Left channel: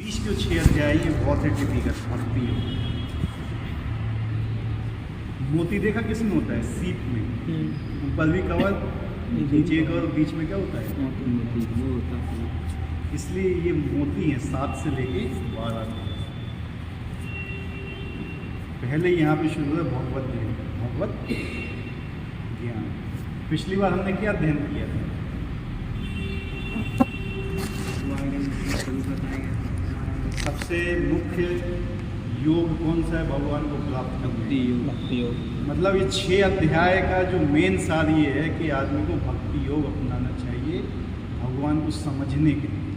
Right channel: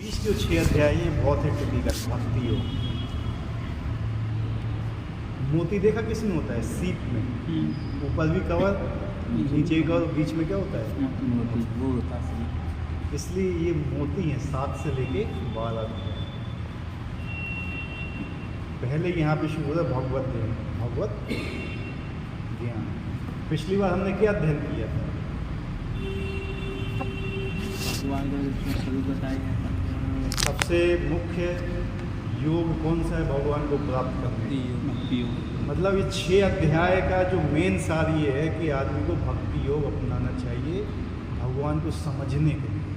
बीच के 6 अध्याय ये बहुत ही टिपिकल भक्ति है। मोती देखा किसमें होता है? सीप में। ऊपर भी कवर, नीचे कवर, बीच में क्या होता है? मोती वो होता है। इसलिए ये मोती हैं 7 से लेके 12 तक। पहले यहाँ पे शुरू होता है भगवत ध्यान, भगवत ज्ञान। पिछली बार हमने क्या अध्ययन किया था? सबसे मुख्य योग कौन सा है भगवान को प्राप्त करने? भक्ति योग। मतलब ये 6 अध्याय का जो मेन सार ये है कि आदमी को भक्ति योग अपनाना चाहिए भगवान को समझने के लिए।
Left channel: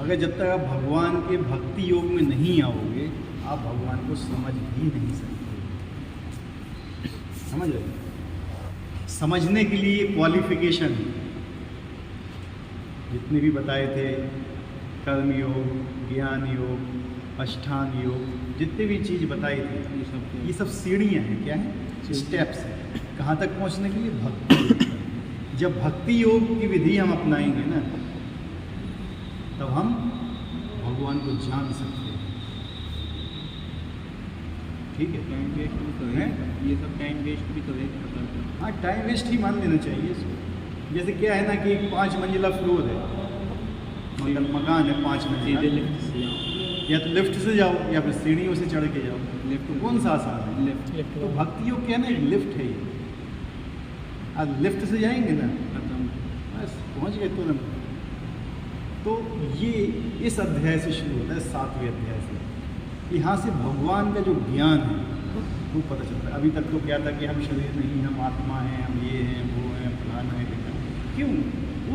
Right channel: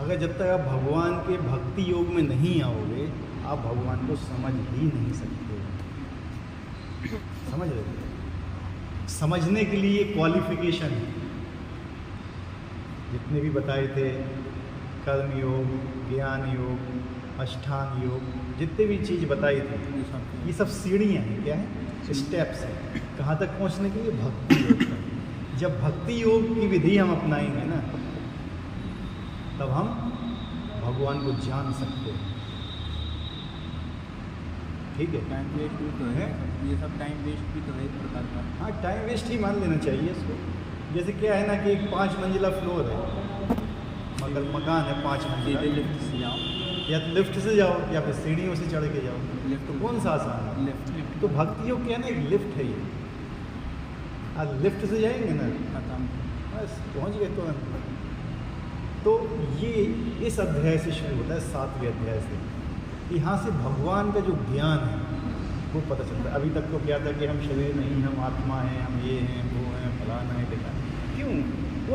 अगर जब तक आप भगवान के भक्ति योग में नहीं आओगे आप भगवान को समझ ही नहीं सकते। समझ रहे? समझने के लिए क्वालिफिकेशन जितने भी बताए थे, कर्म योग, ज्ञान योग, अष्टांग योग, जितने भी चीज़ बताई थी ये सब सीढ़ियाँ हैं। क्या है? स्टेप्स हैं कहाँ तक पहुँचने के लिए? भक्ति योग तक। जब भक्ति योग की विधि हम अपनाएंगे ना तब हम भगवान को जान सकते हैं। ठीक है? टाइम वेस्ट भी तो है, ये सब टाइम वेस्ट भी तो है। हाँ, टाइम वेस्ट ही मान लेना चाहिए इसको। जैसे क्या है ना कि 5 मंजिला फ्लोर है, मतलब मकान है 5 मंजिला, लिफ्ट से जाओ, या तो लिफ्ट से जाओ या फिर सीढ़ियों से चढ़ के जाओ। लिफ्ट तो कौन सा आसान है? लिफ्ट तो भक्ति योग क्या है ना, एक लिफ्ट है ये। आज लिफ्ट से जाएंगे ना खत्म। बस पहुँच गए तुरंत। तो ये इस अध्याय से शुरू होता है, 7वें अध्याय से। यहाँ से भगवान का जो ज्ञान है वो पता चलता है। अभी तक तो क्या था कि हम शरीर नहीं, हम आत्मा हैं, हम ये हैं, वो हैं, फलाना है, बेटा। क्यों?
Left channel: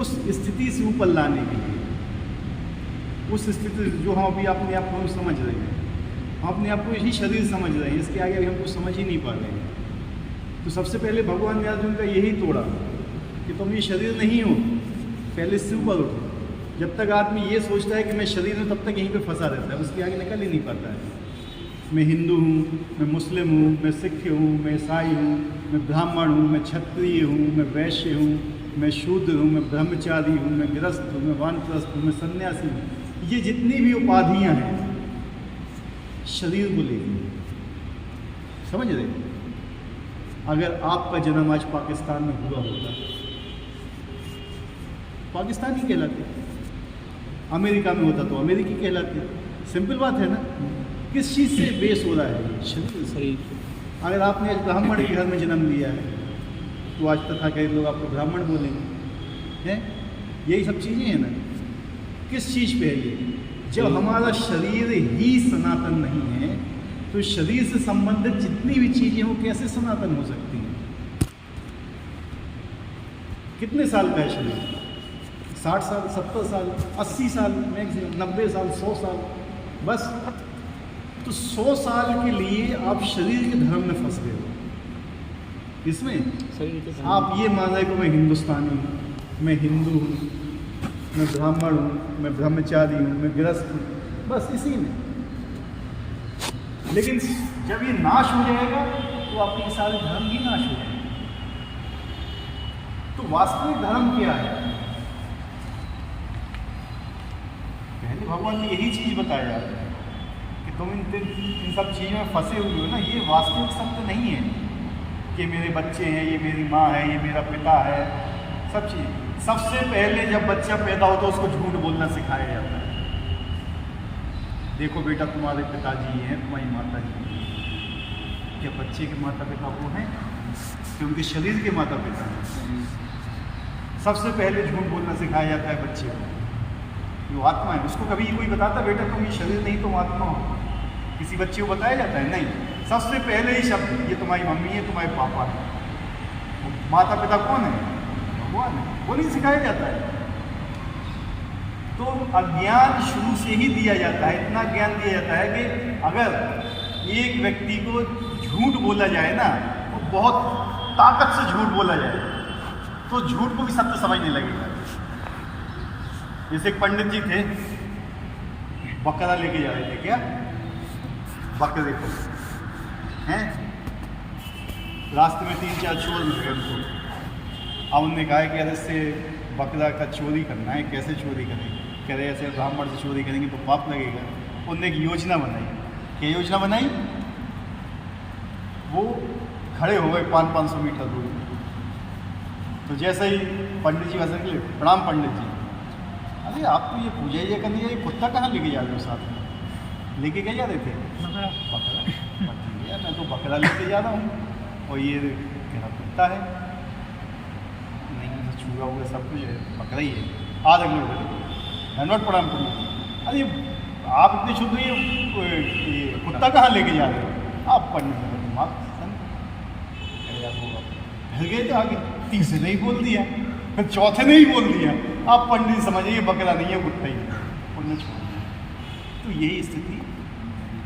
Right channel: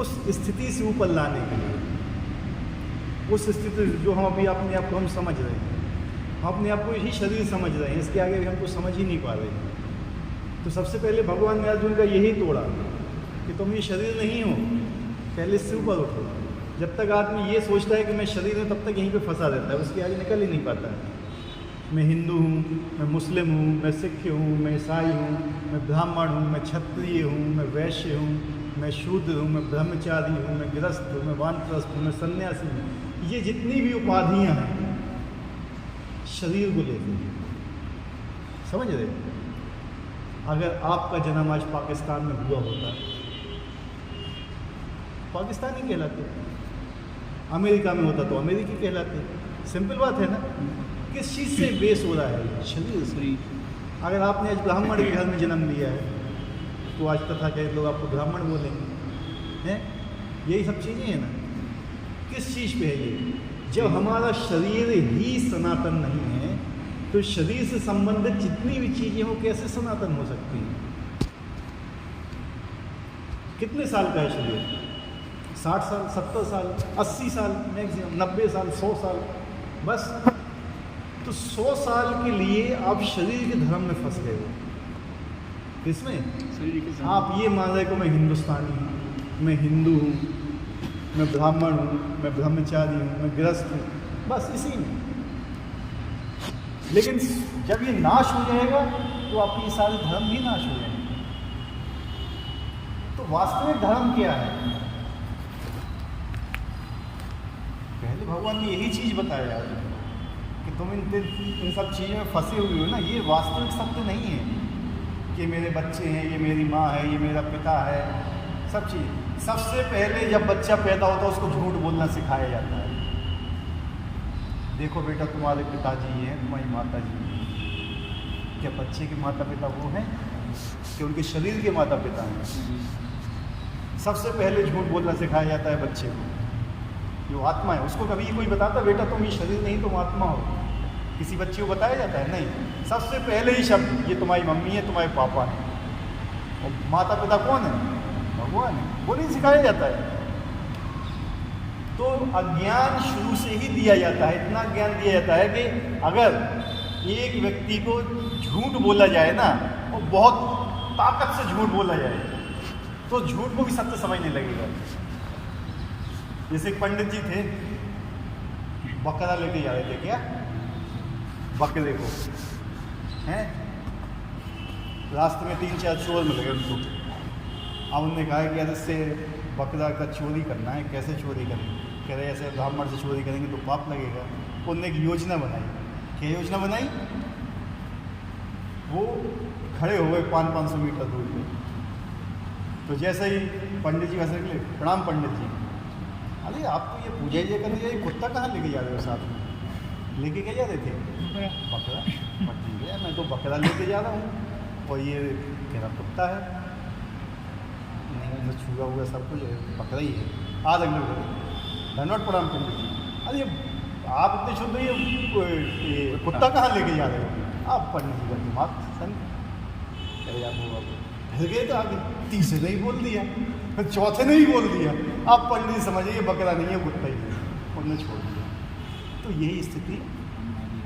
उस स्थिति से ऊपर लाने के लिए, उस स्थिति जो हम अभी अपने आप को हम समझ रहे हैं, हम अपने आप को ही शरीर समझ रहे हैं, इसके आगे हम कुछ समझ ही नहीं पा रहे हैं। तो सबसे पहले भगवान ने अर्जुन का यही तोड़ा कि तुम ये शरीर नहीं हो, पहले से ऊपर उठो। जब तक आदमी ये सोचता है कि मैं शरीर हूँ तब तक यहीं पे फंसा रहता है, उसके आगे निकल ही नहीं पाता है। मैं हिंदू हूँ, मैं मुस्लिम हूँ, मैं सिख हूँ, मैं ईसाई हूँ, मैं ब्राह्मण हूँ, मैं क्षत्रिय हूँ, मैं वैश्य हूँ, मैं शूद्र हूँ, मैं ब्रह्मचारी हूँ, मैं गृहस्थ हूँ, मैं वानप्रस्थ हूँ, मैं सन्यासी हूँ। ये जितनी भी उपाधियाँ हैं शरीर को लेकर, समझ रहे? अगर आपका जन्म आज पाकिस्तान में हुआ होता, पाकिस्तानी कहलाते, अमेरिका में होता तो अमेरिकी कहलाते। सिंपल बात है ना। किस चीज़ से बेस हो रहा है? शरीर। अगर आपने आज ब्राह्मण के घर में जन्म लिया है तो आज तथा कई लोग आपको ब्राह्मण बोलेंगे, हैं? यही सब चीज़ें हैं ना। किस चीज़ पे है ये? जब हमारा शरीर ही सनातन नहीं है तो शरीर से संबंधित जितनी भी चीज़ें वो कैसे सनातन हो सकती हैं? कितने साल का है शरीर? 60 साल, 70 साल, 80 साल, मैक्सिमम 90 साल, 100 साल, बस। तो 100 साल के लिए आप शरीर के धर्म में फंस गए। इसमें आप ये मान रहे कि मैं हिंदुस्तानी हूँ, मैं हिंदू हूँ, मैं ब्राह्मण हूँ, मैं ब्रह्मचारी हूँ, मैं गृहस्थ हूँ, बस इसी में। लेकिन जब ये नाश हो जाएगा तो आपके सारे धर्म भी नाश हो जाएंगे। तो वास्तविक धर्म क्या है? पहले भगवान ने यही चीज़ बताया कि तुम इन सब चीज़ों में फंसे हुए हो ना। ये वास्तविक सत्य नहीं है कि मेरे बच्चे हैं, ये मेरी माँ है, ये मेरा पिता है, सब चीज़। सबसे पहले जब बच्चा पैदा होता है उसको झूठ बोलना सिखाया जाता है। देखो बेटा तुम्हारे पिताजी ये हैं, तुम्हारी माता जी हैं। क्या बच्चे के माता पिता वो हैं कि उनके शरीर के माता पिता हैं? सबसे पहले झूठ बोलना सिखाया जाता है बच्चे को। जो आत्मा है उसको कभी कोई बताता बेटा तुम ये शरीर नहीं तुम आत्मा हो? किसी बच्चे को बताया जाता है? नहीं। सबसे पहले ही शब्द ये तुम्हारी मम्मी है, तुम्हारे पापा है। और माता पिता कौन है? भगवान है। वो नहीं सिखाया जाता है। तो अज्ञान शुरू से ही दिया जाता है। इतना ज्ञान दिया जाता है कि अगर एक व्यक्ति को झूठ बोला जाए ना तो बहुत ताकत से झूठ बोला जाए तो झूठ को भी सत्य समझने लगेगा। जैसे एक पंडित जी थे, बकरा लेके जा रहे थे, क्या बकरे को, हैं? रास्ते में 3-4 चोर मिल गए उनको। अब उनने कहा कि यार इससे बकरा का चोरी करना है, कैसे चोरी करेंगे? कह रहे ऐसे ब्राह्मण से चोरी करेंगे तो पाप लगेगा। उनने एक योजना बनाई। क्या योजना बनाई? वो खड़े हो गए 500 मीटर दूर में। तो जैसे ही पंडित जी वैसे निकले, प्रणाम पंडित जी, अरे आपको ये पूजा ये करनी है, कुत्ता कहाँ लेके जा रहे हो साथ में? लेके क्या जा रहे थे? बकरा। यार मैं तो बकरा लेके जा रहा हूँ और ये मेरा कुत्ता है, नहीं मुझे छुआ हुआ सब कुछ है, बकरा ही है। आज हम लोग धन्यवाद प्रणाम करूँ। अरे आप इतने शुद्ध, ये कुत्ता कहाँ लेके जा रहे हो? आप पंडित जी बात ढल गए थे आगे, तीसरे ने ही बोल दिया, फिर चौथे ने ही बोल दिया। आप पंडित समझिए ये बकरा नहीं है, कुत्ता ही है, उन्होंने छोड़ दिया। तो यही स्थिति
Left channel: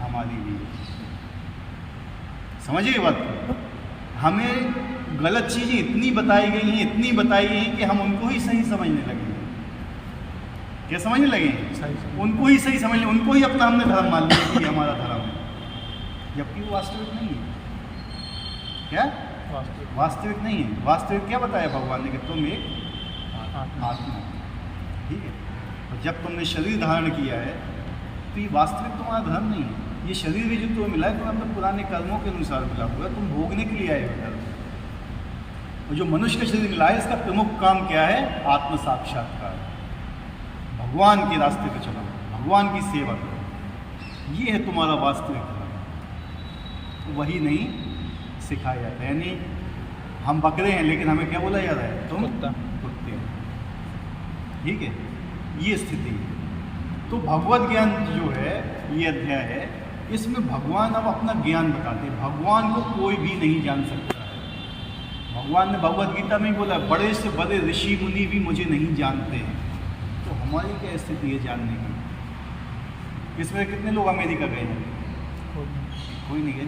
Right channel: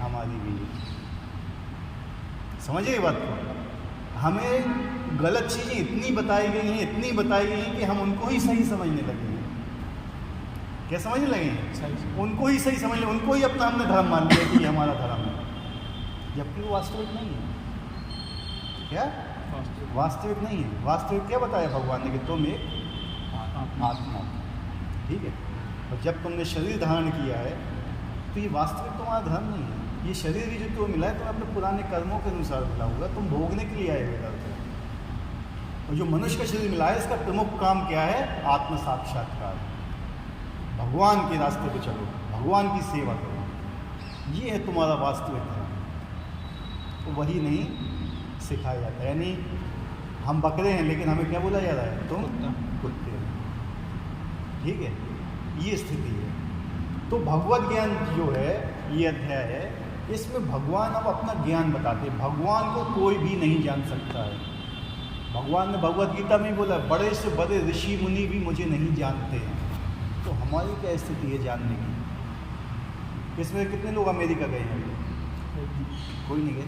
हमारी भी, समझिए बात को। हमें गलत चीज़ें इतनी बताई गई हैं, इतनी बताई गई हैं कि हम उनको ही सही समझने लगे। क्या समझने लगे? उनको ही सही समझ लें, उनको ही अपना हमने धर्म मान लिया कि हमारा धर्म है, जबकि वो वास्तविक नहीं है। क्या वास्तविक नहीं है? वास्तविक क्या बताया भगवान ने कि तुम एक आत्मा, ठीक है। और जब तुमने शरीर धारण किया है तो ये वास्तविक तुम्हारा धर्म नहीं है। ये शरीर भी जो तुम्हें मिला है तो अपने पुराने कर्मों के अनुसार मिला होगा, तुम भोगने के लिए आए हो। वो जो मनुष्य का शरीर मिला है, इसका प्रमुख काम क्या है? आत्म साक्षात्कार, भगवान के रास्ते पे चलो, भगवान की सेवा करो, ये है तुम्हारा वास्तविक धर्म। तो वही नहीं सिखाया जाता है। यानी हम बकरे हैं लेकिन हमें क्या बोला जा रहा है? तुम कुत्ते हो, ठीक है। ये स्थिति है। तो भगवत ज्ञान जो है, ये अध्याय है, इसमें भगवान अब अपना ज्ञान बताते हैं। भगवान को कोई भी नहीं जान सकता है। भगवान ने भगवत गीता में बोला, बड़े से बड़े ऋषि मुनि भी मुझे नहीं जानते हैं। तो हमारी क्या स्थिति है जानने की? इसमें कितने लोग अमेरिका गए हैं? कोई नहीं गए।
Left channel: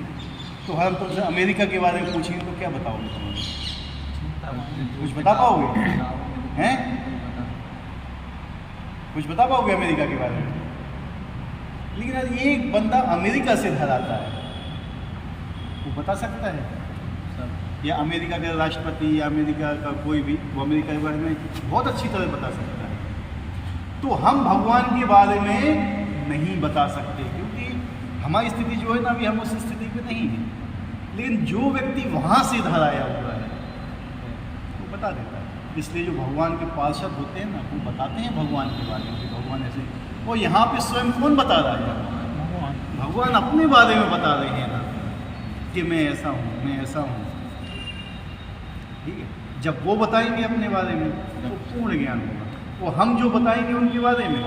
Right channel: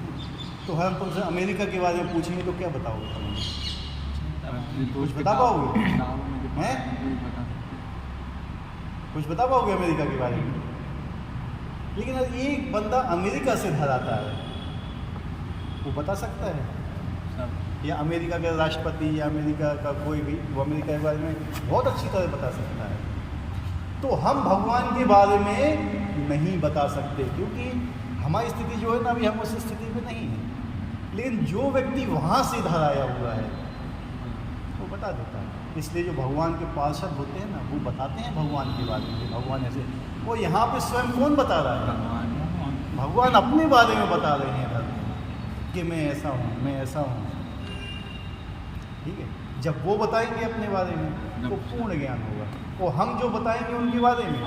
तो हम तुमसे अमेरिका के बारे में पूछेंगे तो क्या बताओगे? कुछ बता पाओगे? हैं? कुछ बता पाओगे अमेरिका के बारे में? लेकिन ये बंदा अमेरिका से धराता है, वो बता सकता है? या अमेरिका के राष्ट्रपति या अमेरिका का कोई भी, वो अमेरिका के बारे में बहुत अच्छी तरह बता सकता है। तो हम भगवान के बारे में नहीं बता सकते, क्योंकि हमारी स्थिति जो है ना, अभी हम उस स्थिति में नहीं है। लेकिन जो व्यक्ति वहाँ से धराया हुआ है वो बता देता है। इसलिए जो भगवान के पार्षद होते हैं ना, वो बताते हैं भगवान के बारे में। भगवान ऐसे, वो यहाँ पे स्वयं कौन बता रहा है? भगवान अपने बारे में बता रहे हैं कि मैं ऐसा हूँ, मैं ऐसा हूँ, ठीक है। जब वो बताएंगे अपने बारे में तो पूर्ण ज्ञान होगा, और हम जो बताएंगे उनके बारे में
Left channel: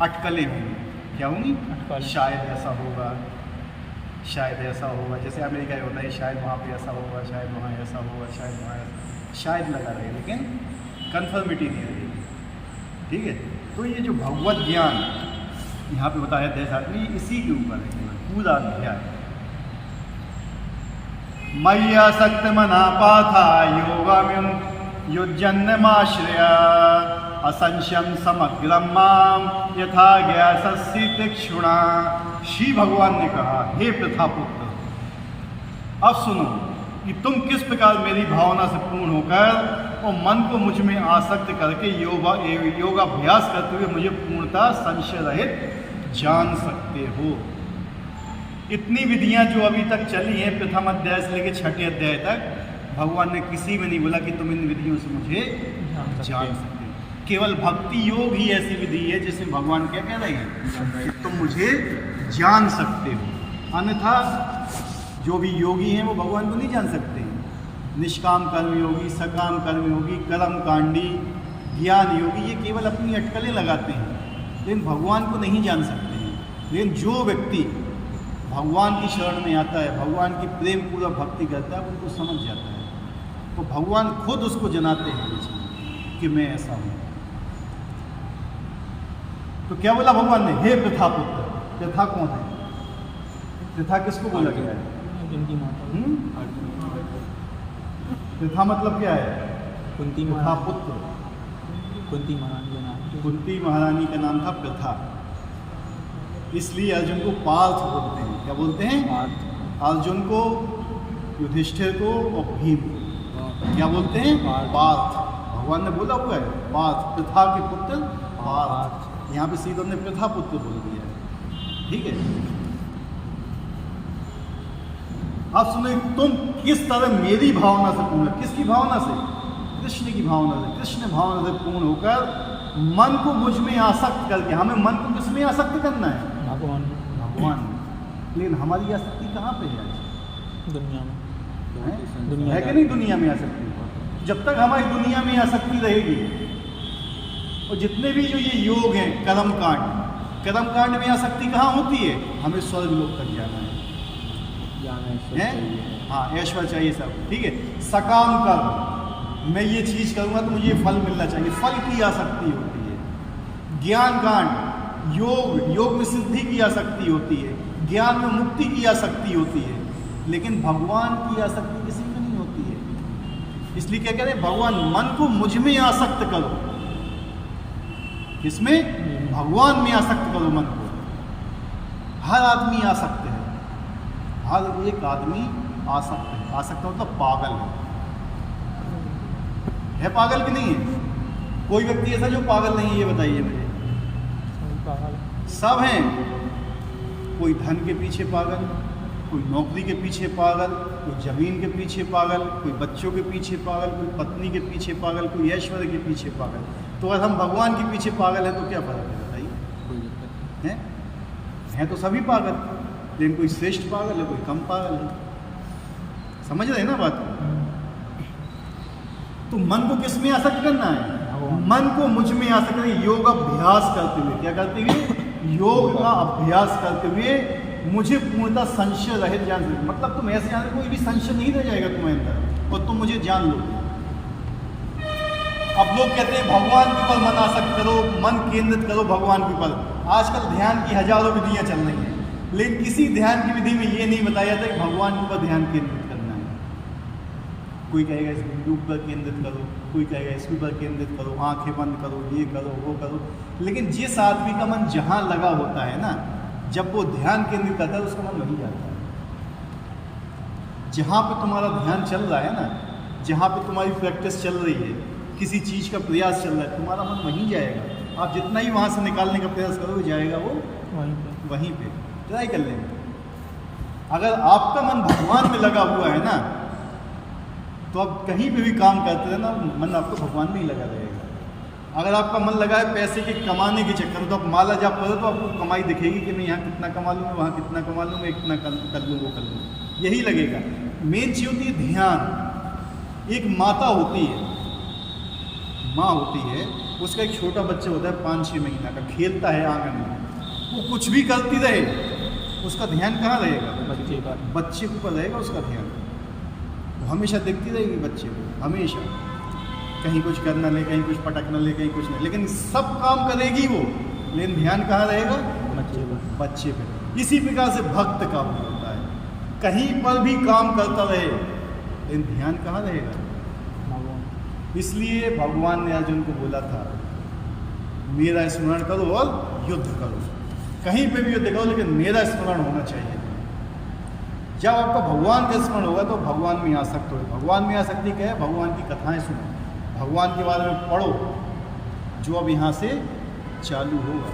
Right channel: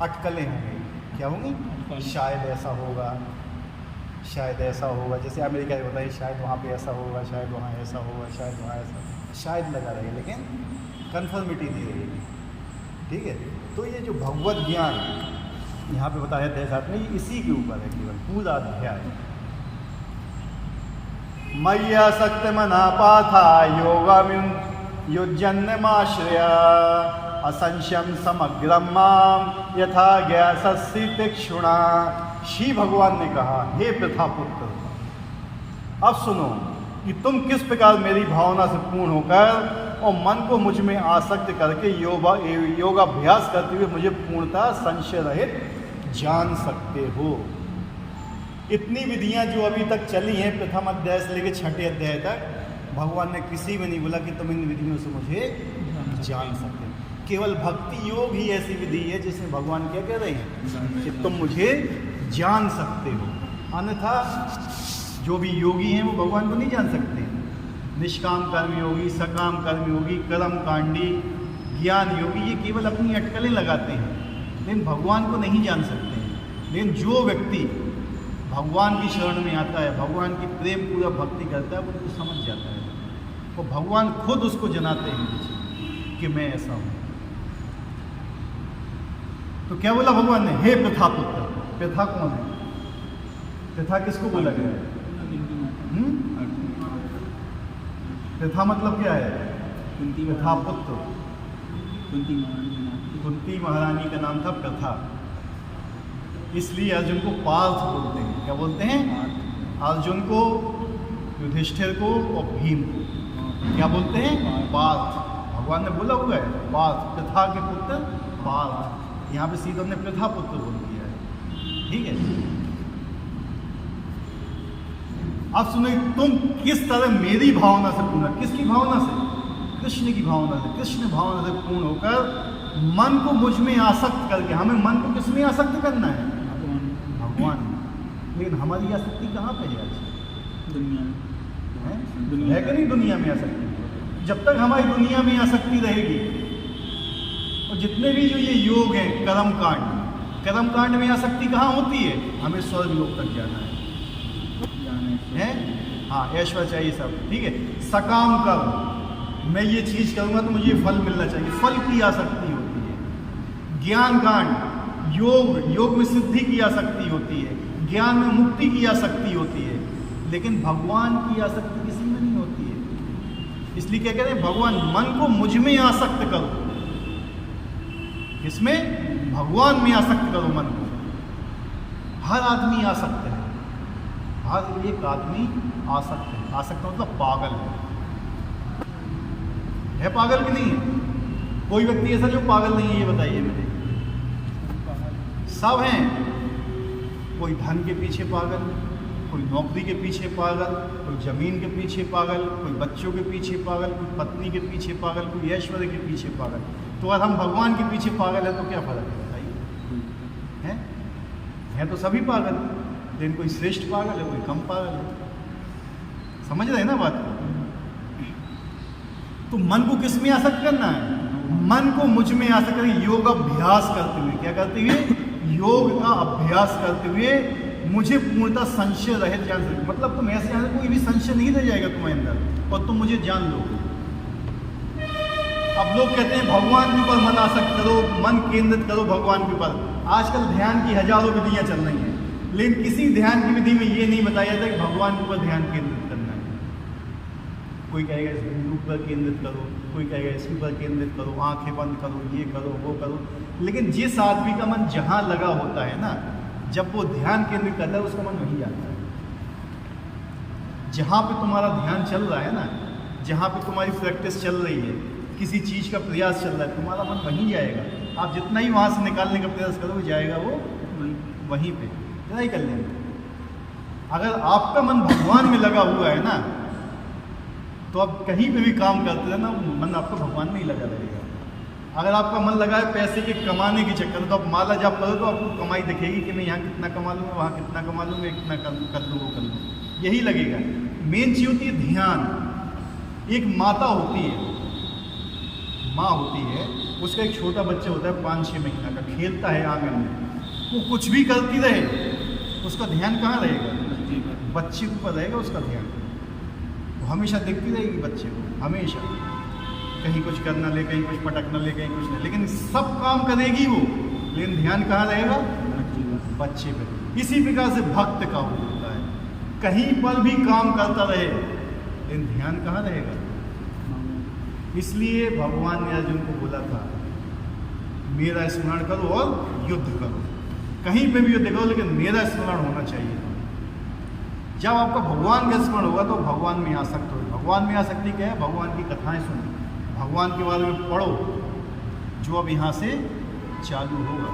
अटकलें होंगी। क्या होंगी? शायद ऐसा होगा, शायद ऐसा होगा। जैसे अमेरिका में होता है, शायद वहाँ पे ऐसा होगा, शायद वहाँ ऐसा होगा, शायद वहाँ ऐसा, शायद लगा रहे, लेकिन कन्फर्मिटी नहीं रहेगी, ठीक है। तो ये जो भगवत ज्ञान यहाँ पे बताया अध्याय में, इसी के ऊपर है पूरा अध्याय। मय्या शक्ति मना पाथा योगाम्युं युज्जन्यमाश्रया असंशयं समग्रं मां यथा ज्ञासस्य तीक्ष्णा। श्री भगवान ने कहा, हे प्रथापुत्र, अब सुनो कि तुम किस प्रकार मेरी भावना से पूर्ण होकर और मन को मुझ में आसक्त करके योगाभ्यास करते हुए मुझे पूर्णतः संशय रहित जान सकते हो। इतनी विधियां जो अभी तक चली हैं, प्रथम अध्याय से लेकर 6ठे अध्याय तक, भगवान ने किसी में नहीं बोला कि तुम इन विधियों से मुझे जान सकते हो। केवल भक्ति योग ही ऐसी विधि है जिसमें भगवान क्या कह रहे हैं कि तुम मुझे जान सकते हो। अन्यथा जो भी योगी हैं वो भगवान को नहीं जान सकते। निष्काम कर्म योगी, सकाम कर्म योगी, कर्म कांडी, ज्ञान योगी, ये केवल अपनी अटकलें लगाते हैं, लेकिन भगवान को नहीं जान सकते हैं। लेकिन जो व्यक्ति भगवान की शरण में आता है, भगवान की प्रेम पूरा भक्ति करता है, उनको समझ जाता है। तो भगवान खुद उसको जनाते हैं कि मैं ऐसा हूँ। तो क्या बोला भगवान ने? हे प्रथा पुत्र। प्रथा कौन है? प्रथा किसको बोला गया है? प्रथा मतलब क्या है? प्रथा पुत्र। कुंती महारानी का नाम था प्रथा, इसलिए अर्जुन को पार्थ बोलते हैं। क्या बोलते हैं? अर्जुन को, युधिष्ठिर को और भीम को क्या बोलते हैं? पार्थ। भगवान ने बोला हुआ है पार्थ, प्रथा के पुत्र पार्थ। यहाँ पे सीधा ने प्रथापुत्र बोल दिया है। ठीक है, अब सुनो, तुम किस तरह मेरी भावना से पूर्ण, किसकी भावना से? कृष्ण की भावना से, कृष्ण भावना से पूर्ण होकर मन को मुझ में आसक्त करके, हमें मन को किस में आसक्त करना है? भगवान में। लेकिन हमारी आसक्ति कहाँ पे है आज? दुनिया में है कि नहीं? दुनिया में आसक्ति। जब तक हमारी दुनिया में आसक्ति रहेगी, और जितने भी जो ये योग हैं, कर्मकांड में आसक्ति कहाँ होती है? हमें स्वर्ग लोक तक जाना है, हाँ, ऐश्वर्य चाहिए सब। ठीक है, सकाम कर्म, मैं ये चीज़ करूँगा तो मुझे ये फल मिलना चाहिए, फल की आसक्ति होती है। ज्ञान कांड, योग में सिद्धि की आसक्ति होती है, ज्ञान में मुक्ति की आसक्ति होती है। लेकिन भगवान की आसक्ति किसी में नहीं होती है। इसलिए क्या कहते हैं? भगवान, मन को मुझ में आसक्त करो। किसमें? भगवान में आसक्त करो मन को। हर आदमी आसक्त है, हर एक आदमी आसक्त है। आसक्त मतलब पागल है पागल कि नहीं है? कोई व्यक्ति ऐसा जो पागल नहीं है, ये बताइए मुझे। सब हैं। कोई धन के पीछे पागल, कोई नौकरी के पीछे पागल, कोई जमीन के पीछे पागल, कोई बच्चों के पीछे पागल, कोई पत्नी के पीछे पागल, कोई ऐश्वर्य के पीछे पागल। तो अगर हम भगवान के पीछे पागल है तो क्या फर्क है बताइए? हैं तो सभी पागल, लेकिन कोई श्रेष्ठ पागल है, कोई कम पागल है। समझ रहे हैं ना बात? तो मन को किस में आसक्त करना है? मन को मुझ में आसक्त करके योग अभ्यास करते हुए, क्या करते हुए? योग का अभ्यास करते हुए मुझे पूर्णतः संशय रहित जान सकते। मतलब तुम ऐसे जान, कोई भी संशय नहीं रह जाएगा तुम्हारे अंदर, और तुम मुझे जान लो। अब लोग कहते हैं भगवान के ऊपर मन आसक्त करो, मन केंद्रित करो भगवान के ऊपर। आजकल ध्यान की हजारों विधियां चल रही हैं, लेकिन किसी ध्यान की विधि में ये नहीं बताया जाता कि भगवान के ऊपर ध्यान केंद्रित करना है। कोई कहेगा इस बिंदु पर केंद्रित करो, कोई कहेगा इसके ऊपर केंद्रित करो, आंखें बंद करो, ये करो, वो करो। लेकिन जिस आदमी का मन जहाँ लगा होता है ना, जब वो ध्यान केंद्रित करता है, उसका मन वहीं जाता है। जहाँ पे तुम्हारा ध्यान चल रहा है ना, जहाँ पे तुम्हारी प्रैक्टिस चल रही है, किसी चीज़ का प्रयास चल रहा है, तुम्हारा मन वहीं जाएगा। आप जितना ही वहाँ से निकालने का प्रयास करोगे, जाएगा वो वहीं पे। ट्राई कर लेना। अगर आपका मन भगवान में लगा हुआ है ना, तो आप कहीं पे भी काम करते रहना, मन आपको भगवान में ही लगा रहेगा। अगर आपका मन लगा है पैसे के कमाने के चक्कर में, तो आप माला जाप करो तो आपको कमाई दिखेगी कि मैं यहाँ कितना कमा लूँगा, वहाँ कितना कमा लूँगा, इतना कर लूँ, वो कर लूँ, यही लगेगा। मेन चीज़ होती है ध्यान। एक माता होती है, माँ होती है, उसका एक छोटा बच्चा होता है 5-6 महीना का, खेलता है आंगन में, वो कुछ भी करती रहे, उसका ध्यान कहाँ रहेगा? बच्चे के ऊपर रहेगा उसका ध्यान। वो हमेशा देखती रहेगी बच्चे को, हमेशा, कहीं कुछ करना ले, कहीं कुछ पटकना ले, कहीं कुछ नहीं, लेकिन सब काम करेगी वो, लेकिन ध्यान कहाँ रहेगा? बच्चे पे। इसी प्रकार से भक्त का होता है, कहीं पर भी काम करता रहे, लेकिन ध्यान कहाँ रहेगा? इसलिए भगवान ने अर्जुन को बोला था, मेरा स्मरण करो और युद्ध करो। कहीं पे भी युद्ध करो, लेकिन मेरा स्मरण होना चाहिए। जब आपका भगवान का स्मरण होगा तो भगवान में आसक्त हो। भगवान में आसक्ति क्या है? भगवान की कथाएं सुनो, भगवान के बारे में पढ़ो, जो अब यहाँ से चालू होगा।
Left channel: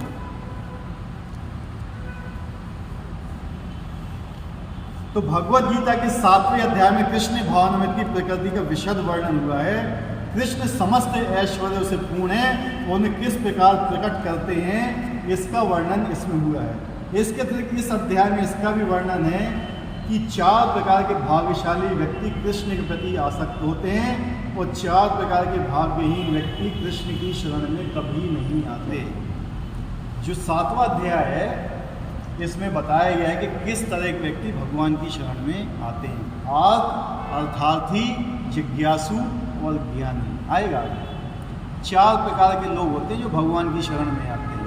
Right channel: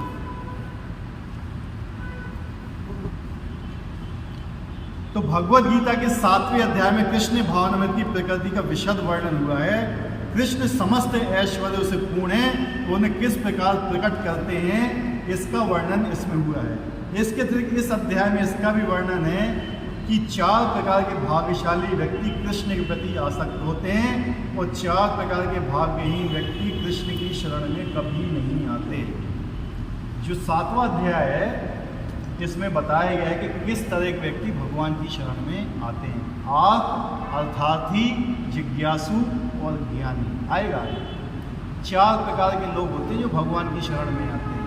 तो भगवद गीता के 7वें अध्याय में कृष्ण भावनामृत की प्रकृति का विशद वर्णन हुआ है। कृष्ण समस्त ऐश्वर्यों से पूर्ण है, उन्हें किस प्रकार प्रकट करते हैं, इसका वर्णन इसमें हुआ है। इसके अतिरिक्त इस अध्याय में इसका भी वर्णन है कि 4 प्रकार के भाग्यशाली व्यक्ति कृष्ण के प्रति आसक्त होते हैं, और 4 प्रकार के भाग्यहीन व्यक्ति कृष्ण की शरण में कभी नहीं आते। जो 7वां अध्याय है, इसमें बताया गया है कि किस तरह के व्यक्ति भगवान की शरण में आते हैं। आर्त, अर्थार्थी, जिज्ञासु और ज्ञानी आएगा। 4 प्रकार के लोग होते हैं जो भगवान की शरण में आते हैं,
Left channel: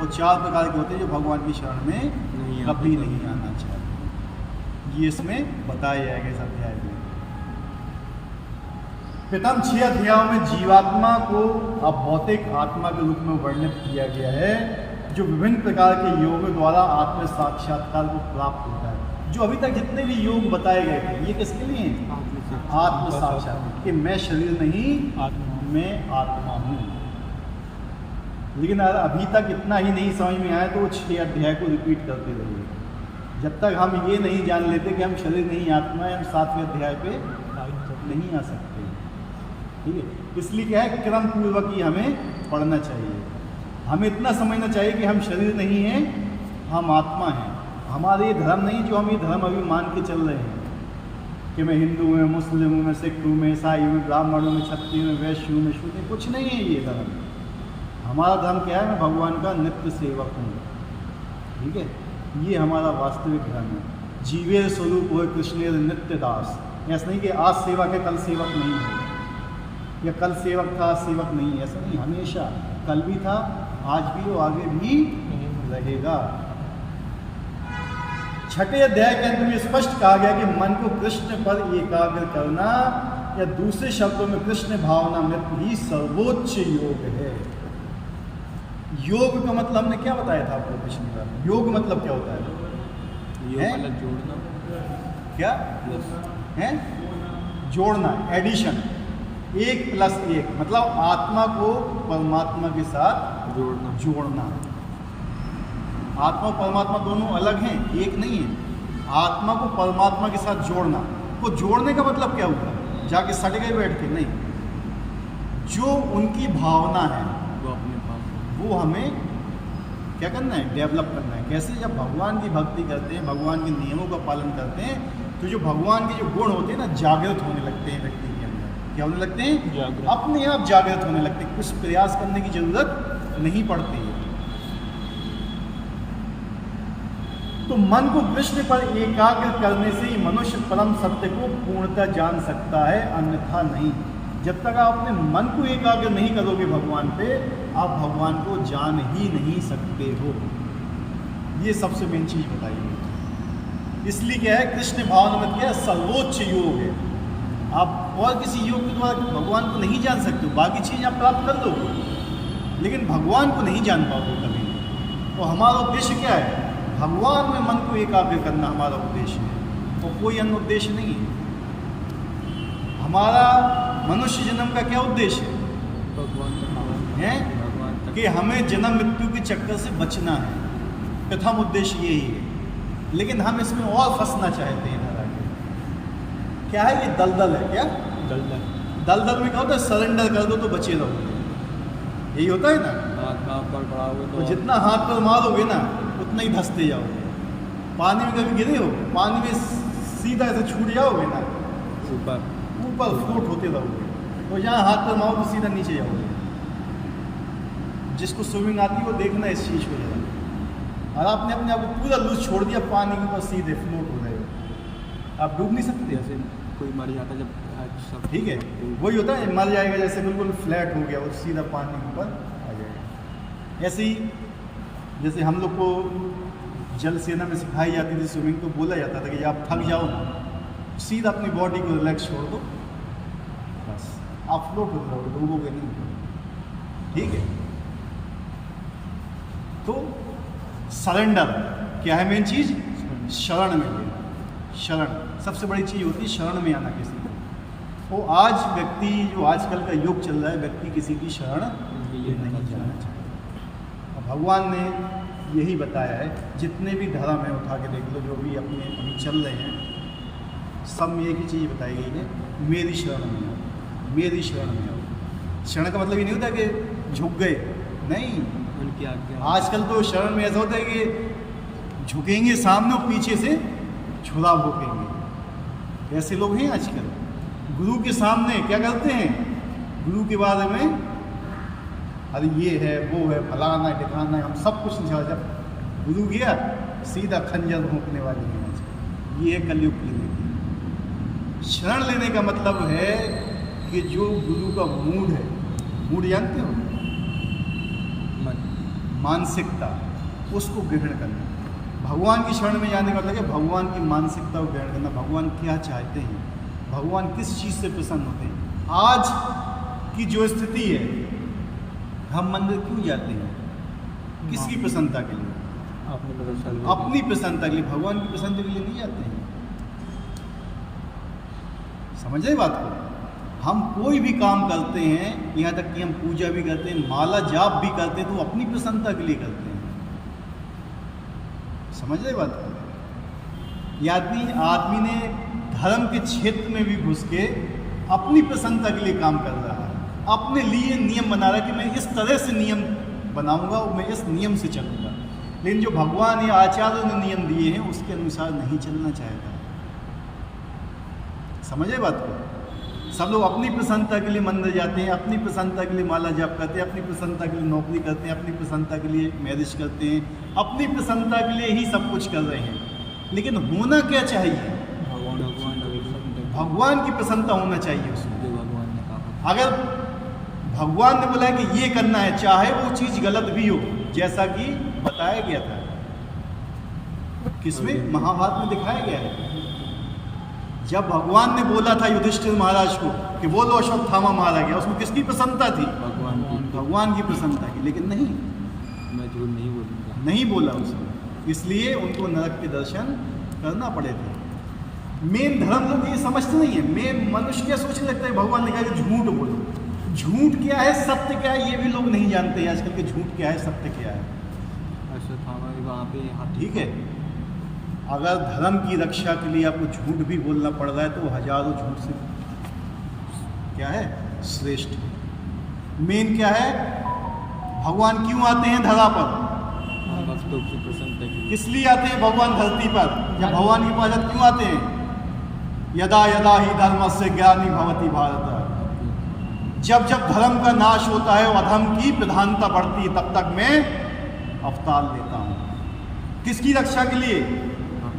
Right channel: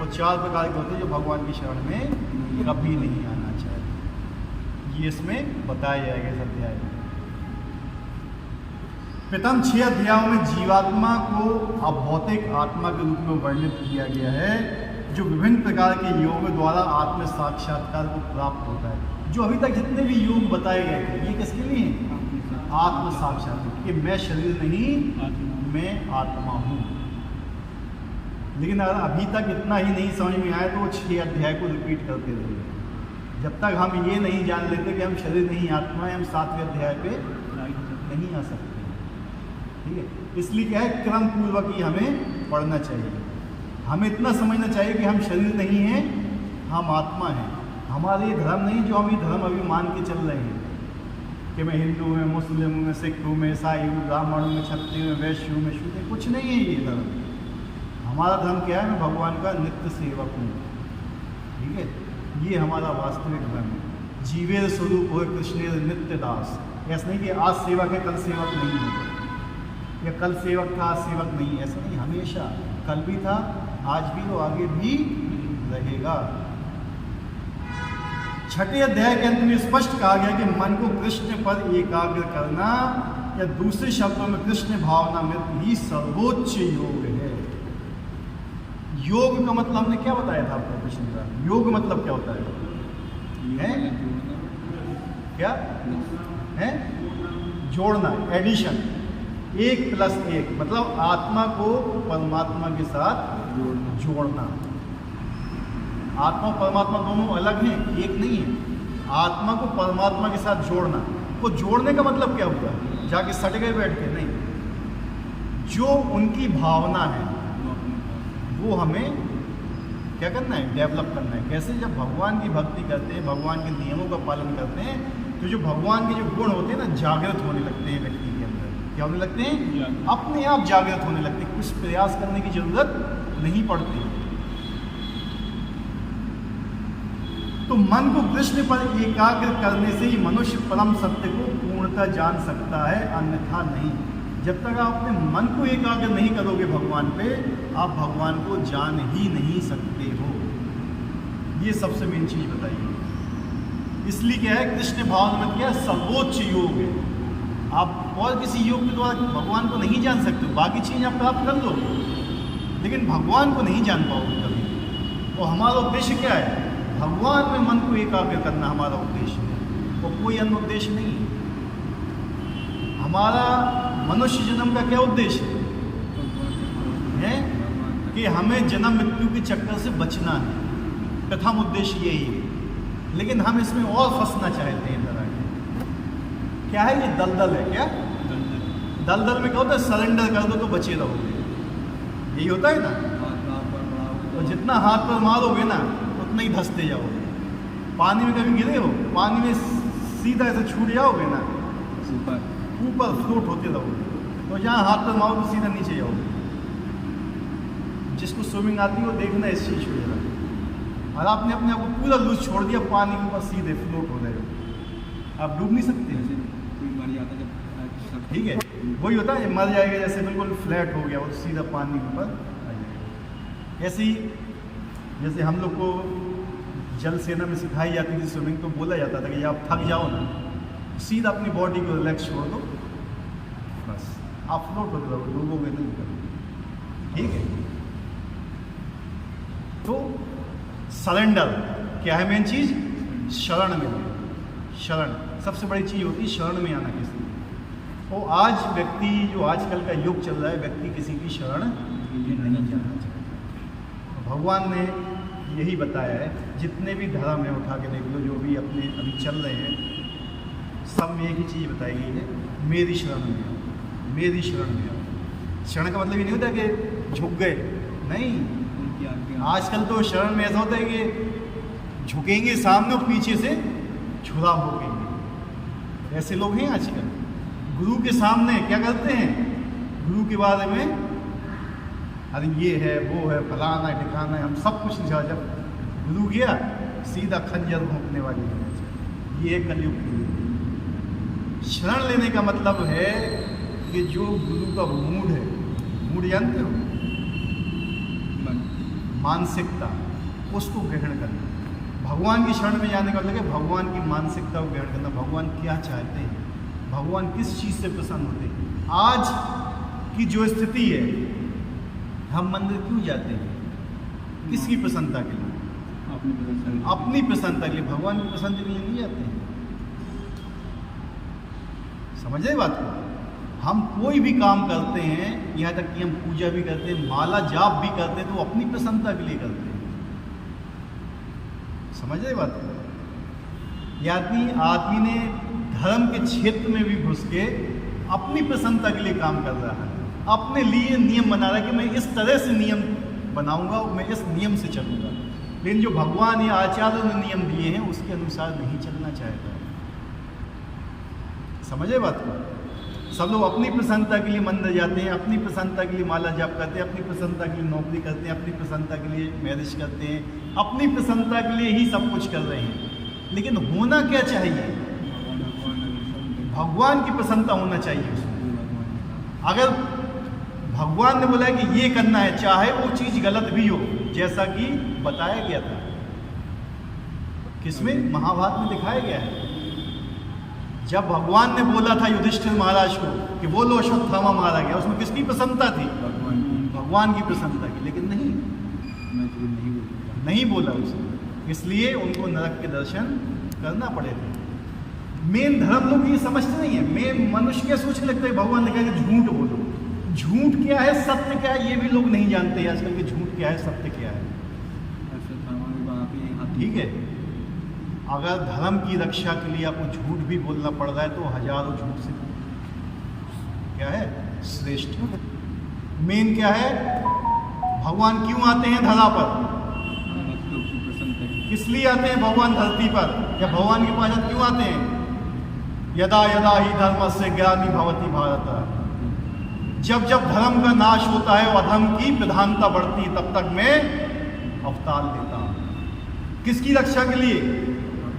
और 4 प्रकार के होते हैं जो भगवान की शरण में कभी नहीं आना चाहते। ये इसमें बताया जाएगा इस अध्याय में। प्रथम 6 अध्यायों में जीवात्मा को अभौतिक आत्मा के रूप में वर्णित किया गया है, जो विभिन्न प्रकार के योगों द्वारा आत्म साक्षात्कार को प्राप्त होता है। जो अभी तक जितने भी योग बताए गए थे, ये किसके लिए हैं? आत्म साक्षात्कार, कि मैं शरीर नहीं, मैं आत्मा हूँ। लेकिन अभी तक इतना ही नहीं समझ में आया तो वो 6 अध्याय को रिपीट करते रहिए। जब तक हम ये नहीं जान लेते कि हम शरीर नहीं आत्मा है, हम 7वें अध्याय पे नहीं आ सकते। ठीक है, इसलिए क्या है, क्रम पूर्वक ही हमें पढ़ना चाहिए। हमें इतना समझना चाहिए कि हम शरीर नहीं हैं, हम आत्मा हैं। हमारे ये धर्म नहीं जो हम ये धर्म अभी मान के चल रहे हैं कि मैं हिंदू हूँ, मुस्लिम हूँ, मैं सिख हूँ, मैं ईसाई हूँ, ब्राह्मण हूँ, मैं क्षत्रिय हूँ, वैश्य हूँ, मैं शूद्र हूँ, कुछ नहीं है ये धर्म। हमारा धर्म क्या है, मैं भगवान का नित्य सेवक हूँ। ठीक है, ये हमारा वास्तविक धर्म है। जीवेर स्वरूप हो कृष्णेर नित्य दास। ऐसा नहीं कि आज सेवक है कल सेवक नहीं है, या कल सेवक था आज सेवक नहीं है, ऐसा नहीं। हमेशा कल भी था, आज भी और आगे भी रहेगा। 6ठे अध्याय के अंत में स्पष्ट कहा गया कि मन को कृष्ण पर एकाग्र करना, या दूसरे शब्दों में कृष्ण भावना में ही सर्वोच्च योग है। योग का मतलब हमने क्या बताया था आपको पिछली बार? योग मतलब क्या होता है? क्या है? जोड़ना, एडिशन। 1+1 मतलब आत्मा को परमात्मा के साथ जोड़ना। आत्मा और परमात्मा दोनों अलग हैं, एक नहीं है। आत्मा को परमात्मा के साथ जोड़ना, वो जोड़ने का मतलब क्या हुआ? जाके सट गए बैठ के? नहीं, जो उनकी भावना है वो हमें क्या करना है? डेवलप करना है। कैसे? जब भगवान की भक्ति करते हैं, भगवान के नियमों का पालन करते हैं, तो जो भगवान के जो गुण होते हैं ना, जागृत होने लगते हैं व्यक्ति के अंदर। क्या होने लगते हैं? अपने आप जागृत होने लगते हैं, कुछ प्रयास करने की जरूरत नहीं पड़ती। तो मन को कृष्ण पर एकाग्र करने से ही मनुष्य परम सत्य को पूर्णतः जान सकता है, अन्यथा नहीं। जब तक आप अपने मन को एकाग्र नहीं करोगे भगवान पे, आप भगवान को जान ही नहीं सकते हो। ये सबसे मेन चीज बताई है। इसलिए क्या है, कृष्ण भावना में क्या है, सर्वोच्च योग है। आप और किसी योग के द्वारा भगवान को नहीं जान सकते हो। बाकी चीज आप प्राप्त कर लोगे, लेकिन भगवान को नहीं जान पाओगे कभी। तो हमारा उद्देश्य क्या है? भगवान में मन को एकाग्र करना हमारा उद्देश्य है, और कोई अन्य उद्देश्य नहीं है। हमारा मनुष्य जन्म का क्या उद्देश्य है? कि हमें जन्म मृत्यु के चक्कर से बचना है। प्रथम उद्देश्य यही है, लेकिन हम इसमें और फंसना चाहते हैं इधर आगे। क्या है ये? दलदल है। क्या दलदल में क्या होता है? सरेंडर कर दो तो बचे रहोगे, यही होता है ना। तो जितना हाथ पर मारोगे ना, उतना ही धंसते जाओगे। पानी में कभी गिरे हो? पानी में सीधा ऐसे छूट जाओगे ना, ऊपर फ्लोट होते रहोगे। तो जहाँ हाथ पर मारो तो सीधा नीचे जाओगे। जिसको स्विमिंग आती है वो देखना इस चीज़ को जरा। और आपने अपने आप को पूरा लूज छोड़ दिया, पानी के ऊपर सीधे फ्लोट हो रहे हो, आप डूब नहीं सकते। कोई मर जाता जब, ठीक है, वही होता है, मर जाएगा जैसे बिल्कुल फ्लैट हो गया, वो सीधा पानी के ऊपर आ जाएगा। ऐसे ही जैसे हम लोग को जल सेना में सिखाई जाती थी स्विमिंग, तो बोला जाता था कि आप थक जाओ ना, सीधा अपनी बॉडी को रिलैक्स छोड़ दो, बस आप फ्लोट होते रहोगे, डूबोगे नहीं। ठीक है, तो सरेंडर क्या है? मेन चीज शरण में लेना। शरण सबसे बड़ी चीज होती है, शरण में आना किसी को। तो आज व्यक्ति, जो आजकल का युग चल रहा है, व्यक्ति किसी की शरण नहीं जाना चाहता। और भगवान ने यही बताया है, जितने भी धर्म है उठा के देख लो, जो भी अपने अभी चल रहे हैं, सब में एक ही चीज़ बताई गई है, मेरी शरण में आओ, मेरी शरण में आओ। शरण का मतलब ये नहीं होता कि झुक गए, नहीं। आजकल तो शरण में ऐसा होता है कि झुकेंगे सामने और पीछे से छुरा भोंकेंगे। ऐसे लोग हैं आजकल। गुरु के सामने क्या करते हैं? गुरु के बारे में अरे ये है, वो है, फलाना है, ठिकाना है, हम सब कुछ नहीं। जब गुरु गया सीधा खंजर भोंकने वाली है आजकल। ये है कलयुग की रीति। शरण लेने का मतलब है कि जो गुरु का मूड है, मूड जानते हो, मानसिकता, उसको ग्रहण करना। भगवान की शरण में जाने का मतलब है भगवान की मानसिकता को ग्रहण करना। भगवान क्या चाहते हैं, भगवान किस चीज़ से प्रसन्न होते हैं। आज की जो स्थिति है, हम मंदिर क्यों जाते हैं? किसकी प्रसन्नता के लिए? अपनी प्रसन्नता के लिए। भगवान की प्रसन्नता के लिए नहीं जाते हैं। समझ रहे बात को? हम कोई भी काम करते हैं, यहाँ तक कि हम पूजा भी करते हैं, माला जाप भी करते हैं, तो अपनी प्रसन्नता के लिए करते हैं। समझ रहे बात को? आदमी ने धर्म के क्षेत्र में भी घुस के अपनी प्रसन्नता के लिए काम कर रहा है, अपने लिए नियम बना रहा है कि मैं इस तरह से नियम बनाऊंगा और मैं इस नियम से चलूंगा। लेकिन जो भगवान या आचार्यों ने नियम दिए हैं उसके अनुसार नहीं चलना चाहता है। समझे बात को? सब लोग अपनी प्रसन्नता के लिए मंदिर जाते हैं, अपनी प्रसन्नता के लिए माला जाप करते हैं, अपनी प्रसन्नता के लिए नौकरी करते हैं, अपनी प्रसन्नता के लिए मैरिज करते हैं, अपनी प्रसन्नता के लिए ही सब कुछ कर रहे हैं। लेकिन होना क्या चाहिए? भगवान की प्रसन्नता होना चाहिए उसमें। अगर भगवान ने बोला है कि ये करना है, चाहे वो चीज़ गलत भी हो, जैसा कि बताया गया था किसमें, महाभारत में दिखाया गया है। जब भगवान ने बोला था युधिष्ठिर महाराज को कि वो लो अश्वत्थामा मारा गया, उसमें किसकी प्रसन्नता थी? भगवान की प्रसन्नता की। लेकिन नहीं बोला उसने, इसलिए उनको नरक के दर्शन करना पड़े थे। मेन धर्म लोग ये समझते नहीं है। मेन मनुष्य क्या सोचने लगता है, भगवान ने कहा कि झूठ बोलो। झूठ क्या है, सत्य क्या है, ये भी लोग नहीं जानते हैं आजकल के। झूठ क्या है, सत्य क्या है। ठीक है, अगर धर्म की रक्षा के लिए आपको झूठ भी बोलना पड़ रहा है तो हजारों झूठ से क्या है, श्रेष्ठ। मेन क्या है, भगवान क्यों आते हैं धरा पर? किस लिए आते हैं भगवान धरती पर? या भगवान की पास क्यों आते हैं? यदा यदा ही धर्मस्य ग्लानिर्भवति भवति भारत। जब जब धर्म का नाश होता है और अधर्म की प्रधानता बढ़ती है, तब तक मैं अवतार लेता हूं। किसकी रक्षा के लिए?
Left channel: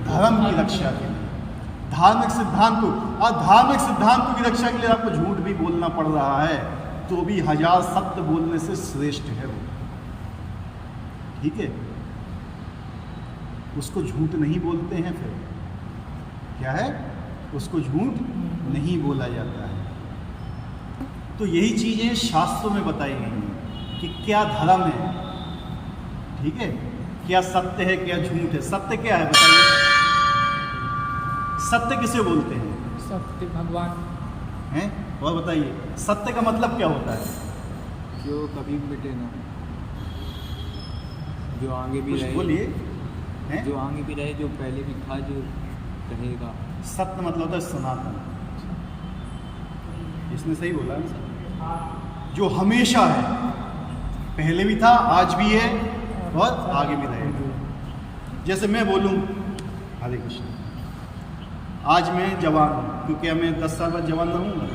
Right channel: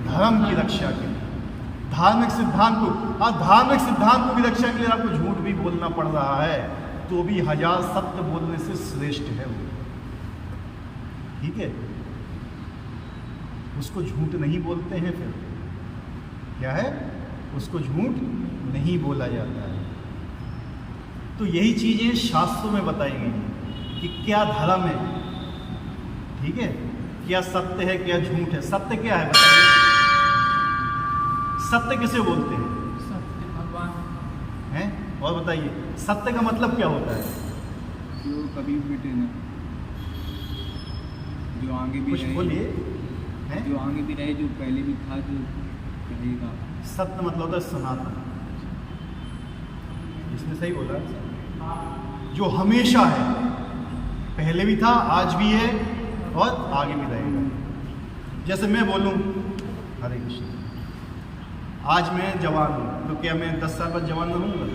धर्म की रक्षा के लिए, धार्मिक सिद्धांत को। और धार्मिक सिद्धांतों की रक्षा के लिए आपको झूठ भी बोलना पड़ रहा है तो भी हजार सत्य बोलने से श्रेष्ठ है वो। ठीक है, उसको झूठ नहीं बोलते हैं। फिर क्या है, उसको झूठ नहीं बोला जाता है। तो यही चीजें शास्त्रों में बताई गई हैं कि क्या धर्म है, ठीक है, क्या सत्य है, क्या झूठ है। सत्य क्या है बताइए? सत्य किसे बोलते हैं? सत्य भगवान हैं। और बताइए सत्य का मतलब क्या होता है? जो कभी मिटे नहीं, जो आगे भी कुछ रहे। बोलिए। हैं? जो आगे भी रहे, जो पहले भी था, जो रहेगा। सत्य मतलब होता है सनातन। इसने सही बोला, जो हमेशा है, पहले भी था, आज भी है और आगे भी रहेगा। जैसे मैं बोलूं हरे कृष्ण, आज मैं जवान हूँ, तो क्या मैं 10 साल बाद जवान रहूँगा?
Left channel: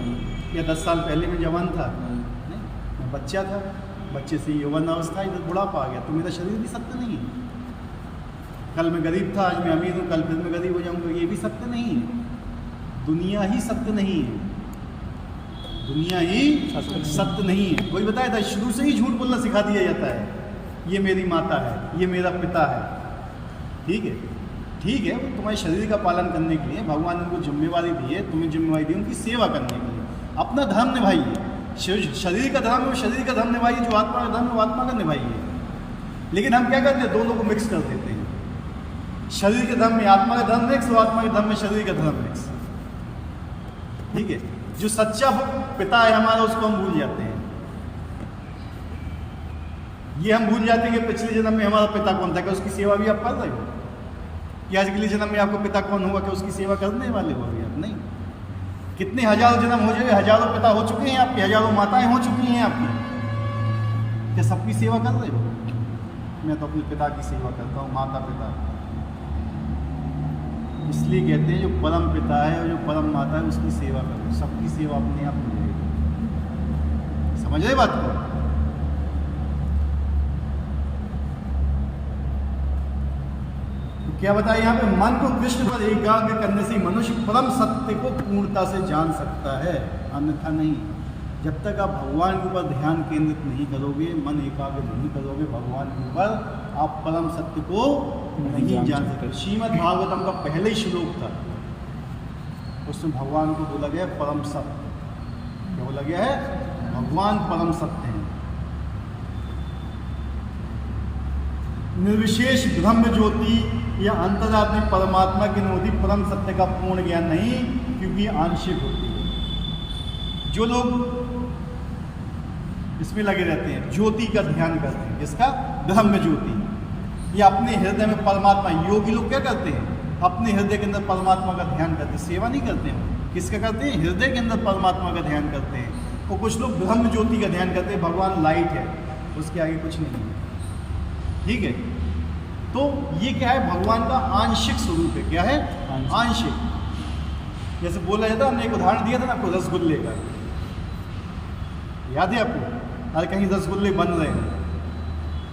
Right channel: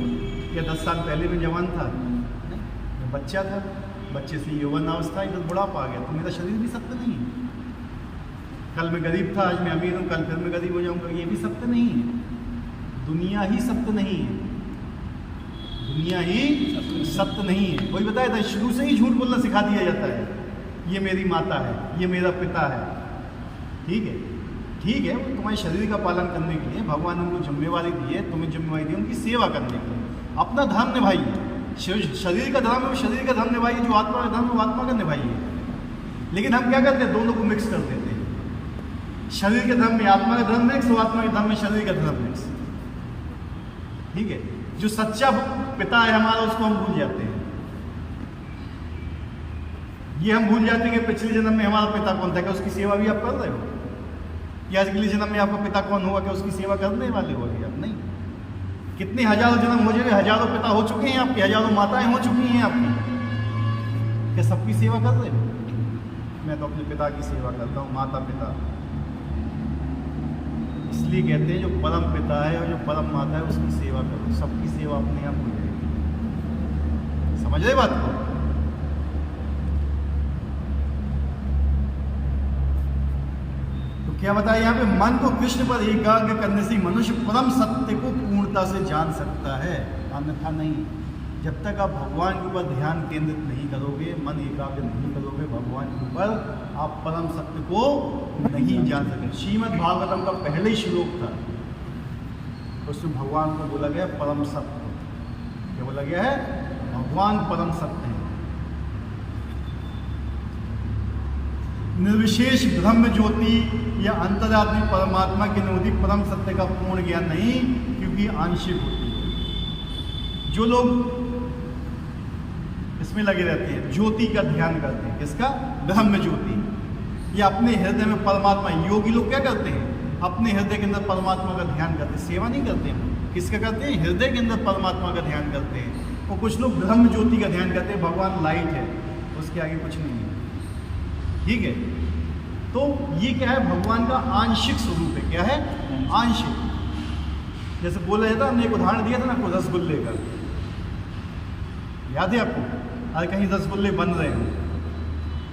या 10 साल पहले मैं जवान था? नहीं, मैं बच्चा था, बच्चे से यौवन अवस्था, इधर बुढ़ापा आ गया, तो मेरा शरीर भी सत्य नहीं है। कल मैं गरीब था, आज मैं अमीर हूँ, कल फिर मैं गरीब हो जाऊँगा, ये भी सत्य नहीं है। दुनिया ही सत्य नहीं है, दुनिया ही सत्य नहीं है। कोई बताया था, शुरू से ही झूठ बोलना सिखा दिया जाता है। ये मेरी माता है, ये मेरा पिता है। ठीक है, ठीक है, वो तुम्हारे शरीर का पालन करने के लिए भगवान ने उनको जिम्मेवारी दी है, तुम्हें जिम्मेवारी दी है उनकी सेवा करने के लिए। अपना धर्म निभाइए, शरीर का धर्म है वो शरीर का धर्म निभाइए, जो आत्मा का धर्म है वो आत्मा का निभाइए। लेकिन हम क्या करते हैं, दोनों को मिक्स कर देते हैं। शरीर के धर्म में आत्मा का धर्म मिक्स और आत्मा के धर्म में शरीर का धर्म मिक्स। ठीक है, जो सच्चा पिता है हमारा, उसको हम भूल जाते हैं। ये हम भूल जाते हैं कि पिछले जन्म में हमारा पिता कौन था। क्या उसकी सेवा भी आप कर रहे हो? कि आज अगले जन्म में आपको पिता कौन होगा, क्या उसकी सेवा करने वाले हो अभी आप? नहीं। कितने हजारों जन्म हो जाए, हजारों पिता हो चुके हैं आपके, हजारों माताएं हो चुकी हैं आपकी। क्या सबकी सेवा कर रहे हो? मैं तो अपने पिता की सेवा करता हूँ, माता पिता। इसलिए कहते हैं जो परम पिता है और जो परम माता है उसकी सेवा करो, सबकी सेवा अपने आप हो जाएगी। समझ रहे बात को? तो क्या बताया यहाँ पे, मन को कृष्ण पर एकाग्र करने से मनुष्य परम सत्य को पूर्णता से जान सकता है, अन्यथा नहीं। जब तक आप भगवान के ऊपर ध्यान केंद्रित नहीं करोगे, मन एकाग्र नहीं करोगे भगवान के ऊपर, आप परम सत्य को नहीं जान सकते। श्रीमद् भागवतम का पहले ही श्लोक था, उसमें भगवान को बोला गया परम सत्य। क्या बोला गया है? भगवान परम सत्य हैं। निर्विशेष ब्रह्म ज्योति या अंतर्यात्मिक परमात्मा की अनुभूति परम सत्य का पूर्ण ज्ञान नहीं, क्योंकि आंशिक होती है। जो लोग इसमें लगे रहते हैं, ज्योति का ध्यान करते हैं, किसका? ब्रह्म ज्योति, या अपने हृदय में परमात्मा, योगी लोग क्या करते हैं? अपने हृदय के अंदर परमात्मा का ध्यान करते हैं, सेवा नहीं करते हैं। किसका करते हैं? हृदय के अंदर परमात्मा का ध्यान करते हैं। और कुछ लोग ब्रह्म ज्योति का ध्यान करते हैं, भगवान लाइट है, उसके आगे कुछ नहीं है। ठीक है, तो ये क्या है? भगवान का आंशिक स्वरूप है। क्या है? आंशिक। जैसे बोला जाता, हमने एक उदाहरण दिया था ना आपको रसगुल्ले का, याद है आपको? अरे कहीं रसगुल्ले बन रहे हो,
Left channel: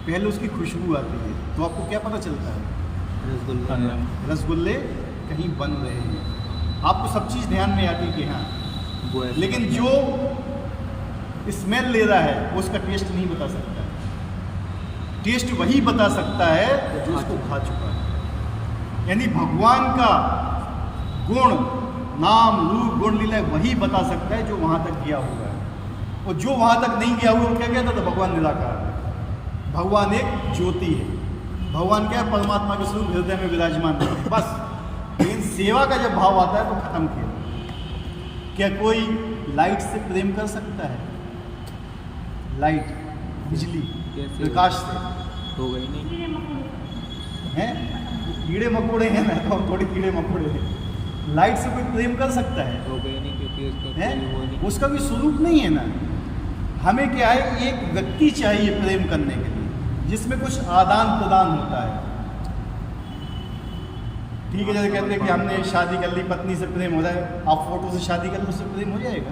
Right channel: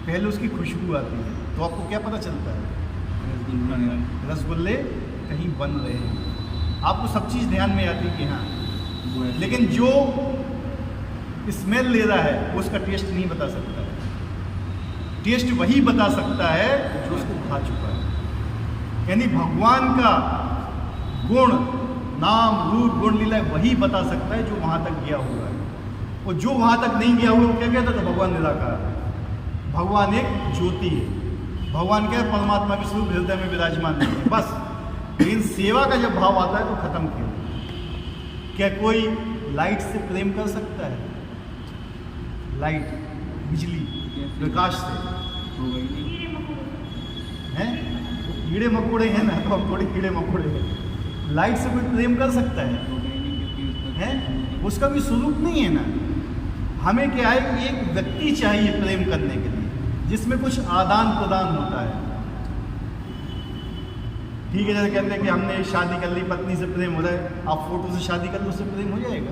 पहले उसकी खुशबू आती है, तो आपको क्या पता चलता है? रसगुल्ले कहीं बन रहे हैं। आपको सब चीज़ ध्यान में आती है कि हाँ, लेकिन जो स्मेल ले रहा है वो उसका टेस्ट नहीं बता सकता है। टेस्ट वही बता सकता है जो उसको खा चुका है। यानी भगवान का गुण, नाम, रूप, गुण, लीला वही बता सकता है जो वहाँ तक गया हुआ है। और जो वहाँ तक नहीं गया हुआ वो क्या कहता था? भगवान निराकार है, भगवान एक ज्योति है। भगवान क्या है? परमात्मा के स्वरूप हृदय में विराजमान है, बस। लेकिन सेवा का जब भाव आता है तो खत्म खेल। क्या कोई लाइट से प्रेम कर सकता है? लाइट, बिजली, प्रकाश से हो गई नहीं हैं? कीड़े मकोड़े हैं ना, तो हम थोड़ी कीड़े मकोड़े हैं। लाइट से कोई प्रेम कर सकता है? हो गई नहीं, क्योंकि उसका है, उसका भी स्वरूप नहीं है ना। हमें क्या है? एक व्यक्ति चाहिए प्रेम करने के लिए, जिसमें कुछ आदान प्रदान होता है। ठीक है, जैसे कहते हैं कि हमने शादी कर ली, पत्नी से प्रेम हो रहा है, आप फोटो से शादी कर लो, उससे प्रेम हो जाएगा?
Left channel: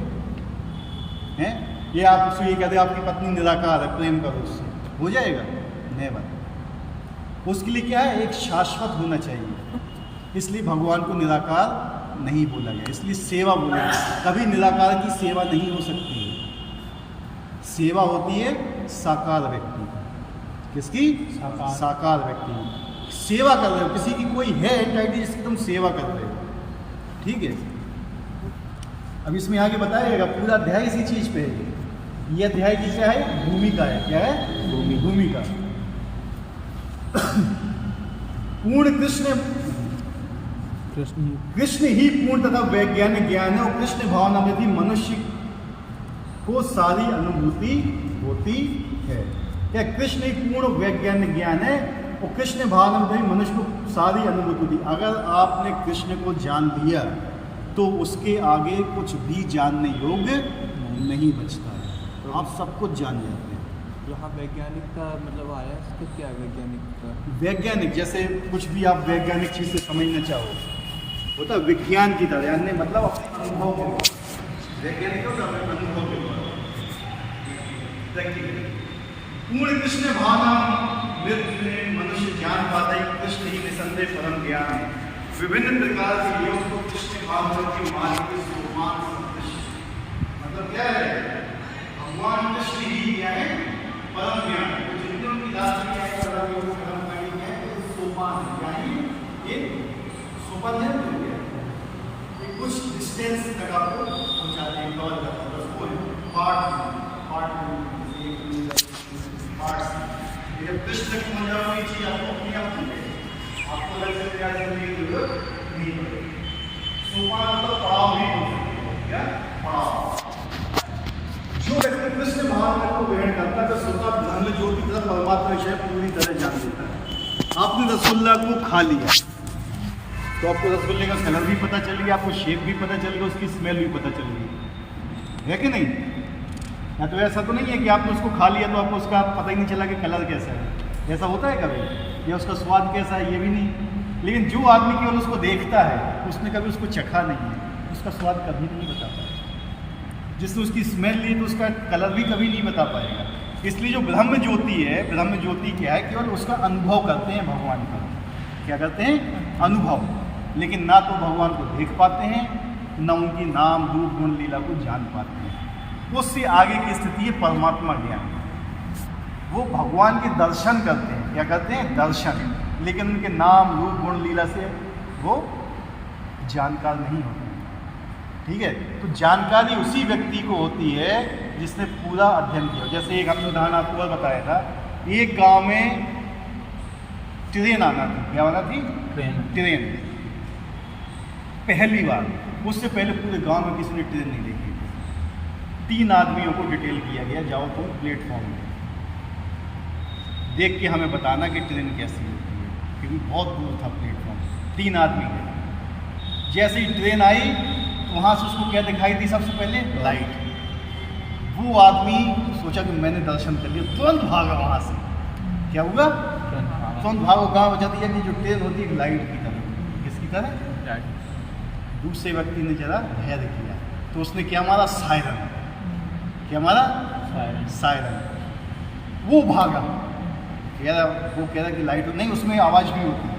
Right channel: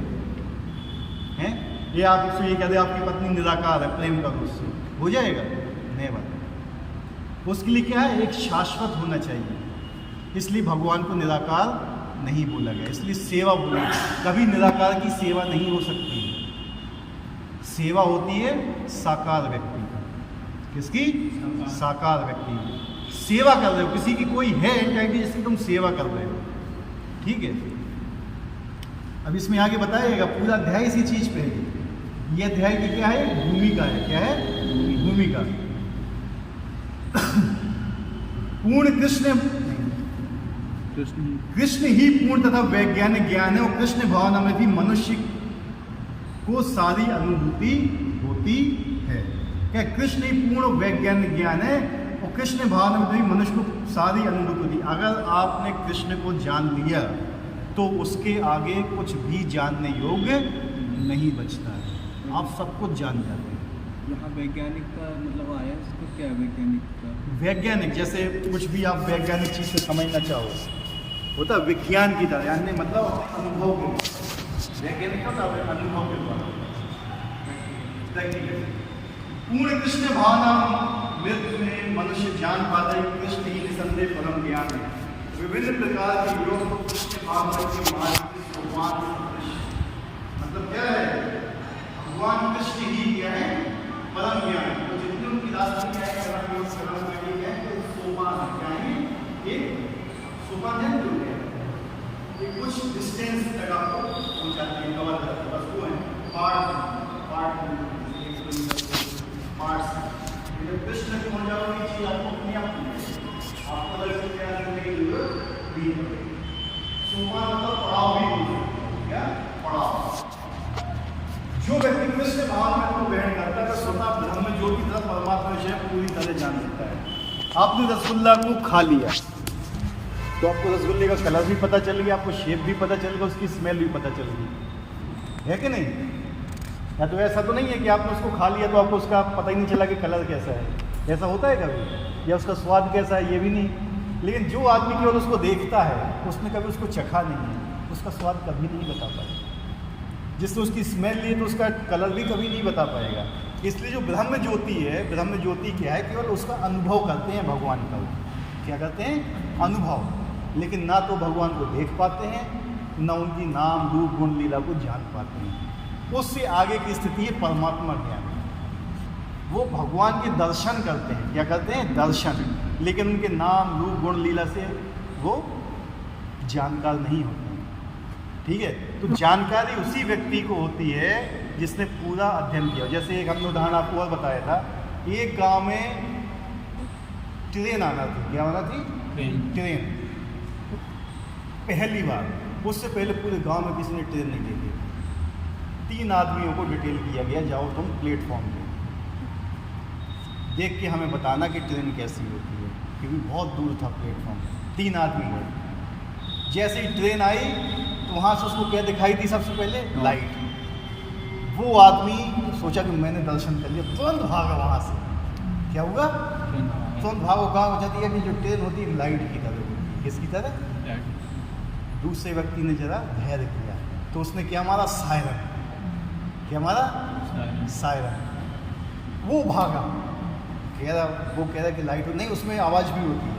हैं? ये आप उससे ये कहते हैं आपकी पत्नी निराकार है, प्रेम करो उससे, हो जाएगा? नेवर। उसके लिए क्या है? एक शाश्वत होना चाहिए। इसलिए भगवान को निराकार नहीं बोला गया, इसलिए सेवा बोला गया। कभी निराकार की सेवा नहीं हो सकती है। सेवा होती है साकार व्यक्ति की। किसकी? साकार व्यक्ति की। सेवा कर रहे हो, किसी की कोई है एंटाइटी जिसकी तुम सेवा कर रहे हो। ठीक है, अब इसमें आगे बताएगा, पूरा अध्याय इसी चीज पे है। ये अध्याय की क्या है? भूमिका है। क्या है? भूमिका। पूर्ण कृष्ण ही पूर्ण तथा वैज्ञानिक ज्ञान है, और कृष्ण भावना में भी मनुष्य को सारी अनुभूति होती है। क्या? कृष्ण ही पूर्ण वैज्ञानिक ज्ञान है, और कृष्ण भावना में भी मनुष्य को सारी अनुभूति होती। अगर आपने कृष्ण को जान लिया तो उसके आगे कुछ भी जानने योग्य नहीं बचता है। आप सब कुछ जान जाते हैं। यहाँ वैज्ञानिक का मतलब आया, इसका क्या है वैज्ञानिक का? वैज्ञानिक जैसे कुछ भी आप वैज्ञानिक चीज़ को समझना चाहो, होता है विज्ञान की तरह, यानी मतलब अनुभव के बाद। वैज्ञानिक होता है अनुभव के बाद। पूर्ण कृष्ण भावना नृत्य में मनुष्य जान पाता है, कृष्ण ही निसंदेह परम ज्ञान है। विभिन्न प्रकार के योग को कृष्ण भावना की मतलब क्या है? भगवान कृष्ण ही क्या है? परम ज्ञान। तो जितने उनकी राशि क्या है? परम योग परम ज्ञान क्या है? तो सोपान है, यानी एक सोपान है जो क्या है? ये कुछ डिस्टेंस तक आपको पहुंचाते हैं, कवर करते हैं, बस वो है पार्ट जब कृष्ण तक पहुंच जाओगे चीज आपको अपने आप मिलेगी, आपको अलग से प्रयास करने की जरूरत नहीं पड़ेगी। सोपान मतलब पड़ाव भी बोल सकते हैं। क्या? पड़ाव। जो व्यक्ति कृष्ण भावना को ग्रहण करता है, स्वतः ब्रह्म जो की तरह परमात्मा विषय पूरी तरह जान लेता है। आपने रसगुल्ला को खा लिया तो आपको रसगुल्ले का कलर भी पता चल गया, आपको शेप भी पता चल गया, उसकी स्मेल भी पता चल गई, है कि नहीं? या तो ऐसा तो नहीं है कि आपने उसको खा लिया तो आपको उसका पता ही नहीं चला कि कलर कैसा है। ऐसा होता है कभी? या उसका स्वाद कैसा है ये भी नहीं। लेकिन जो आदमी केवल उसको देखता है, उसने कभी उसको चखा नहीं है, उसका स्वाद कभी नहीं बता पाएगा। जिसने उसकी स्मेल ली तो उसका कलर भी कभी नहीं बता पाएगा। इसलिए जो ब्रह्म ज्योति है, ब्रह्म ज्योति क्या है? केवल उसका अनुभव करते हैं भगवान का। क्या करते हैं? अनुभव। लेकिन ना तो भगवान को देख पाते हैं, न उनकी नाम, रूप, गुण, लीला को जान पाते हैं। उससे आगे की स्थिति है परमात्मा ज्ञान। वो भगवान के दर्शन करते हैं। क्या करते हैं? दर्शन। लेकिन उनके नाम, रूप, गुण, लीला से वो जानकार नहीं होते। ठीक है, तो जानकारी उसी व्यक्ति को होती है जिसने पूरा अध्ययन किया। जैसे एक हमने उदाहरण आपको और बताया था, एक गांव में ट्रेन आना थी। क्या आना थी? ट्रेन। पहली बार, उससे पहले पूरे गांव में किसी ने ट्रेन नहीं देखी। 3 आदमियों को डिटेल किया गया, जाओ तुम प्लेटफॉर्म में देख के हमें बताना कि ट्रेन कैसी होती है, क्योंकि बहुत दूर था प्लेटफॉर्म। 3 आदमी गए, जैसे ही ट्रेन आई तो वहाँ से उसको क्या दिखाई दी? सबसे पहले लाइट। वो आदमी सोचा कि मैंने दर्शन कर लिया, तुरंत भागा वहाँ से। क्या हुआ? तुरंत भागो। कहाँ हो जाती है कि जो ट्रेन होती है लाइट की तरह। किसकी तरह? दूसरे व्यक्ति ने जरा धैर्य किया तो उसने क्या मारा? सायरन। क्या मारा? सायरन। वो भागा, वो कह रहा कि लाइट नहीं, उसमें आवाज़ भी होती है।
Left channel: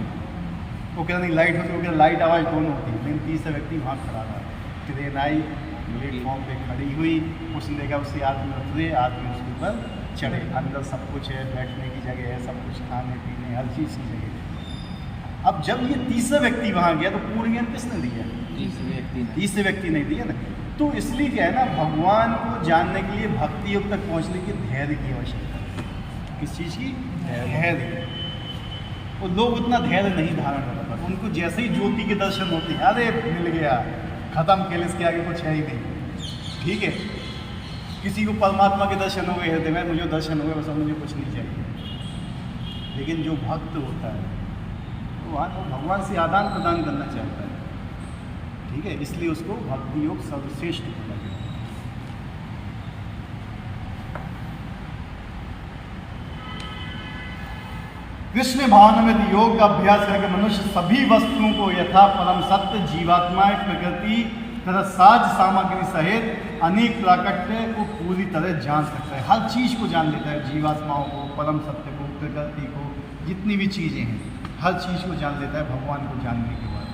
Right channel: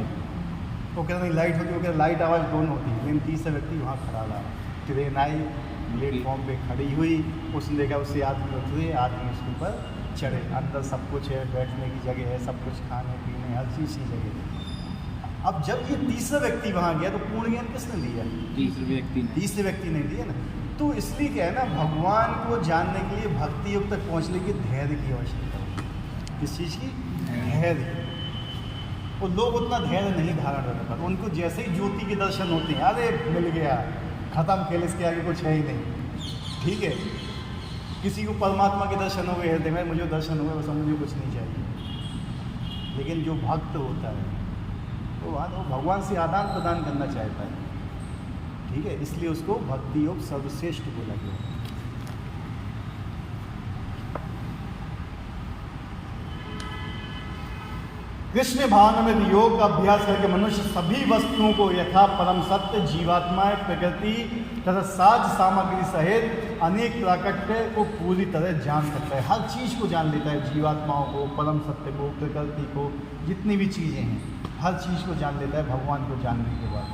वो कह रहा नहीं लाइट होती है, वो कह रहा लाइट आवाज़ दोनों होती है। लेकिन तीसरा व्यक्ति वहाँ खड़ा रहा। ट्रेन आई, प्लेटफॉर्म पे खड़ी हुई, उसने देखा उससे आदमी उतरे, आदमी उसके ऊपर चढ़े। अंदर सब कुछ है, बैठने की जगह है, सब कुछ खाने पीने हर चीज़ की जगह है। अब जब ये तीसरा व्यक्ति वहाँ गया तो पूर्ण ज्ञान किसने दिया? तीसरे व्यक्ति ने दिया ना। तो इसलिए क्या है ना, भगवान को जानने के लिए भक्ति योग तक पहुँचने की धैर्य की आवश्यकता है। किस चीज़ की? धैर्य। और लोग उतना धैर्य नहीं धारण कर पाते। उनको जैसे ही ज्योति के दर्शन होते हैं, अरे मिल गया, खत्म, खेल, इसके आगे कुछ है ही नहीं। ठीक है, किसी को परमात्मा के दर्शन हो गए हृदय में, मुझे दर्शन हो गए, बस मुझे कुछ नहीं चाहिए। लेकिन जो भक्त होता है वो भगवान से आदान प्रदान करना चाहता है। ठीक है, इसलिए उसको भक्ति योग सर्वश्रेष्ठ को लगे। कृष्ण भावनामृत योग का अभ्यास करके मनुष्य सभी वस्तुओं को यथा परम सत्य, जीवात्माएं, प्रकृति तथा साज सामग्री सहित अनेक प्राकट्य को पूरी तरह जान सकता है। हर चीज़ को जान लेता है, जीवात्माओं को, परम सत्य को, प्रकृति को, जितनी भी चीज़ें हैं हर चीज़ को जान लेता है भगवान को जानने के बाद।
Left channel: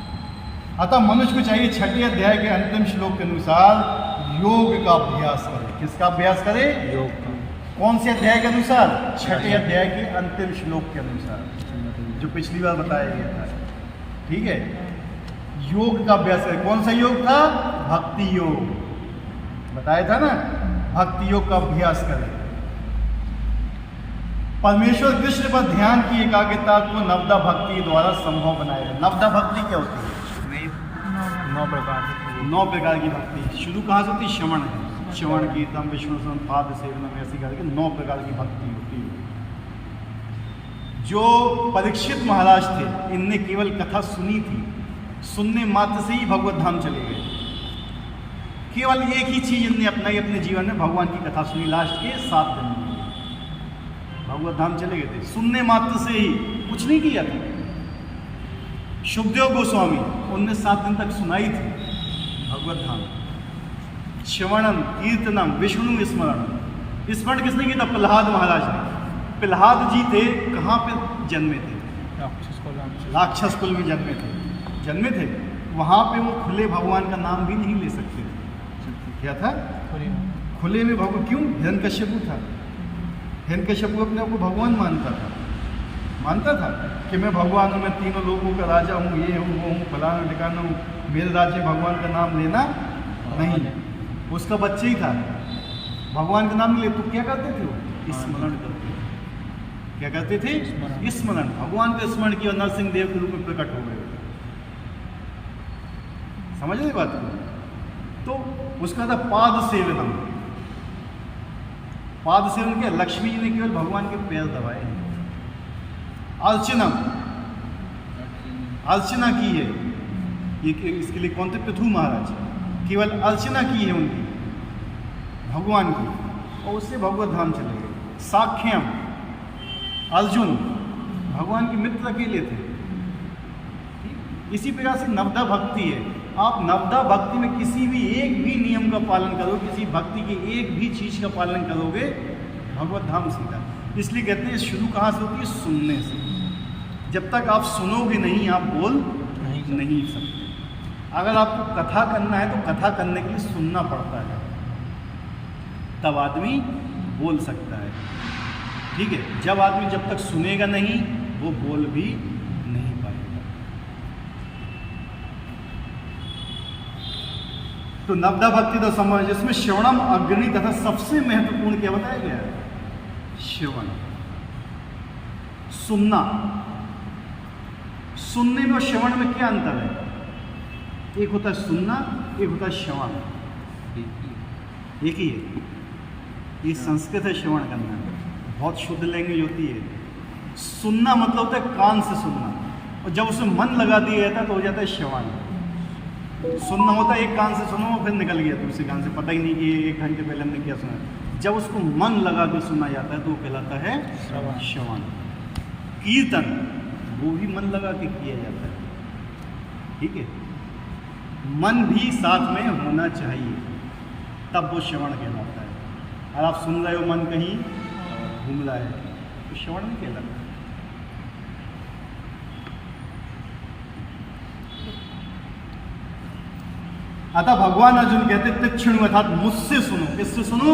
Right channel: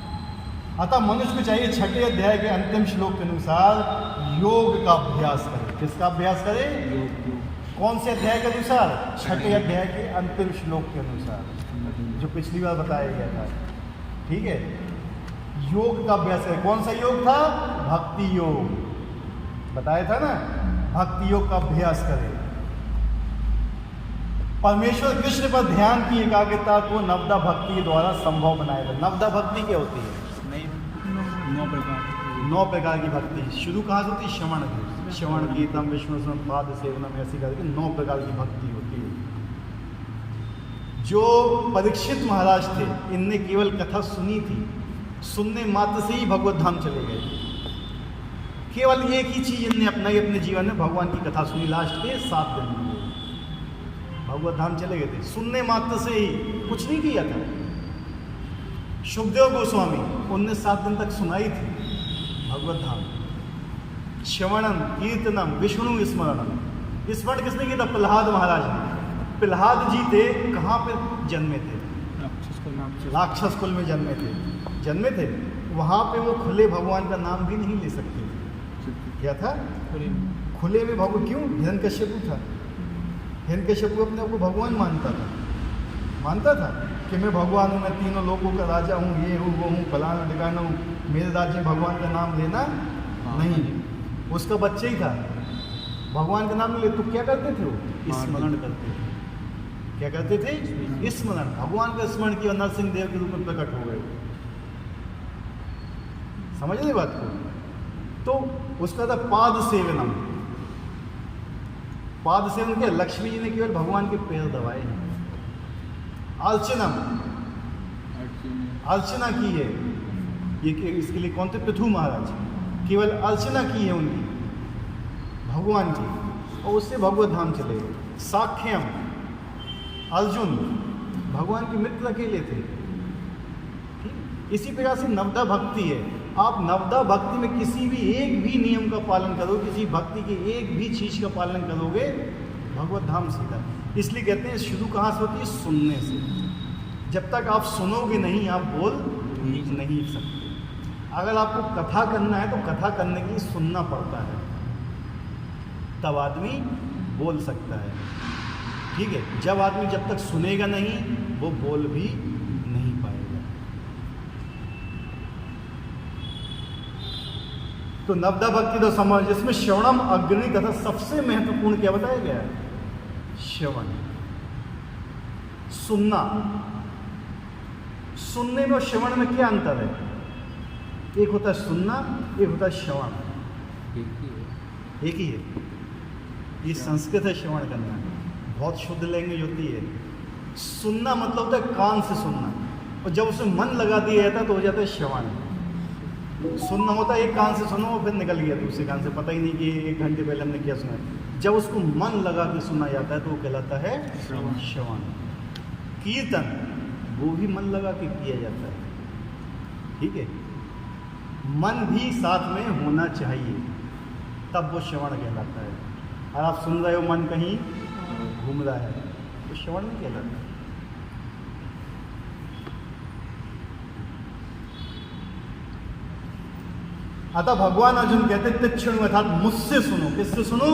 अतः मनुष्य को चाहिए 6ठे अध्याय के अंतिम श्लोक के अनुसार योग का अभ्यास करे। किसका अभ्यास करे? योग का। कौन से अध्याय के अनुसार? 6ठे अध्याय के अंतिम श्लोक के अनुसार, जो पिछली बार बताया गया था। ठीक है, योग का अभ्यास करें। कौन सा योग था? भक्ति योग। बताया था ना, भक्ति योग का अभ्यास करें। परमेश्वर कृष्ण पर ध्यान की एकाग्रता को नवदा भक्ति द्वारा संभव बनाएगा। नवदा भक्ति क्या होती है? 9 प्रकार की भक्ति। शुरू कहाँ से होती है? श्रवण। श्रवण कीर्तन विष्णु पाद सेवन, ऐसी करके 9 प्रकार की भक्ति होती है। जो परीक्षित महाराज थे, इनने केवल कथा सुनी थी, सुनने मात्र से ही भगवत धाम चले गए। केवल एक ही चीज इनने अपनाई अपने जीवन में, भगवान की कथा सुनी। लास्ट के 7 दिन में भगवत धाम चले गए थे, सुनने मात्र से ही, कुछ नहीं किया था। शुभदेव गोस्वामी, उनने 7 दिन तक सुनाई थी भगवत धाम। श्रवणम कीर्तनम विष्णु स्मरण। स्मरण किसने किया था? प्रहलाद महाराज ने। प्रहलाद जी थे, कहाँ पे जन्मे थे? राक्षस कुल में जन्मे थे। वहाँ पे वो खुले भगवान का नाम भी नहीं ले सकते थे। क्या था? खुले में भगवान। क्यों? हिरण्यकश्यप था। हिरण्यकश्यप अपने आप को भगवान मानता था कि मैं भगवान हूँ, मैं तीनों लोगों का राजा हूँ, ये हूँ, वो हूँ, फलाना ठिकाना हूँ, मेरे राज्य भगवान का नाम लेना नहीं। उसका बच्चा ही था, भगवान का नाम नहीं ले। तो क्या करते थे वो? स्मरण करते थे। क्या करते थे? स्मरण। भगवान का स्मरण किया, नरसिंह देव के रूप में प्रकट हो गए। समझ रहे बात को? तो उसका था पाद सेवनम। पाद सेवन क्या? लक्ष्मी जी ने केवल भगवान के पैर दबाए। अर्चना, अर्चना की है ये, इसके लिए कौन थे? पृथु महाराज। केवल अर्चना की है उनकी भगवान की, और उससे भगवत धाम चले गए। साख्यम, अर्जुन भगवान के मित्र अकेले थे। इसी प्रकार से नवदा भक्ति है। आप नवदा भक्ति में किसी भी एक भी नियम का पालन करो, किसी भक्ति की एक भी चीज का पालन करोगे, भगवत धाम सीधा। इसलिए कहते हैं शुरू कहाँ से होती है? सुनने से। जब तक आप सुनोगे नहीं, आप बोल नहीं सकते। अगर आपको कथा करना है तो कथा करने के लिए सुनना पड़ता है, तब आदमी बोल सकता है। ठीक है, जब तक सुनेगा नहीं वो बोल भी नहीं पाएगा। तो नवदा भक्ति तो समझ, जिसमें श्रवणम अग्नि तथा सबसे महत्वपूर्ण क्या बताया गया? श्रवण, सुनना। सुनने में और श्रवण में क्या अंतर है? एक होता है सुनना, एक होता है श्रवण। एक ही है। ये संस्कृत है श्रवण करना, बहुत शुद्ध लैंग्वेज होती है। सुनना मतलब होता है कान से सुनना, और जब उसमें मन लगा दिया जाता है तो हो जाता है श्रवण। सुनना होता है एक कान से सुनो फिर निकल गया दूसरे कान से, पता ही नहीं कि 1 घंटे पहले हमने क्या सुना। जब उसको मन लगा के सुना जाता है तो वो कहलाता है श्रवण। कीर्तन वो भी मन लगा के किया जाता है, ठीक है। मन भी साथ में होना चाहिए, तब वो श्रवण कहलाता है। और आप सुन रहे हो मन कहीं घूम रहा है तो श्रवण नहीं कहलाता। अतः भगवान अर्जुन कहते तीक्ष्ण अर्थात मुझसे सुनो। किससे सुनो?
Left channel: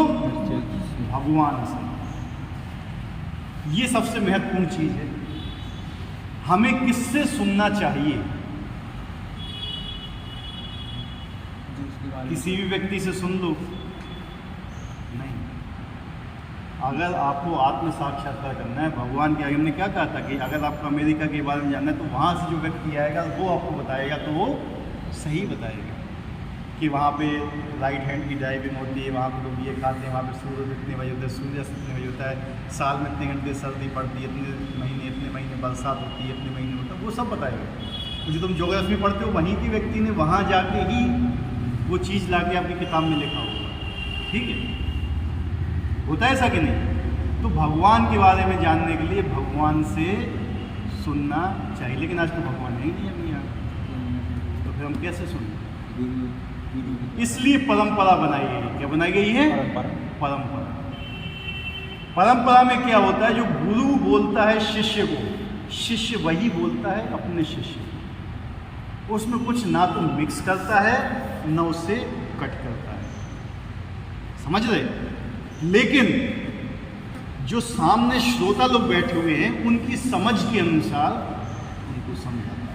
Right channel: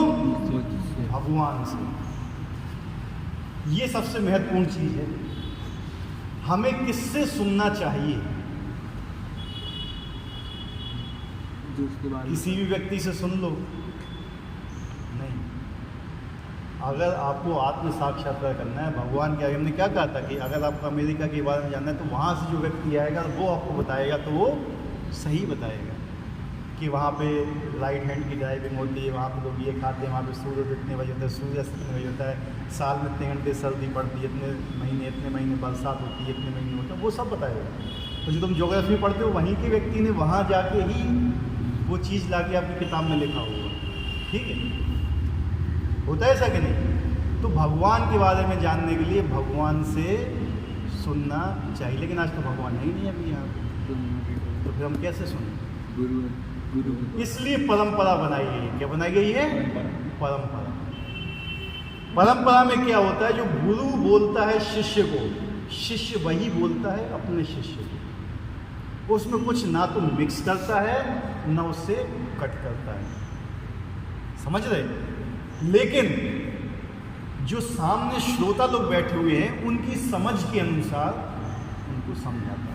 भगवान से। ये सबसे महत्वपूर्ण चीज है। हमें किससे सुनना चाहिए? किसी भी व्यक्ति से सुन लो नहीं। अगर आपको आत्म साक्षात्कार करना है, भगवान के आगे हमने क्या कहा था कि अगर आपको अमेरिका के बारे में जानना है तो वहाँ से जो व्यक्ति आएगा वो आपको बताएगा, तो वो सही बताएगा कि वहाँ पे राइट हैंड की ड्राइविंग होती है, वहाँ पे लोग ये खाते हैं, वहाँ पे सूर्य कितने बजे होता है, सूर्यास्त कितने बजे होता है, साल में इतने घंटे सर्दी पड़ती है, इतने महीने बरसात होती है, इतने महीने होता है, वो सब बताएगा। तो जो तुम ज्योग्राफी पढ़ते हो वहीं के व्यक्ति ने वहाँ जाके ही वो चीज़ ला के आपकी किताब में लिखा होगा, ठीक है। होता है ऐसा कि नहीं? तो भगवान के बारे में जानने के लिए भगवान से सुनना चाहिए, लेकिन आज तो भगवान है ही नहीं अभी यहाँ, तो फिर हम कैसे सुनें? इसलिए परंपरा बनाई गई। क्या बनाई गई है? परंपरा। परंपरा में क्या होता है? जो गुरु बोलता है शिष्य को, शिष्य वही बोलता है अपने शिष्य को। उसमें कुछ ना तो मिक्स करता है ना उससे कट करता है, समझ रहे? लेकिन जो सामने श्रोता लोग बैठे हुए हैं उनकी समझ के अनुसार उनको समझाता है।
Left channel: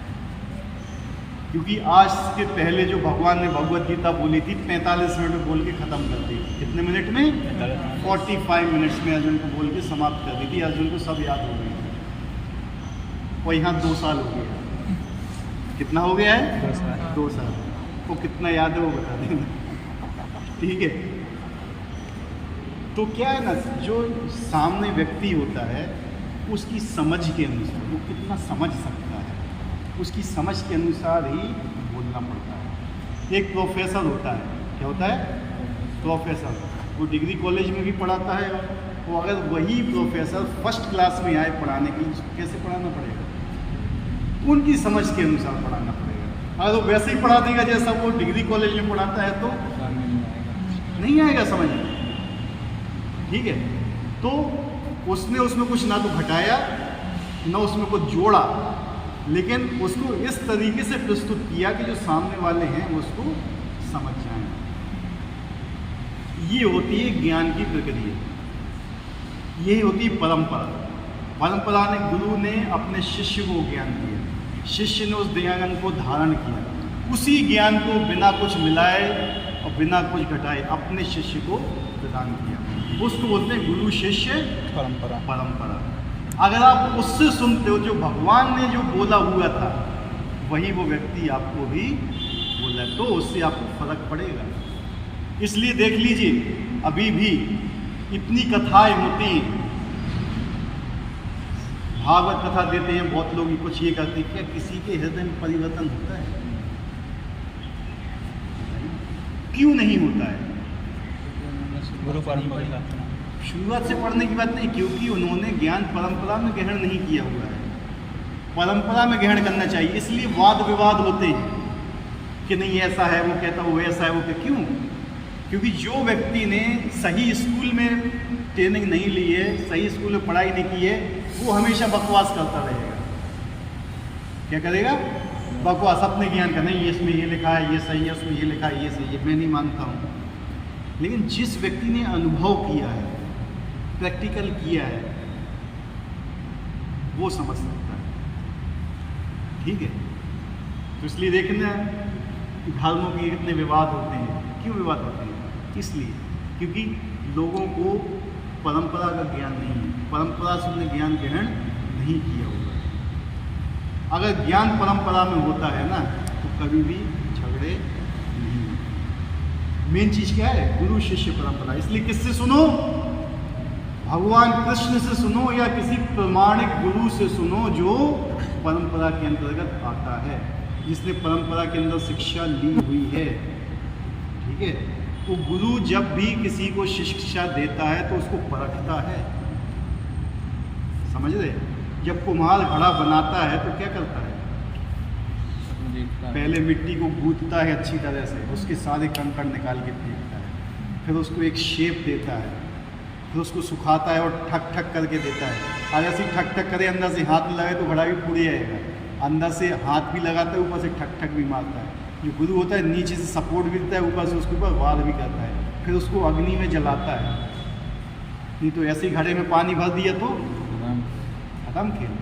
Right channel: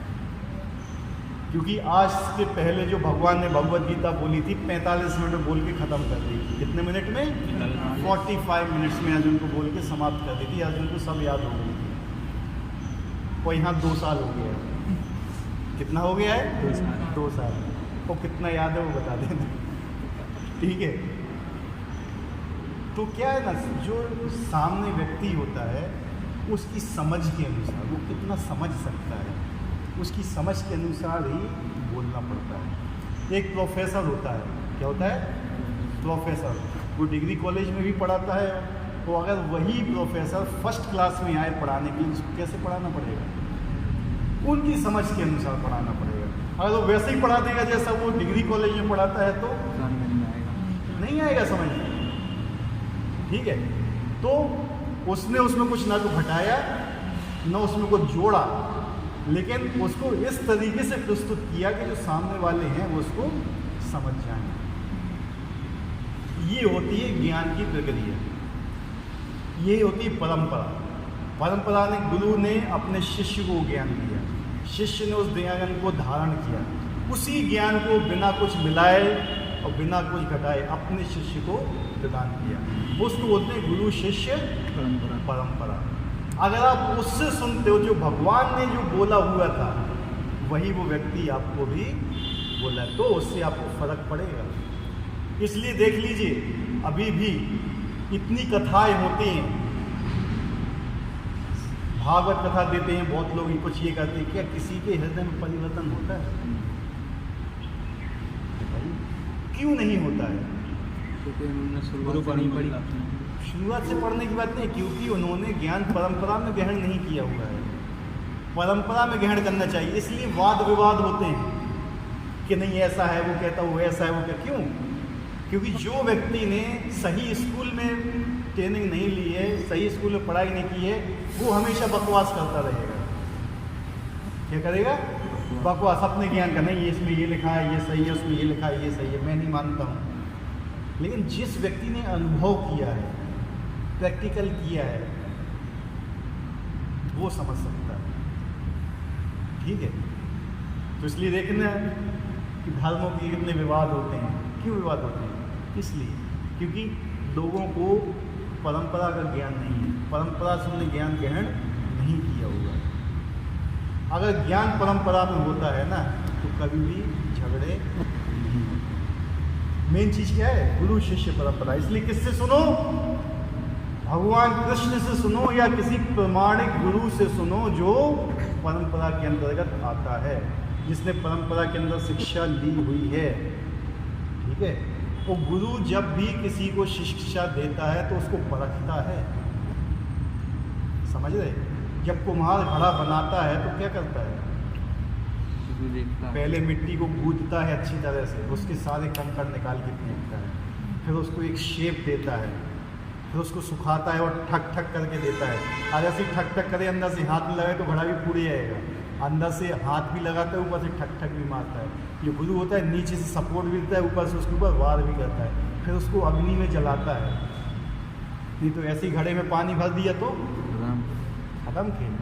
क्योंकि आज के पहले जो भगवान ने भगवद गीता बोली थी 45 मिनट में बोल के ख़त्म कर दी। कितने मिनट में? 45 मिनट्स में अर्जुन को बोल के समाप्त कर दी थी। अर्जुन को सब याद हो गई और यहाँ 2 साल हो गया। कितना हो गया है? 2 साल। 2 साल। वो कितना याद है वो बता देंगे, ठीक है। तो क्या है ना, जो सामने व्यक्ति होता है उसकी समझ के अनुसार, वो कितना समझ सकता है उसकी समझ के अनुसार ही बोलना पड़ता है। एक प्रोफेसर होता है, क्या होता है? प्रोफेसर। वो डिग्री कॉलेज में भी पढ़ाता है, तो अगर वही प्रोफेसर फर्स्ट क्लास में आए पढ़ाने के लिए, उसको कैसे पढ़ाना पड़ेगा? उनकी समझ के अनुसार पढ़ाना पड़ेगा। अगर वो वैसे ही पढ़ा देगा जैसा वो डिग्री कॉलेज में पढ़ाता है तो नहीं आएगा समझ में, ठीक है। तो उसने उसमें कुछ ना तो घटाया ना उसमें कुछ जोड़ा, लेकिन उसको इस तरीके से प्रस्तुत किया कि जो सामने वाले हैं वो उसको समझ जाए। ये होती है ज्ञान की प्रक्रिया, ये होती है परंपरा। परंपरा ने, गुरु ने अपने शिष्य को ज्ञान दिया, शिष्य ने उस ज्ञान को धारण किया, उसी ज्ञान को बिना कुछ मिलाए और बिना कुछ घटाए अपने शिष्य को प्रदान किया। उसको बोलते हैं गुरु शिष्य परंपरा। परंपरा। अगर आप उससे सुनते हो, जो भगवान ने जो बोला हुआ था वही वो व्यक्ति आपको भी बोला, तो उससे आपको फर्क पड़ेगा। इसलिए देख लीजिए, अभी भी इतनी कथाएं होती हैं, भागवत कथा देते हैं बहुत लोग, कुछ ये कहते हैं क्या किसी के हृदय में परिवर्तन होता है? क्यों नहीं होता है? गुरु परंपरा शुरुआत से पढ़ने की बात नहीं, क्योंकि उन्होंने ज्ञान परंपरा में ग्रहण नहीं किया हुआ है। परंपरा में ग्रहण करना चाहिए, इसलिए वाद विवाद होते हैं कि नहीं ऐसा है, वो कहता वो ऐसा है, वो कहता क्यों? क्योंकि जो व्यक्ति ने सही स्कूल में ट्रेनिंग नहीं ली है, सही स्कूल में पढ़ाई नहीं की है, वो हमेशा बकवास करता रहेगा। क्या करेगा? बकवास, अपने ज्ञान का। नहीं इसमें ये लिखा है ये सही है, उसमें ये लिखा है ये सही है, मैं नहीं मानता हूँ। लेकिन जिस व्यक्ति ने अनुभव किया है, प्रैक्टिकल किया है, वो समझ सकता है, ठीक है। तो इसलिए देखना कि धर्मों के इतने विवाद होते हैं। क्यों विवाद होते हैं? इसलिए क्योंकि लोगों को परंपरा का ज्ञान नहीं है, परंपरा से उन्हें ज्ञान ग्रहण नहीं किया होगा। अगर ज्ञान परंपरा में होता है ना, तो कभी भी झगड़े नहीं। मेन चीज क्या है? गुरु शिष्य परंपरा। इसलिए किससे सुनो? भगवान कृष्ण से सुनो या किसी प्रमाणिक गुरु से सुनो जो परंपरा के अंतर्गत आता है, जिसने परंपरा के अंदर शिक्षा ली हुई है। ठीक है, वो गुरु जब भी किसी को शिक्षा देता है तो उसको परखता है, समझ रहे? जब कुम्हार घड़ा बनाता है तो क्या करता है? पहले मिट्टी को गूंथता है अच्छी तरह से, उसके सारे कंकड़ निकाल के फेंकता है, फिर उसको एक शेप देता है, फिर उसको सुखाता है और ठक ठक करके देता है। और ऐसे ठक ठक करे, अंदर से हाथ लगे तो घड़ा भी पूरे जाएगा, अंदर से हाथ भी लगाता है, ऊपर से ठक ठक भी मारता है। जो गुरु होता है नीचे से सपोर्ट भी देता है, ऊपर से उसके ऊपर वार भी करता है, फिर उसको अग्नि में जलाता है। नहीं तो ऐसे ही घड़े में पानी भर दिया तो खत्म खेल।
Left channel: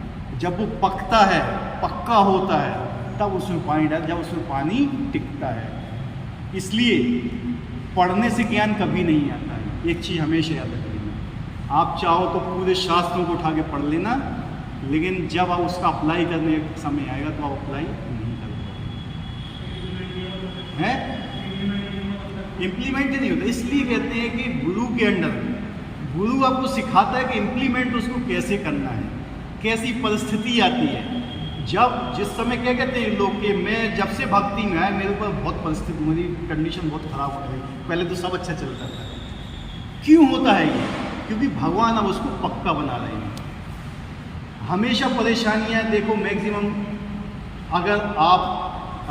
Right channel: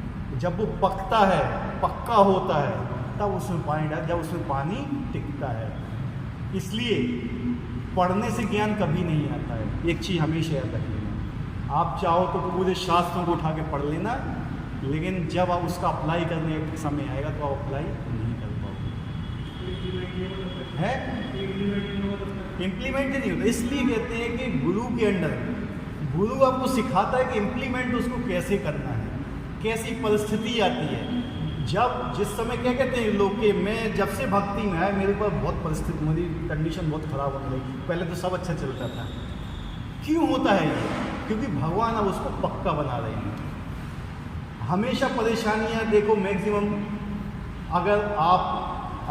जब वो पकता है, पक्का होता है, तब उसमें पानी डाल, जब उसमें पानी टिकता है। इसलिए पढ़ने से ज्ञान कभी नहीं आता है, एक चीज़ हमेशा याद रखना। आप चाहो तो पूरे शास्त्रों को उठा के पढ़ लेना, लेकिन जब आप उसका अप्लाई करने का समय आएगा तो आप अप्लाई नहीं कर पाओगे। है इम्प्लीमेंट ही नहीं होता। इसलिए कहते हैं कि गुरु के अंडर गुरु आपको सिखाता है कि इम्प्लीमेंट उसको कैसे करना है, कैसी परिस्थिति आती है। जब जिस समय क्या कहते हैं लोग कि मैं जब से भक्ति में आया मेरे ऊपर बहुत परिस्थिति, मेरी कंडीशन बहुत ख़राब हो गई, पहले तो सब अच्छा चलता था। क्यों होता है ये? क्योंकि भगवान अब उसको पक्का बना रहे हैं। हमेशा परेशानियां देखो, मैक्सिमम अगर आप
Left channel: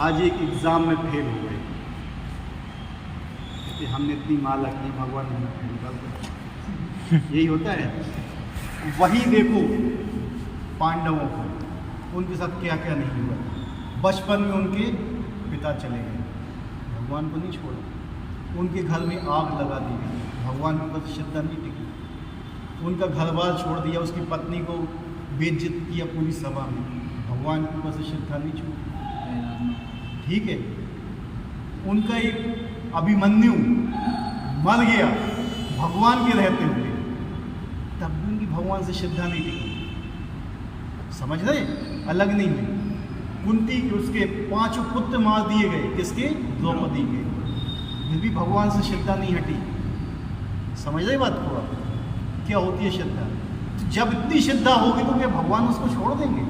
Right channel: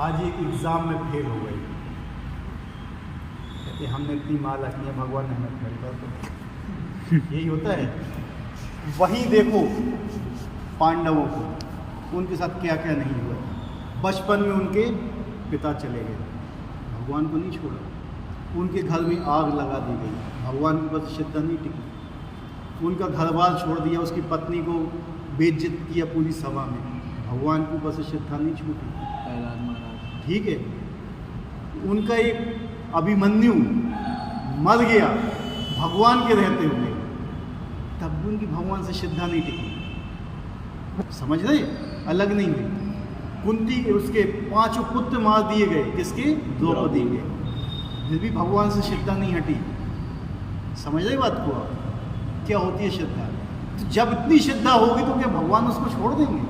आज एक एग्ज़ाम में फेल हो गए, कहते हमने इतनी माला की है, भगवान ने हमें फेल कर दिया, यही होता है। वही देखो पांडवों को, उनके साथ क्या क्या नहीं हुआ था। बचपन में उनके पिता चले गए, भगवान को नहीं छोड़ा। उनके घर में आग लगा दी गई, भगवान की बस श्रद्धा नहीं टिकी। उनका घर बार छोड़ दिया, उसकी पत्नी को बेइज्जत किया पूरी सभा में, भगवान की बस श्रद्धा नहीं छूटी। ठीक है, उनका एक अभिमन्यु मर गया भगवान के रहते हुए, तब भी उनकी भगवान से श्रद्धा नहीं टिकी। समझ रहे? अलग नहीं हुई। कुंती उसके 5 पुत्र मार दिए गए, किसके? द्रौपदी के, फिर भी भगवान से श्रद्धा नहीं हटी। समझ रहे बात को आप? क्या होती है श्रद्धा? तो जब इतनी श्रद्धा होगी तो क्या भगवान उसको छोड़ देंगे?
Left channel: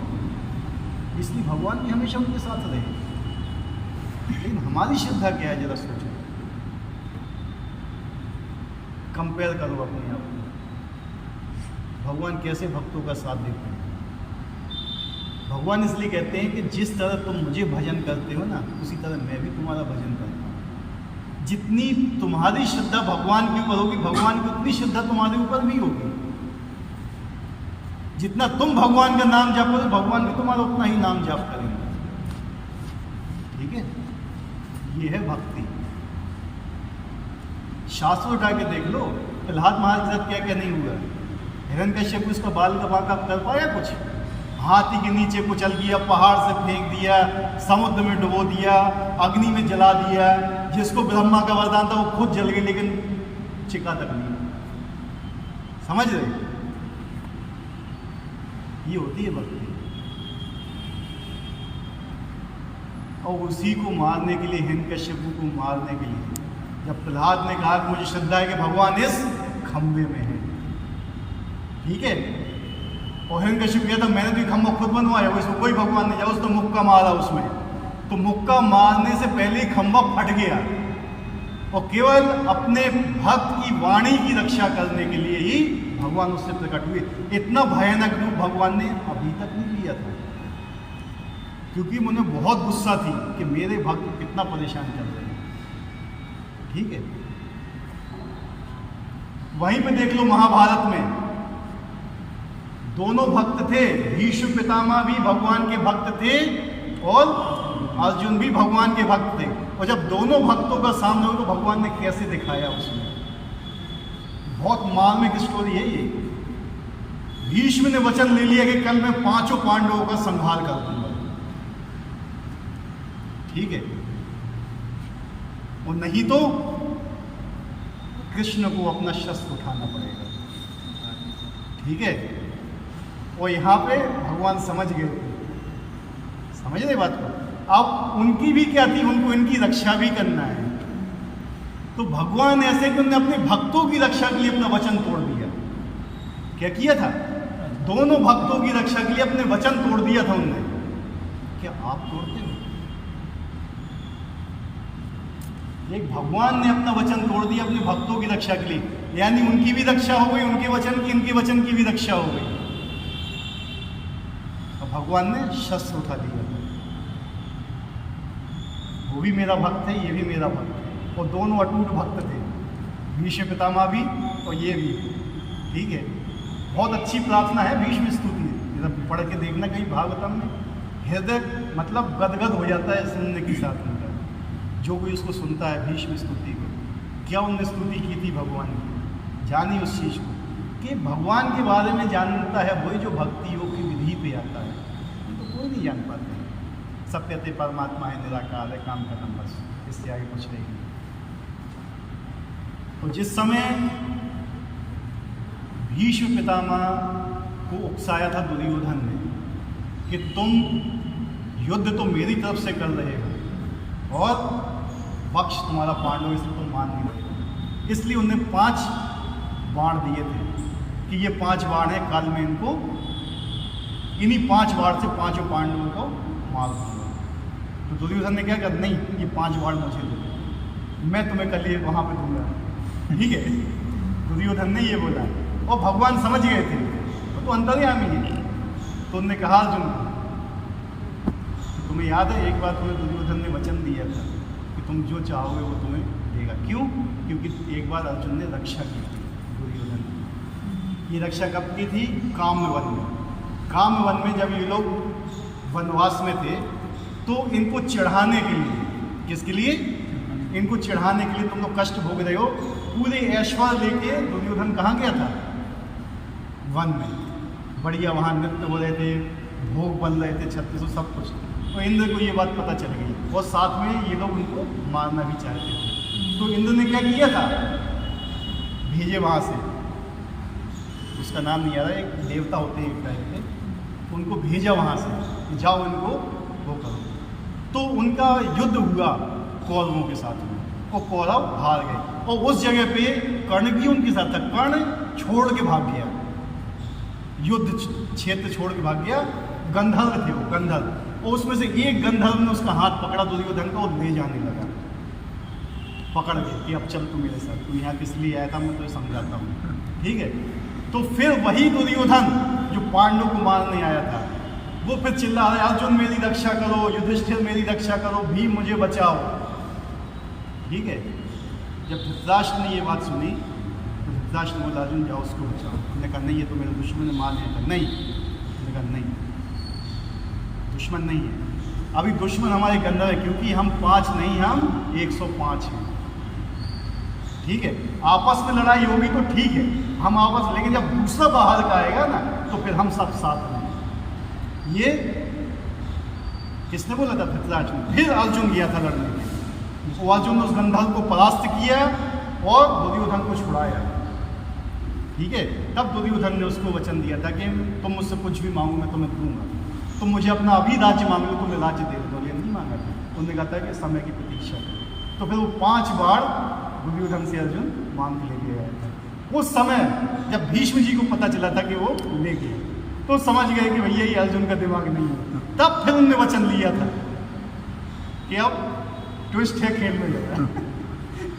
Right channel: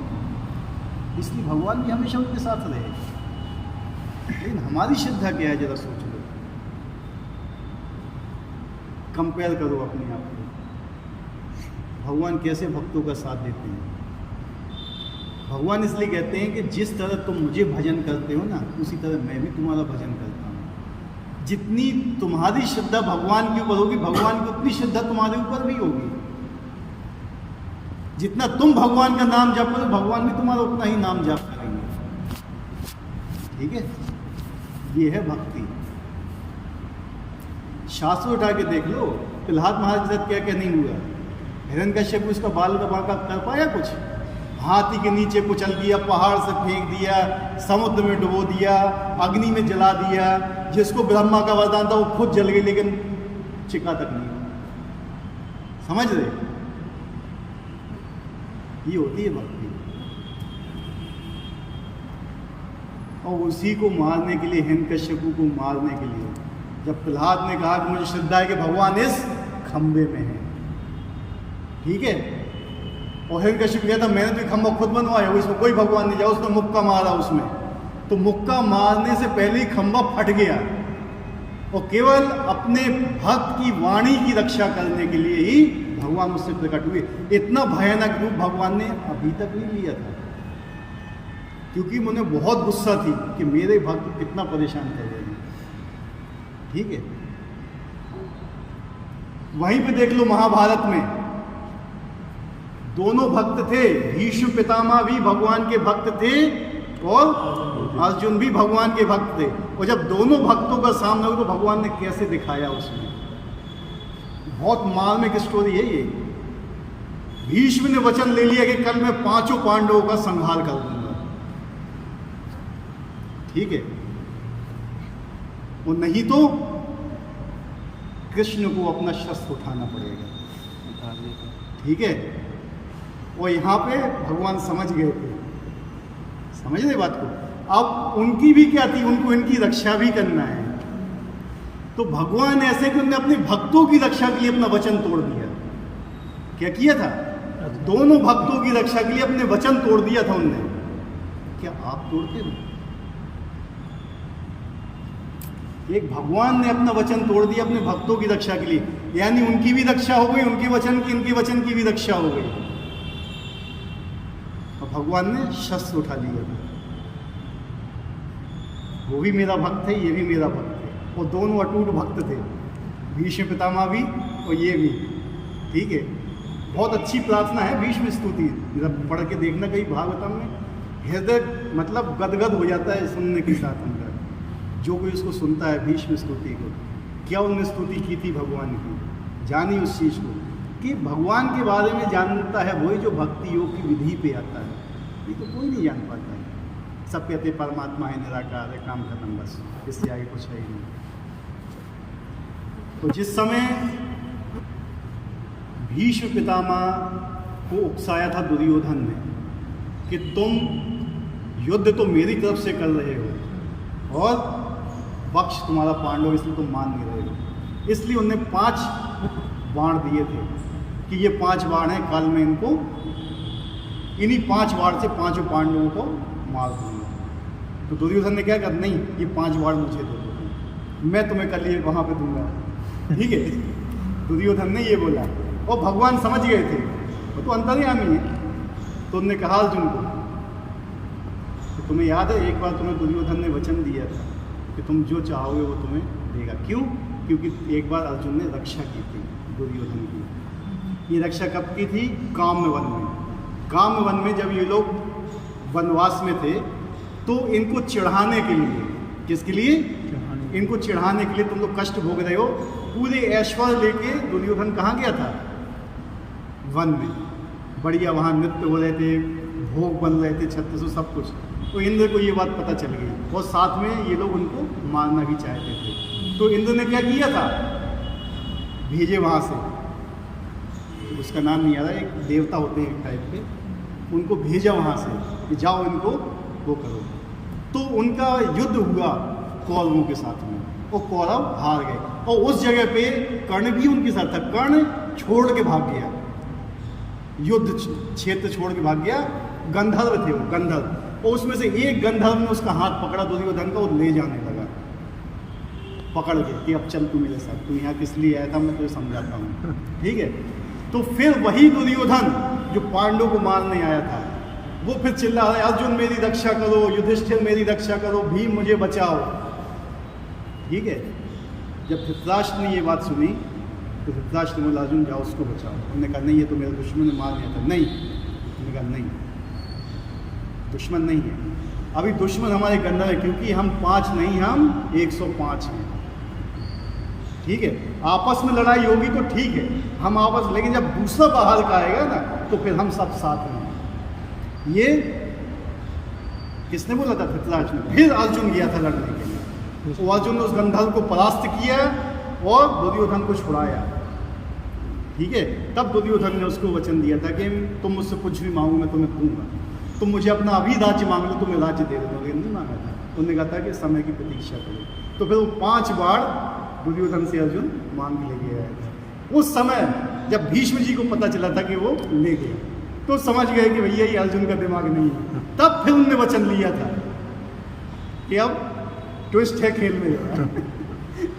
इसलिए भगवान भी हमेशा उनके साथ रहे। लेकिन हमारी श्रद्धा क्या है, जरा सोचो, कंपेयर करो अपने आप को। भगवान कैसे भक्तों का साथ देते हैं। भगवान इसलिए कहते हैं कि जिस तरह तुम मुझे भजन करते हो ना, उसी तरह मैं भी तुम्हारा भजन करता हूँ। जितनी तुम्हारी श्रद्धा भगवान के ऊपर होगी, भगवान की उतनी श्रद्धा तुम्हारे ऊपर भी होगी। जितना तुम भगवान का नाम जप करो, भगवान भी तुम्हारा उतना ही नाम जप करेंगे। ठीक है, ये है भक्ति। शास्त्र उठा के देख लो, प्रहलाद महाराज के साथ क्या क्या नहीं हुआ। हिरण्यकश्यप इसका बाल का बांका कर पाया कुछ? हाथी के नीचे कुचल दिया, पहाड़ से फेंक दिया, समुद्र में डुबो दिया, अग्नि में जला दिया। जिसको ब्रह्मा का वरदान था वो खुद जल गए, लेकिन चिका तक नहीं हुआ। समझ रहे? ये होती है भक्ति। और उसी को मारने के लिए, हिरण्यकश्यप को मारने के लिए, जब प्रहलाद ने कहा कि मुझे श्रद्धा है कि भगवान इस खंबे में है, ठीक है, और हिरण्यकश्यप कहता मैंने तो ये खंबा खुद बनवाया, इसमें कोई भगवान नहीं, जाओ। उसने मुक्का मारा उसमें, तो मुक्का मारने से पहले ही खंबा फट गया। और केवल अपने भक्त की वाणी की रक्षा करने के लिए ही भगवान उससे प्रकट हुए। इतना भयानक रूप भगवान ने अभी तक नहीं लिया था, क्योंकि मुझे बहुत गुस्सा थी कि मेरे भक्त कितना परेशान कर रहे हैं। ठीक है, वहीं पे देख लो महाभारत में दोनों भक्त थे, भीष्म पितामह भी भगवान के भक्त थे और अर्जुन भी भगवान के भक्त थे। और जब दोनों भक्तों का सामना हुआ तो भगवान ने कैसे दिखाया उसमें, बहुत मार्मिक स्टोरी है ये। भीष्म ने वचन ले लिया कि कल मैं 5 पांडवों का संहार कर दूंगा। ठीक है, और नहीं तो कृष्ण को अपना शस्त्र उठाना पड़ेगा। ठीक है, और यहाँ पे भगवान समझ गए थे। समझ रहे बात को? अब उनकी भी क्या थी, उनको इनकी रक्षा भी करना है। तो भगवान ऐसे कि उन्होंने अपने भक्तों की रक्षा के लिए अपना वचन तोड़ दिया। क्या किया था? दोनों भक्तों की रक्षा के लिए अपने वचन तोड़ दिया था उनने। क्या आप तोड़ते हो? एक भगवान ने अपना वचन तोड़ दिया अपने भक्तों की रक्षा के लिए, यानी उनकी भी रक्षा हो गई, उनके वचन की, इनके वचन की भी रक्षा हो गई। और भगवान ने शस्त्र उठा लिया था। वो भी मेरा भक्त है, ये भी मेरा भक्त है, और दोनों अटूट भक्त थे, भीष्म पितामह भी और ये भी। ठीक है, बहुत अच्छी प्रार्थना है भीष्म स्तुति, जब पढ़ के देखना कहीं भागवतम में, हृदय मतलब गदगद हो जाता है सुनने के साथ उनका। जो कोई उसको सुनता है भीष्म स्तुति को, क्या उनने स्तुति की थी भगवान की, जानी उस चीज़ को कि भगवान के बारे में जानता है वही जो भक्ति योग की विधि पे आता है। ये तो कोई नहीं जान पाता है। सत्यते परमात्मा है, निराकार है, काम खत्म, बस, इससे आगे कुछ है ही नहीं। तो जिस समय भीष्म पितामह को उकसाया था दुर्योधन ने कि तुम युद्ध तो मेरी तरफ से कर रहे हो और पक्ष तुम्हारा पांडव, इसलिए तुम मान नहीं रहे हो, इसलिए उनने 5 बाण दिए थे कि ये 5 बाण हैं, काल में इनको इन्हीं 5 बाण से 5 पांडवों को मार दूंगा। तो दुर्योधन ने क्या कहा, नहीं, ये 5 बाण मुझे दे दो, मैं तुम्हें कल ये वहाँ पे दूंगा। ठीक है, दुर्योधन ने ये बोला, और भगवान समझ गए थे, वो तो अंतर्यामी है। तो उन्होंने कहा अर्जुन को, तो तुम्हें याद है एक बार तुम्हें दुर्योधन ने वचन दिया था कि तुम जो चाहोगे वो तुम्हें देगा। क्यों? क्योंकि एक बार अर्जुन ने रक्षा की थी दुर्योधन की। ये रक्षा कब की थी? काम्य वन में। काम्य वन में जब ये लोग वनवास में थे तो इनको चिढ़ाने के लिए, किसके लिए? इनको चिढ़ाने के लिए, तुम लोग कष्ट भोग रहे हो, पूरे ऐश्वर्य लेके दुर्योधन कहाँ गया था? वन में। बढ़िया वहाँ नृत्य हो रहे थे, भोग बन रहे थे, छत्तीसों सब कुछ। तो इंद्र को ये बात पता चल गई और साथ में ये लोग उनको मारना भी चाहते थे। तो इंद्र ने क्या किया था? भेजे वहाँ से, उसका नाम नहीं आ रहा, एक देवता होते हैं एक टाइप के, उनको भेजा वहाँ से कि जाओ इनको वो करो। तो उनका युद्ध हुआ कौरवों के साथ में, और कौरव हार गए। और उस जगह पे कर्ण भी उनके साथ था। कर्ण छोड़ के भाग गया, युद्ध क्षेत्र छोड़ के भाग गया। गंधर्व थे वो, गंधर्व, और उसमें से एक गंधर्व ने उसका हाथ पकड़ा दुर्योधन का और ले जाने लगा पकड़ के कि अब चल तू मेरे साथ, तू यहाँ किस लिए आया था, मैं तुझे समझाता हूँ। ठीक है, तो फिर वही दुर्योधन जो पांडवों को मारने आया था, वो फिर चिल्ला रहा है, अर्जुन मेरी रक्षा करो, युधिष्ठिर मेरी रक्षा करो, भीम मुझे बचाओ। ठीक है, जब धृतराष्ट्र ने ये बात सुनी तो धृतराष्ट्र ने बोला, अर्जुन जाओ उसको बचाओ। उन्होंने कहा नहीं, ये तो मेरे दुश्मन ने मार लिया था। नहीं, उन्होंने कहा नहीं, दुश्मन नहीं है, अभी दुश्मन हमारे गंधर्व है, क्योंकि हम 5 नहीं, हम 105 हैं। ठीक है, आपस में लड़ाई होगी तो ठीक है, हम आपस, लेकिन जब दूसरा बाहर का आएगा ना तो फिर हम सब साथ में हैं। ये किसने बोला था? धृतराष्ट्र ने। फिर अर्जुन गया था लड़ने के लिए, तो अर्जुन ने उस गंधर्व को परास्त किया और दुर्योधन को छुड़ाया। ठीक है, तब दुर्योधन ने उसको वचन दिया था कि तुम मुझसे कुछ भी मांगो मैं तुम्हें दूंगा, तुम मुझे अपना अभी राज्य मांग लो, तुम्हें राज्य दे दो। लेकिन नहीं मांगा था, उन्होंने कहा था कि समय की प्रतीक्षा करो। तो फिर वो 5 बार दुर्योधन से अर्जुन मांग के लेके आया था। उस समय जब भीष्म जी को पता चला था कि वो ले गया, तो समझ गए कि भैया ये अर्जुन का दिमाग नहीं है। तब फिर उनने वचन लिया था कि अब ट्विस्ट है खेल में जरा।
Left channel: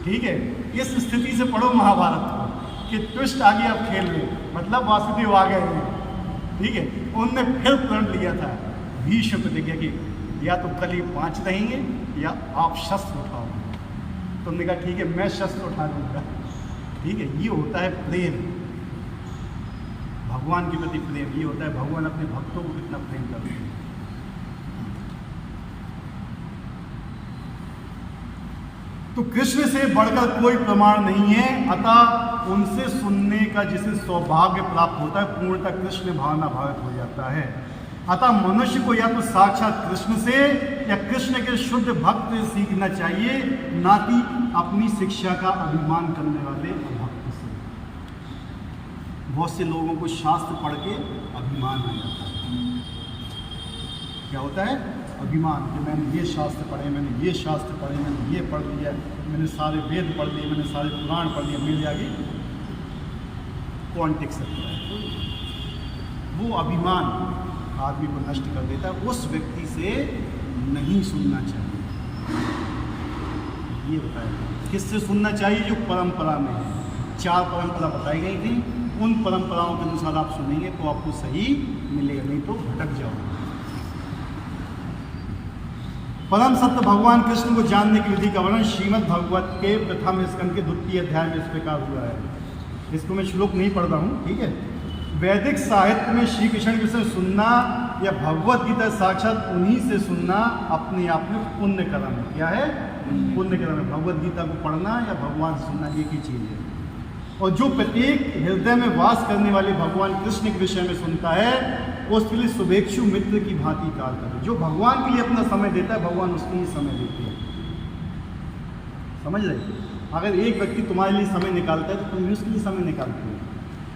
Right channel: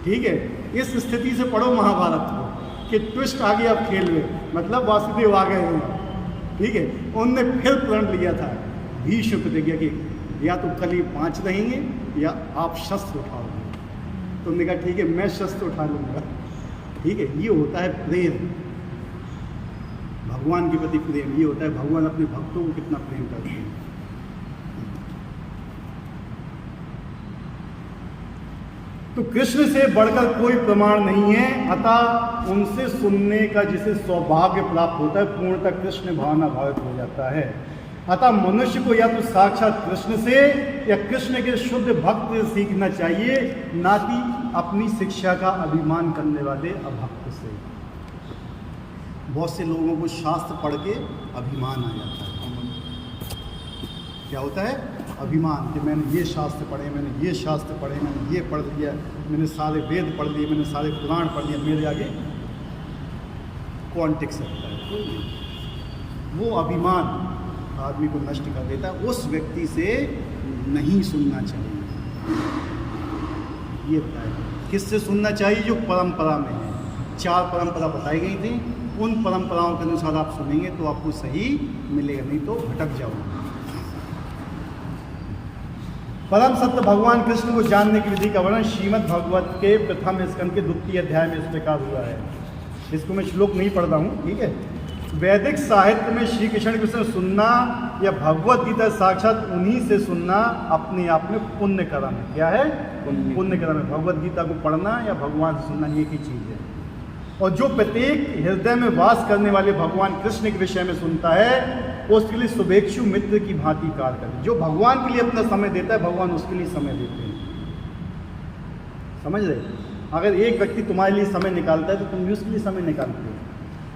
ठीक है, इस स्थिति से पढ़ो महाभारत को कि ट्विस्ट आ गया अब खेल में, मतलब वासुदेव आ गए हैं। ठीक है, उनने फिर प्रण लिया था भीष्म प्रतिज्ञा की, या तो कल ही 5 रहेंगे या आप शस्त्र उठाओगे। तो उन्होंने कहा ठीक है, मैं शस्त्र उठा लूँगा। ठीक है, ये होता है प्रेम, भगवान के प्रति प्रेम। ये होता है भगवान अपने भक्तों को कितना प्रेम करते हैं। तो कृष्ण से बढ़कर कोई प्रमाण नहीं है, अतः उनसे सुनने का जिसे सौभाग्य प्राप्त होता है पूर्णतः कृष्ण भावना भावित हो जाता है। अतः मनुष्य को या तो साक्षात कृष्ण से या कृष्ण के शुद्ध भक्त से सीखना चाहिए, ना कि अपनी शिक्षा का अभिमान करने वाले अभक्त से। बहुत से लोगों को शास्त्र पढ़ के अभिमान आ जाता है। क्या होता है? अभिमान कि मैंने ये शास्त्र पढ़े, मैंने ये शास्त्र पढ़े, मैंने ये पढ़ लिया, मैंने सारे वेद पढ़ लिए, मैंने सारे पुराण पढ़ लिए, मेरे आगे कौन टिक सकता है। तो वो अभिमान आदमी को नष्ट कर देता है। उस व्यक्ति से नहीं सुनना चाहिए। ये बताया किससे सुनना चाहिए? जो परंपरा में है। 4 परंपरा बताई गई थी, उन परंपराओं के अनुसार आप सुनेंगे तो आपको सही मिलेगा, नहीं तो भटक जाओगे। परम सत्य भगवान कृष्ण को जानने की विधि का वर्णन श्रीमद् भागवत के प्रथम स्कंद के 2 अध्याय में इस प्रकार हुआ है। इसको मैं श्लोक नहीं पढ़ रहा हूँ, ठीक है। वैदिक साहित्य में श्री कृष्ण से सुनना या भगवत गीता साक्षात उन्हीं से सुनना अपने आप में पुण्य कर्म है। क्या है? पुण्य कर्म है। भगवत गीता को पढ़ना या भगवान से सुनना एक ही चीज़ है। और जो प्रत्येक हृदय में वास करने वाले भगवान कृष्ण के विषय में सुनता है, उसके लिए शुभेच्छु मित्र की भांति कार्य करते हैं। जो भगवान के लिए अपना समय देता है, भगवान उसके लिए समय देते हैं। समझ रहे? अगर एक व्यक्ति तुम्हारे लिए समय निकालता है तो तुम भी उसके लिए समय निकालते हो।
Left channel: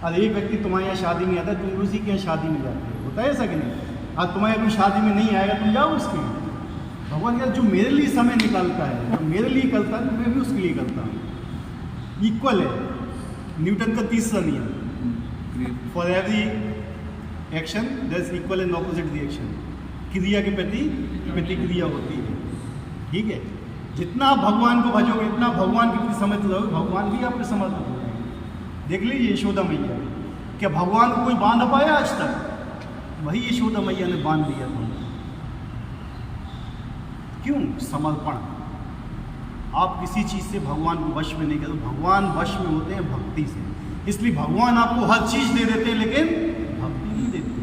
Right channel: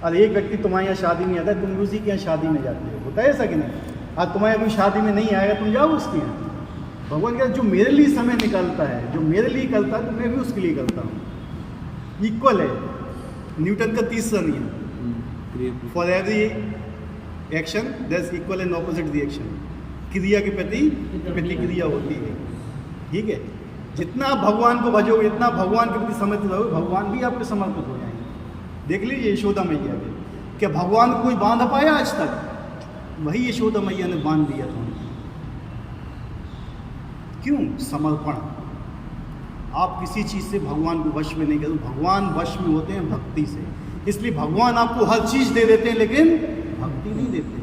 और एक व्यक्ति तुम्हारे यहाँ शादी में आता है, तुम भी उसी के यहाँ शादी में जाते हो। होता है ऐसा कि नहीं? और तुम्हारे कोई शादी में नहीं आएगा, तुम जाओ उसके यहाँ। भगवान कहता है जो मेरे लिए समय निकालता है, जो मेरे लिए करता है, तो मैं भी उसके लिए करता हूँ। इक्वल है। न्यूटन का 3रा नियम, for every action there is equal and opposite reaction. क्रिया के प्रति प्रतिक्रिया होती है, ठीक है। जितना आप भगवान को भजोगे, इतना भगवान के प्रति समर्पित रहोगे, भगवान भी आपके समर्पित हो जाएंगे। देख लीजिए यशोदा मैया ने, क्या भगवान को कोई बांध पाया आज तक? वही यशोदा मैया ने बांध दिया था। क्यों? समर्पण। आप किसी चीज़ से भगवान को वश में नहीं करते। भगवान वश में होते हैं भक्ति से। इसलिए भगवान आपको हर चीज़ दे देते हैं, लेकिन भक्ति नहीं देते।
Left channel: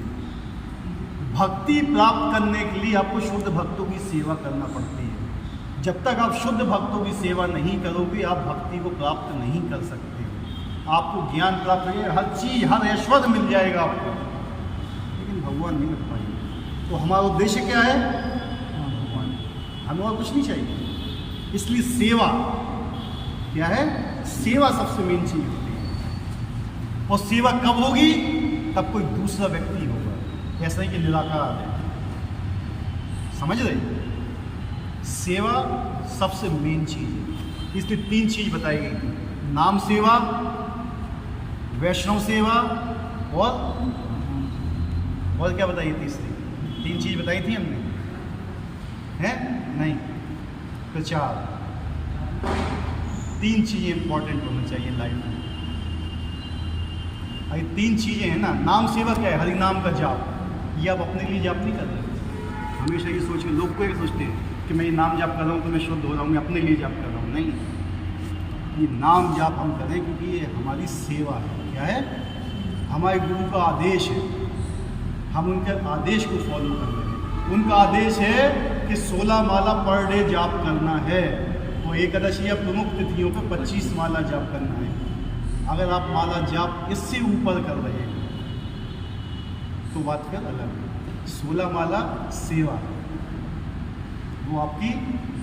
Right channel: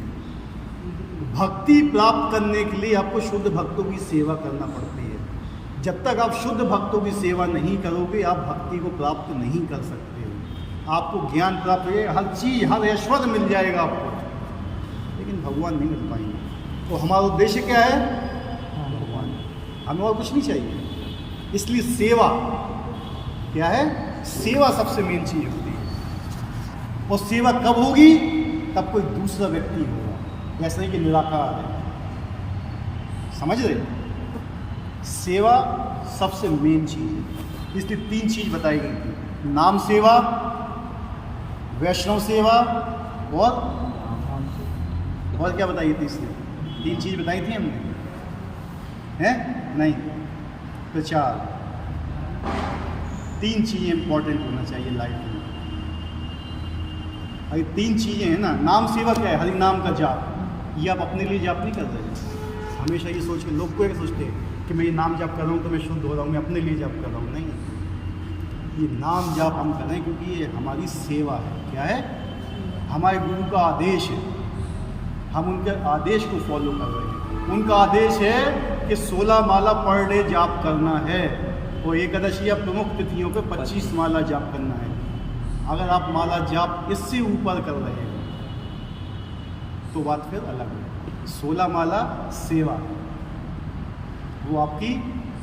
भक्ति प्राप्त करने के लिए आपको शुद्ध भक्तों की सेवा करना पड़ती है। जब तक आप शुद्ध भक्तों की सेवा नहीं करोगे, आप भक्ति को प्राप्त नहीं कर सकते। आपको ज्ञान प्राप्त हो जाएगा, हर चीज़, हर ऐश्वर्य मिल जाएगा आपको, लेकिन भगवान नहीं मिल पाएंगे। तो हमारा उद्देश्य क्या है? भगवान। हमें और कुछ नहीं चाहिए। इसलिए सेवा क्या है? सेवा सबसे मेन चीज होती है। और सेवा कब होगी? तब कोई दूसरा व्यक्ति होगा। ऐसा ही कि निराकार है। समझ रहे? सेवा सबसे मेन चीज है। इसलिए 3 चीज बताई गई थी, नाम सेवा, वैष्णव सेवा और क्या बताई? तीसरी 3 चीज बताई थी हमने, हैं? नहीं, प्रचार। 3 चीज़ें इंपॉर्टेंट होना चाहिए लाइफ में। अगर 3 चीज़ें हैं ना, नाम सेवा क्या है? हरि नाम का जाप। ये आप अपने लिए जाप नहीं कर रहे। हमेशा ये सोच के लोग को सोचते हैं कि मैं ये नाम जाप कर रहा हूँ तो मैं शुद्ध हो रहा हूँ, मैं अपने लिए जाप कर रहा हूँ। नहीं, ये नाम जाप हम करें क्योंकि ये हमारी सेवा है। क्या है? हमारे गुरु का आदेश है, हम उनके आदेश को फॉलो कर रहे हैं। उनका आदेश है कि 16 माला पर डे जाप करना है, और एकादशी या प्रमुख तिथियों पर 25 माला जाप करना है। अगर आप माला जाप इससे ऊपर कर रहे हैं तो बात फिर अलग है। 16 माला सेवा है, वो आपकी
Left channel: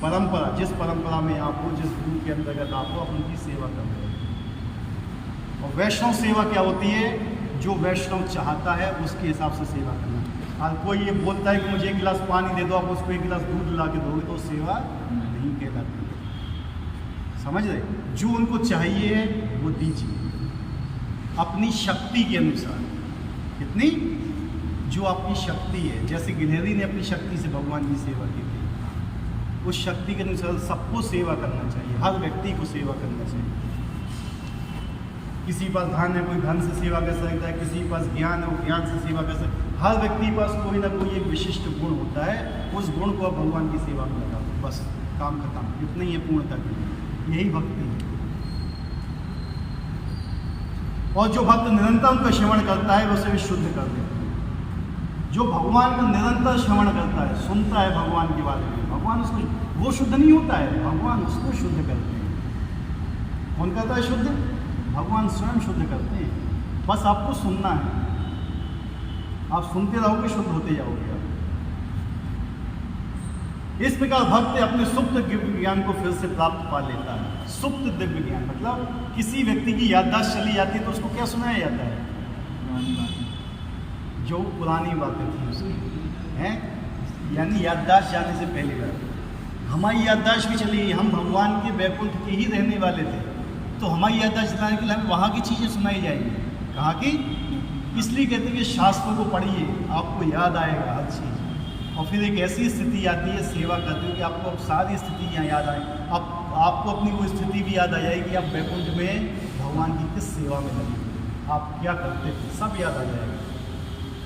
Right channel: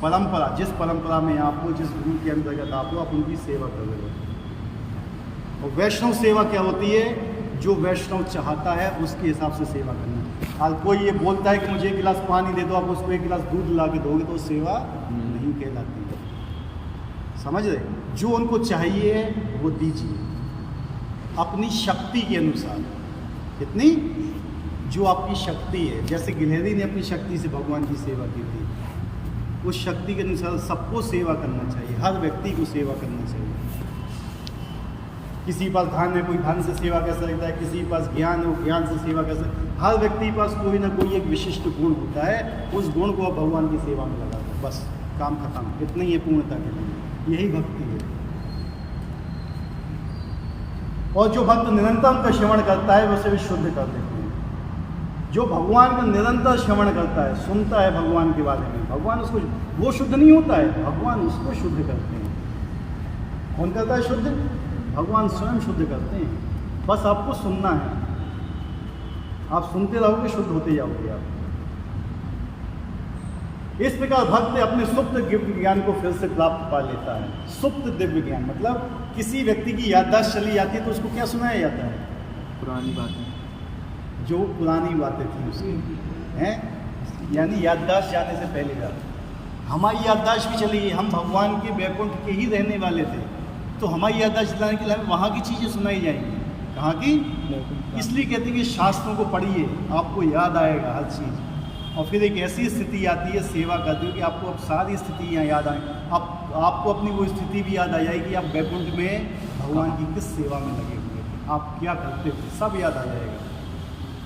परंपरा, जिस परंपरा में आप हो, जिस गुरु के अंतर्गत आप हो, आप उनकी सेवा कर रहे हो। और वैष्णव सेवा क्या होती है? जो वैष्णव चाहता है उसके हिसाब से सेवा करना। और कोई ये बोलता है कि मुझे 1 गिलास पानी दे दो, आप उसको 1 गिलास दूध ला के दोगे तो सेवा नहीं कहलाती है। समझ रहे? जो उनको चाहिए वो दीजिए अपनी शक्ति के अनुसार। कितनी? जो आपकी शक्ति है। जैसे गिलहरी ने अपनी शक्ति से भगवान की सेवा की थी, उस शक्ति के अनुसार सबको सेवा करना चाहिए, हर व्यक्ति को सेवा करना चाहिए। किसी के पास धन है, कोई धन से सेवा कर सकता है, किसी के पास ज्ञान है, वो ज्ञान से सेवा कर सकता है। हर व्यक्ति के पास कोई ना कोई एक विशिष्ट गुण होता है, उस गुण को आप भगवान की सेवा में लगा दो, बस काम खत्म। इतना ही है पूर्णता के लिए, यही भक्ति है। और जो भक्त निरंतर उनका श्रवण करता है, उसे भी शुद्ध कर देते हैं। जो भगवान का निरंतर श्रवण करता है, सुनता है भगवान के बारे में, भगवान उसको, वो शुद्ध नहीं होता है, भगवान उसको शुद्ध करते हैं। कौन करता है शुद्ध? भगवान स्वयं शुद्ध करते हैं। बस आपको सुनना है, आप सुनते रहोगे, शुद्ध होते जाओगे आप। इस प्रकार भक्त अपने सुप्त दिव्य ज्ञान को फिर से प्राप्त पा लेता है। सुप्त दिव्य ज्ञान मतलब किसी व्यक्ति की याददाश्त चली जाती है तो उसको क्या सुनाया जाता है? पुरानी बातें, जो पुरानी बातें थी उसकी, हैं, यानी याददाश्त जाने से पहले जाते। हमारी याददाश्त भी चली गई, हम भगवान के वैकुंठ के ही रहने वाले थे, तो हमारी याददाश्त जलाने के लिए हमें वहाँ की चीज़ें सुनाई जाएंगी। कहाँ की? इसलिए कहते हैं कि शास्त्रों को पढ़िए, आपको याद आएगा हर चीज़। और फिर एक ऐसी स्थिति आती है सेवा करते हो कि आपको अब सारी स्थितियाँ याद आए। अब आपको अपनी वो स्थिति भी याद आ जाएगी कि आप वैकुंठ में भगवान की किस सेवा में लगे हुए थे, आप क्या करते थे, सब याद आ जाएगा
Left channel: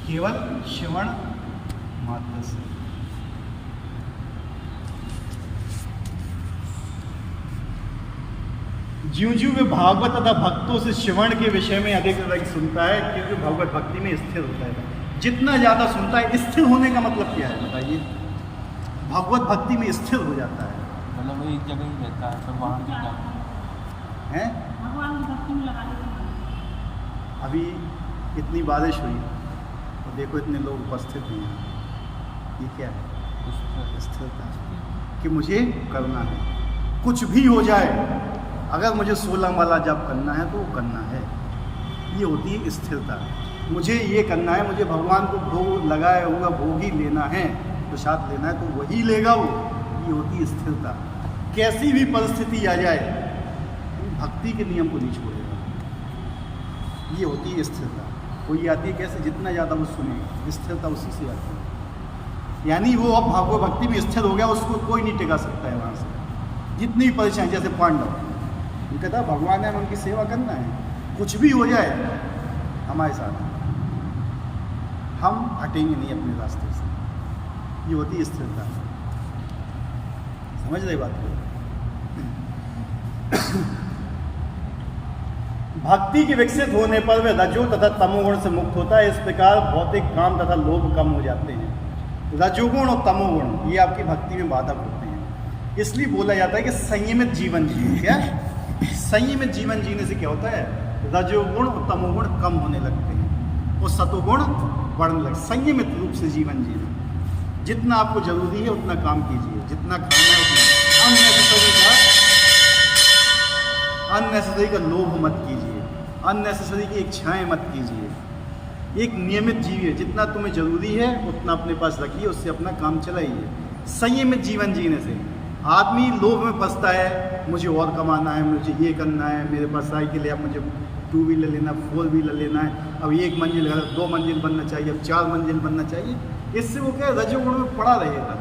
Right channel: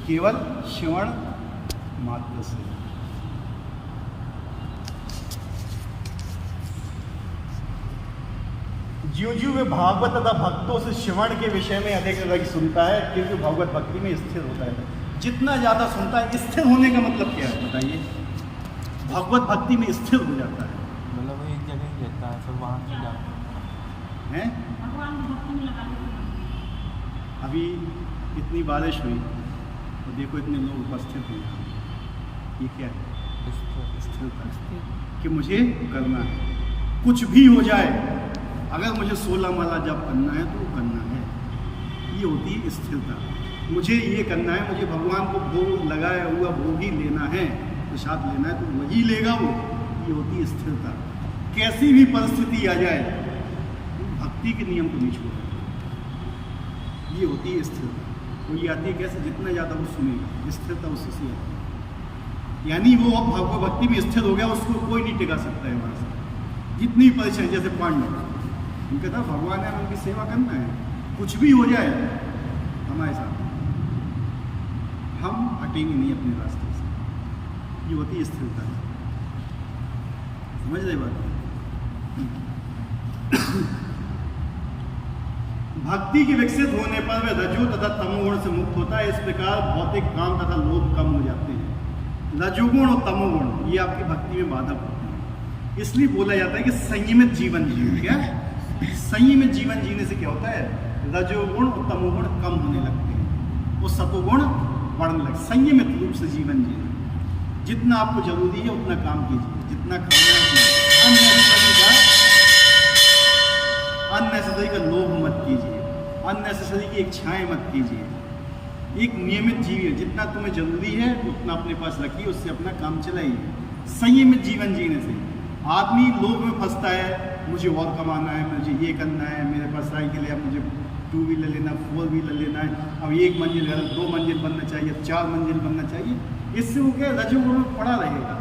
केवल श्रवण मात्र से। ज्यों ज्यों वे भागवत तथा भक्तों से श्रवण के विषय में अधिक अधिक सुनता है, क्योंकि भगवत भक्ति में स्थिर होता है। जितना ज़्यादा सुनता है, स्थिर होने का मतलब क्या है बताइए? भगवत भक्ति में स्थिर हो जाता है। मतलब वो एक जगह ही रहता है, तो वहाँ से जाता हैं? भगवान की भक्ति में लगा देते। अभी इतनी बारिश हुई और देखो इतने लोग उपस्थित हैं यहाँ, ये क्या है? स्थिरता कि मुझे करना है, कुछ भी हो जाए, अगर मुझे 16 माला जप करना है तो वो करना है, ये होती है स्थिरता। मुझे ये करना है, मुझे भगवान को भोग लगाया हुआ भोग ही लेना है, प्रसाद लेना है तो वही लेगा वो, ये होती है स्थिरता। कैसी भी परिस्थिति आ जाए भक्ति के नियम को नहीं छोड़ेगा, ये होती है स्थिरता। कोई आती है कैसे? जितना ज़्यादा वो सुनेगा, स्थिरता उसी से आती है। यानी वो अब भगवत भक्ति में स्थिर हो गया, उसको कोई नहीं टिका सकता है वहाँ से, जितनी परेशानी। जैसे पांडव, उनका था भगवान है, उनकी सेवा करना है, कुछ भी हो जाए हमारे साथ, हम हटेंगे नहीं अपने रास्ते से, ये होती है स्थिरता है। समझ रहे बात को? भक्ति के विकसित होने पर वह रजो तथा तमोगुण से मुक्त होता है। इस प्रकार भौतिक काम तथा लोभ कम हो जाते हैं। रजोगुण और तमोगुण ये आपकी भक्ति में बाधक होते हैं। इसलिए बोला जाता है कि संयमित जीवन जियो। क्या? संयमित जीवन जीने से क्या होता है? रजोगुण और तमोगुण कम होने लगते हैं और सतोगुण बढ़ने लगते। संयमित रूप से जीवन जीना, जितना आपको जरूरी है उतना काम कीजिए, जितना खाना है उतना। अननेसेसरी का लोभ मत कीजिए, अननेसेसरी की इच्छाएं मत कीजिए। एक नियमित जीविए, जितना तुम्हें जरूरी है उतना अपने पास रखिए, उससे अपना काम चलाइए। संयमित जीवन जीने से आदमी लोभ में फंसता है, मुझे और कमाना है, मुझे ये करना है, मेरे पास साइकिल है, अब मुझे 2 व्हीलर लेना, 4 व्हीलर लेना है, अब 1 मंजिल घर, 2 मंजिल बनना चाहिए, अब 4 मंजिल बनना चाहिए। इससे वो क्या है? रजोगुण में पड़ा रहेगा,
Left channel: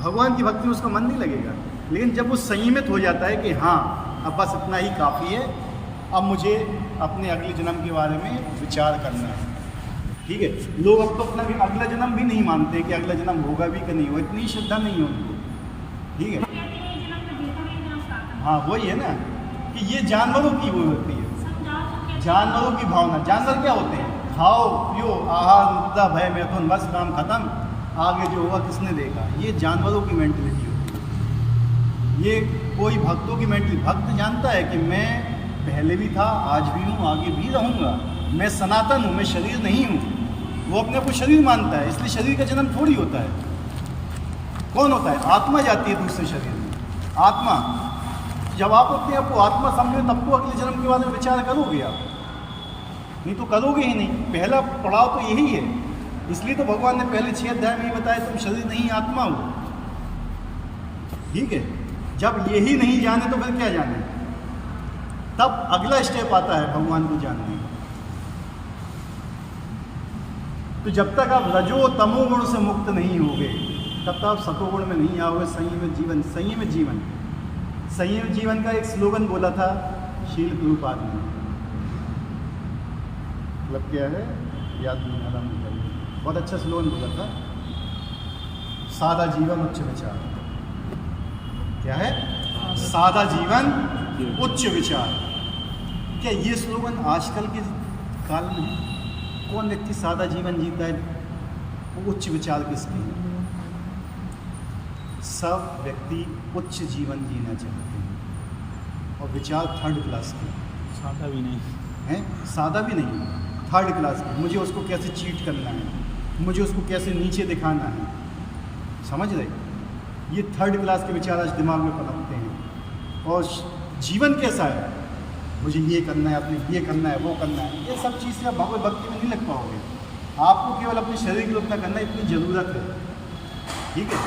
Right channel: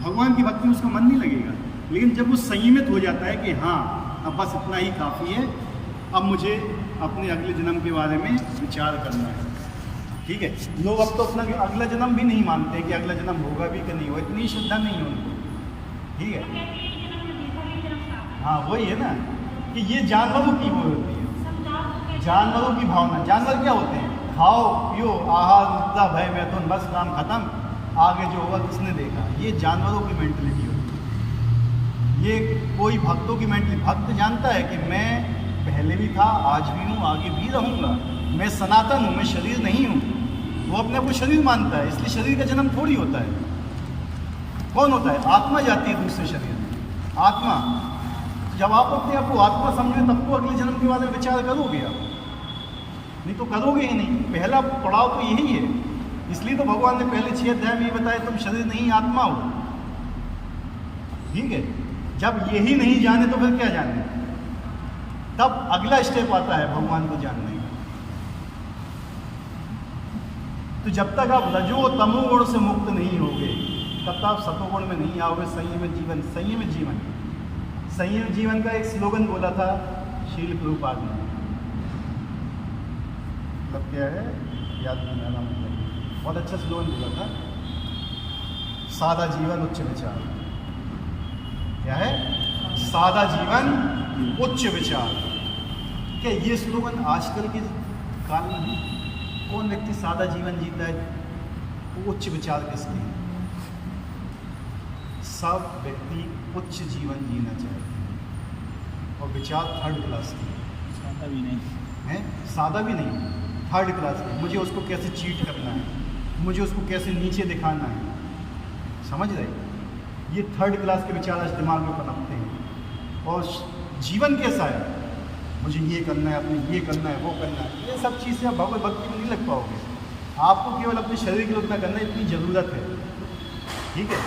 भगवान की भक्ति में उसका मन नहीं लगेगा। लेकिन जब वो संयमित हो जाता है कि हाँ अब बस इतना ही काफ़ी है, अब मुझे अपने अगले जन्म के बारे में विचार करना है, ठीक है। लोग अब तो अपना अगला जन्म भी नहीं मानते कि अगला जन्म होगा भी कि नहीं होगा, इतनी श्रद्धा नहीं है उनको, ठीक है। हाँ वही है ना कि ये जानवरों की वो होती है, जानवरों की भावना। जानवर क्या होते हैं? खाओ पियो, आहार निद्रा भय मैथुन, बस काम खत्म, आगे जो होगा किसने देखा। ये जानवरों की मेंटलिटी होती है। ये कोई भक्तों की मेंटलिटी, भक्त जानता है कि मैं पहले भी था, आज भी हूँ, आगे भी रहूँगा, मैं सनातन हूँ, मैं शरीर नहीं हूँ। वो अपने आप को शरीर मानता है, इसलिए शरीर का जन्म थोड़ी होता है। कौन होता है? आत्मा जाती है दूसरे शरीर में, आत्मा। जब आप अपने आप को आत्मा समझे तब तो अगले जन्म के बारे में विचार करोगे आप, नहीं तो करोगे ही नहीं। पहला पड़ाव तो यही है, इसलिए तो भगवान ने पहले 6 अध्याय में ये बताया तुम शरीर नहीं आत्मा हो, ठीक है। जब यही नहीं जाने तो फिर क्या जाने? तब अगला स्टेप आता है भगवान को जानने का। तो जब तक आप रजो तमोगुण से मुक्त नहीं होगे तब तक आप सतोगुण में नहीं आओगे। संयमित जीवन, संयमित जीवन, संयमित जीवन का एक स्लोगन बोला था शील प्रभुपाद ने, मतलब क्या है याद नहीं आ रहा मुझे, बहुत अच्छा स्लोगन बोला था, सादा जीवन उच्च विचार। क्या है? सादा जीवन उच्च विचार। क्या ये स्लोगन आजकल के काल में है? कौन व्यक्ति सादा जीवन जीता है? वो उच्च विचार किसके हैं? सब व्यक्ति उच्च जीवन जीना चाहते हैं और विचार 3rd क्लास के, सादा भी नहीं हैं, सादा भी नहीं, 3rd क्लास के। मुझे उसको कैसे चीट करना है, मुझे उसको कैसे नीचे दिखाना है, समझ रहे? ये 3rd क्लास के विचार आज दिमाग में पनपते हैं। और जीवन कैसा है? मुझे ये करना है, अपने ये करना है, वो करना है, ये सब चीज़ें आप भगवत भक्ति में नहीं लग पाओगे। आपको केवल अपने शरीर के लिए उतना करना है, इतनी ज़रूरत है, ठीक है।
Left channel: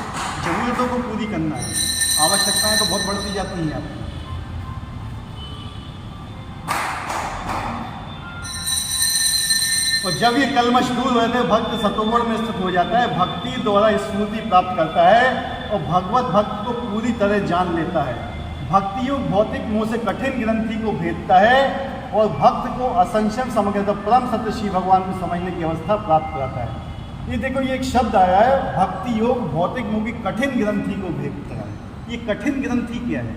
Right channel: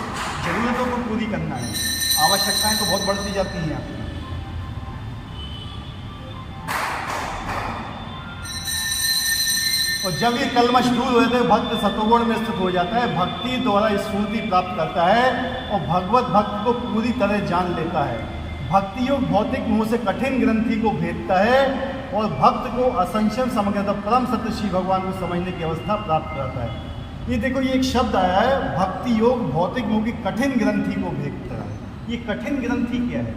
ज़रूरतों को पूरी करना है, आवश्यकताएं तो बहुत बढ़ती जाती हैं आपकी। और जब ये कलमश दूर हो जाते हैं, भक्त सत्वगुण में स्थित हो जाता है, भक्ति द्वारा स्फूर्ति प्राप्त करता है और भगवत भक्त को पूरी तरह जान लेता है। भक्ति योग भौतिक मोह से कठिन ग्रंथि को भेदता है और भक्त को असंशय समग्र परम सत्य श्री भगवान को समझने की अवस्था प्राप्त कराता है। ये देखो, ये एक शब्द आया है, भक्ति योग भौतिक मोह की कठिन ग्रंथि को भेदता है। ये कठिन ग्रंथि क्या है?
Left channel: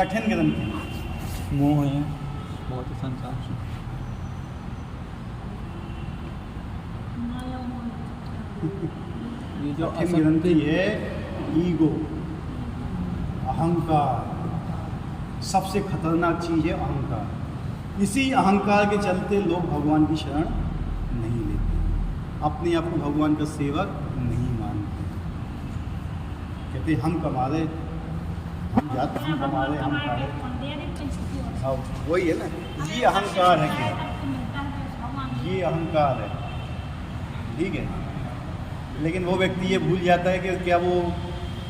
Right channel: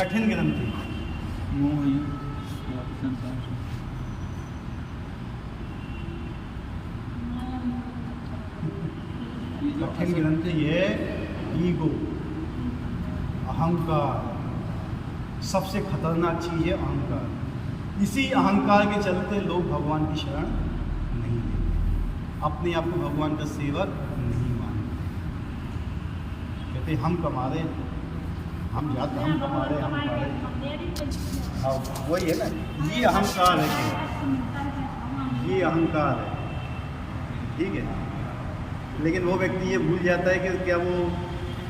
कठिन ग्रंथि मोह है और संसार से। ये जो कठिन ग्रंथि है ईगो, अहंकार। सबसे खतरनाक चीज़ है अहंकार। इसी अहंकार के चलते लोग भगवान की शरण नहीं लेते, अपने आप को भगवान का सेवक नहीं मानते। कहते हम कमा रहे, हम जाते, हम कमा रहे, हम खा रहे। हाँ, वही है ना, ये अहंकार है कि ये अहंकार है, ठीक है। लेकिन वो व्यक्ति ये भूल जाता है कि क्या वो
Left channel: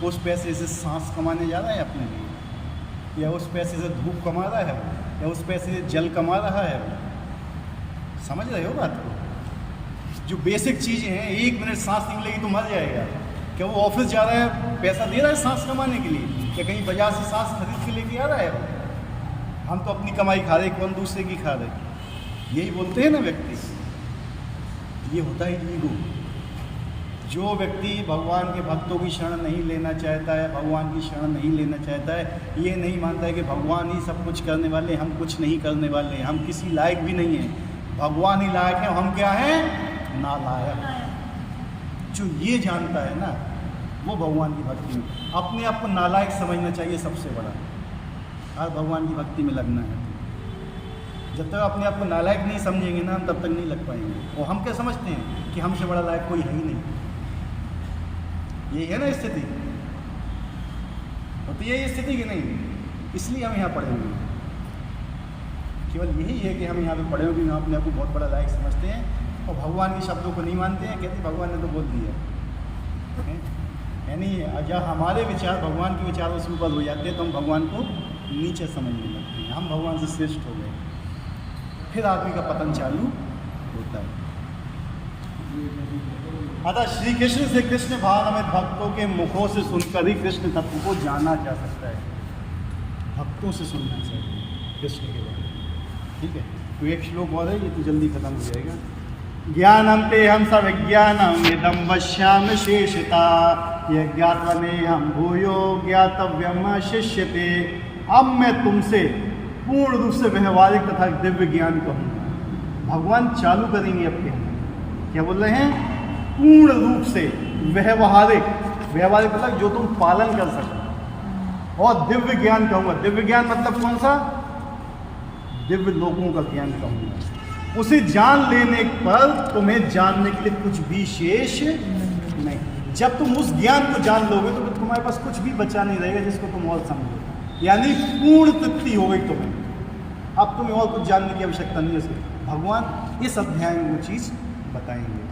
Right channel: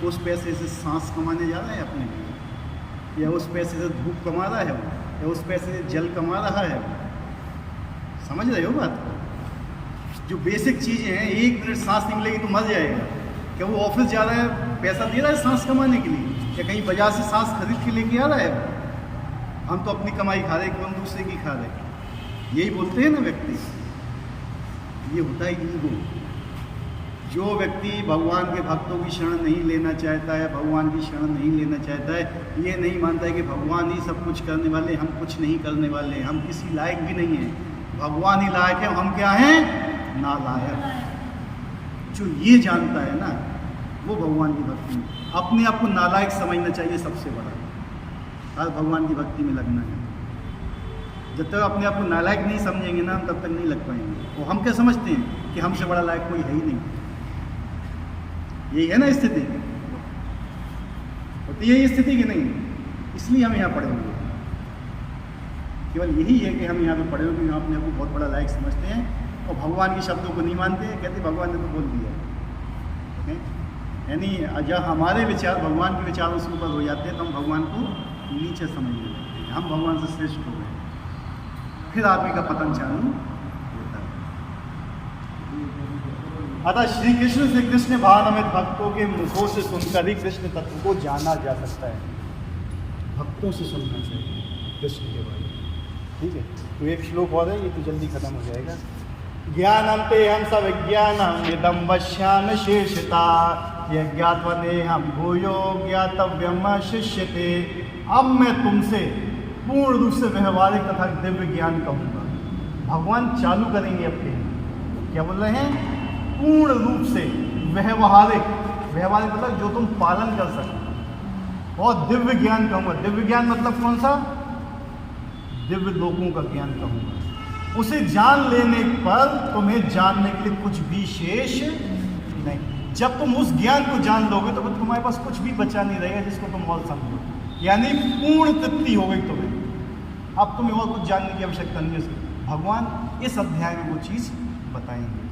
उस पैसे से सांस कमाने जा रहा है अपने लिए, या उस पैसे से धूप कमा रहा है वो, या उस पैसे से जल कमा रहा है वो। समझ रहे हो बात को? जो बेसिक चीज़ें हैं, 1 मिनट सांस निकलेगी तो मर जाएगा। क्या वो ऑफिस जा रहा है, पैसा दे रहा है सांस कमाने के लिए, या कहीं बाजार से सांस खरीद के लेके आ रहा है? हम तो अपनी कमाई खा रहे, कौन दूसरे की खा रहे। यही बोलते हैं ना व्यक्ति। ये होता है ईगो। जो व्यक्ति भगवान के भक्तों की शरण नहीं लेना चाहता है, भगवान की शरण नहीं लेना चाहता है, ये नहीं मानता है कि भगवान ही सब कुछ करने वाले, हम कुछ नहीं करने वाले हैं, हम किसी लायक भी नहीं हैं, भगवान ही लायक है, हम क्या हैं? नालायक। जो ये जानता है ना, वो भगवान की भक्ति में अपने आप को नालायक समझना चाहिए सबसे बड़ा। आज भगवान की भक्ति में लगने में जब तक अपने आप को नालायक नहीं समझेंगे ना, हम तब तक नहीं लग पाएंगे। और हम क्या समझते हैं कि हमसे बड़ा लायक कोई है ही नहीं। यही है ना स्थिति, होती है ये स्थिति कि नहीं? इसलिए हम यहाँ पड़े हुए हैं। केवल यही है कि हम यहाँ पे पड़े हुए, क्योंकि हम अपने आप को बहुत बड़ा लायक समझते हैं और भगवान के शब्दों को नहीं मानते हैं। कहते भगवान ने तो बोल दिया, यानी जब हमारे विचार भगवान के विचारों से ऊपर हो जाते हैं तो हम भगवान को नीचे समझने लगते हैं, हम भगवान से श्रेष्ठ हो गए। फिर आदमी का पतन चालू होता है। अतः श्री कृष्ण से कृष्ण भावनामृत भक्तों के मुखों से सुनकर ही कृष्ण तत्व को जाना जा सकता है। भक्तों से सुनना चाहिए कृष्ण के बारे में, ठीक है। तो एक श्लोक और है, ये तो जल्दी खत्म हो जाएगा। ज्ञानम पे हम सब विज्ञानम यदम वश्याम शेषता यज्ञात्वने हम भूयो ज्ञातव्यम शिष्यते। अब मैं तुमसे पूर्ण रूप से व्यवहारिक तथा दिव्य ज्ञान कहूँगा। भगवान चालू करेंगे अब कहना, क्या बोल रहे हैं? पूर्ण रूप से व्यवहारिक, व्यवहारिक मतलब जो तुम पालन कर सको, और दिव्य ज्ञान कहूँगा। दिव्य ज्ञान मतलब कौन सा? दिव्य लोगों का ज्ञान कहूँगा। उसे जान लेने पर तुम्हें जानने के लिए कुछ भी शेष नहीं। जब तुम उस ज्ञान को जान लोगे तो तुम्हारे पास कुछ भी बचा नहीं रहेगा जिसको तुम और समझो, यानी पूर्ण तृप्ति हो गई तुम्हें। अब तुम्हें और कुछ जानने की आवश्यकता नहीं है। भगवान इस अध्याय में वो चीज़ बताएंगे।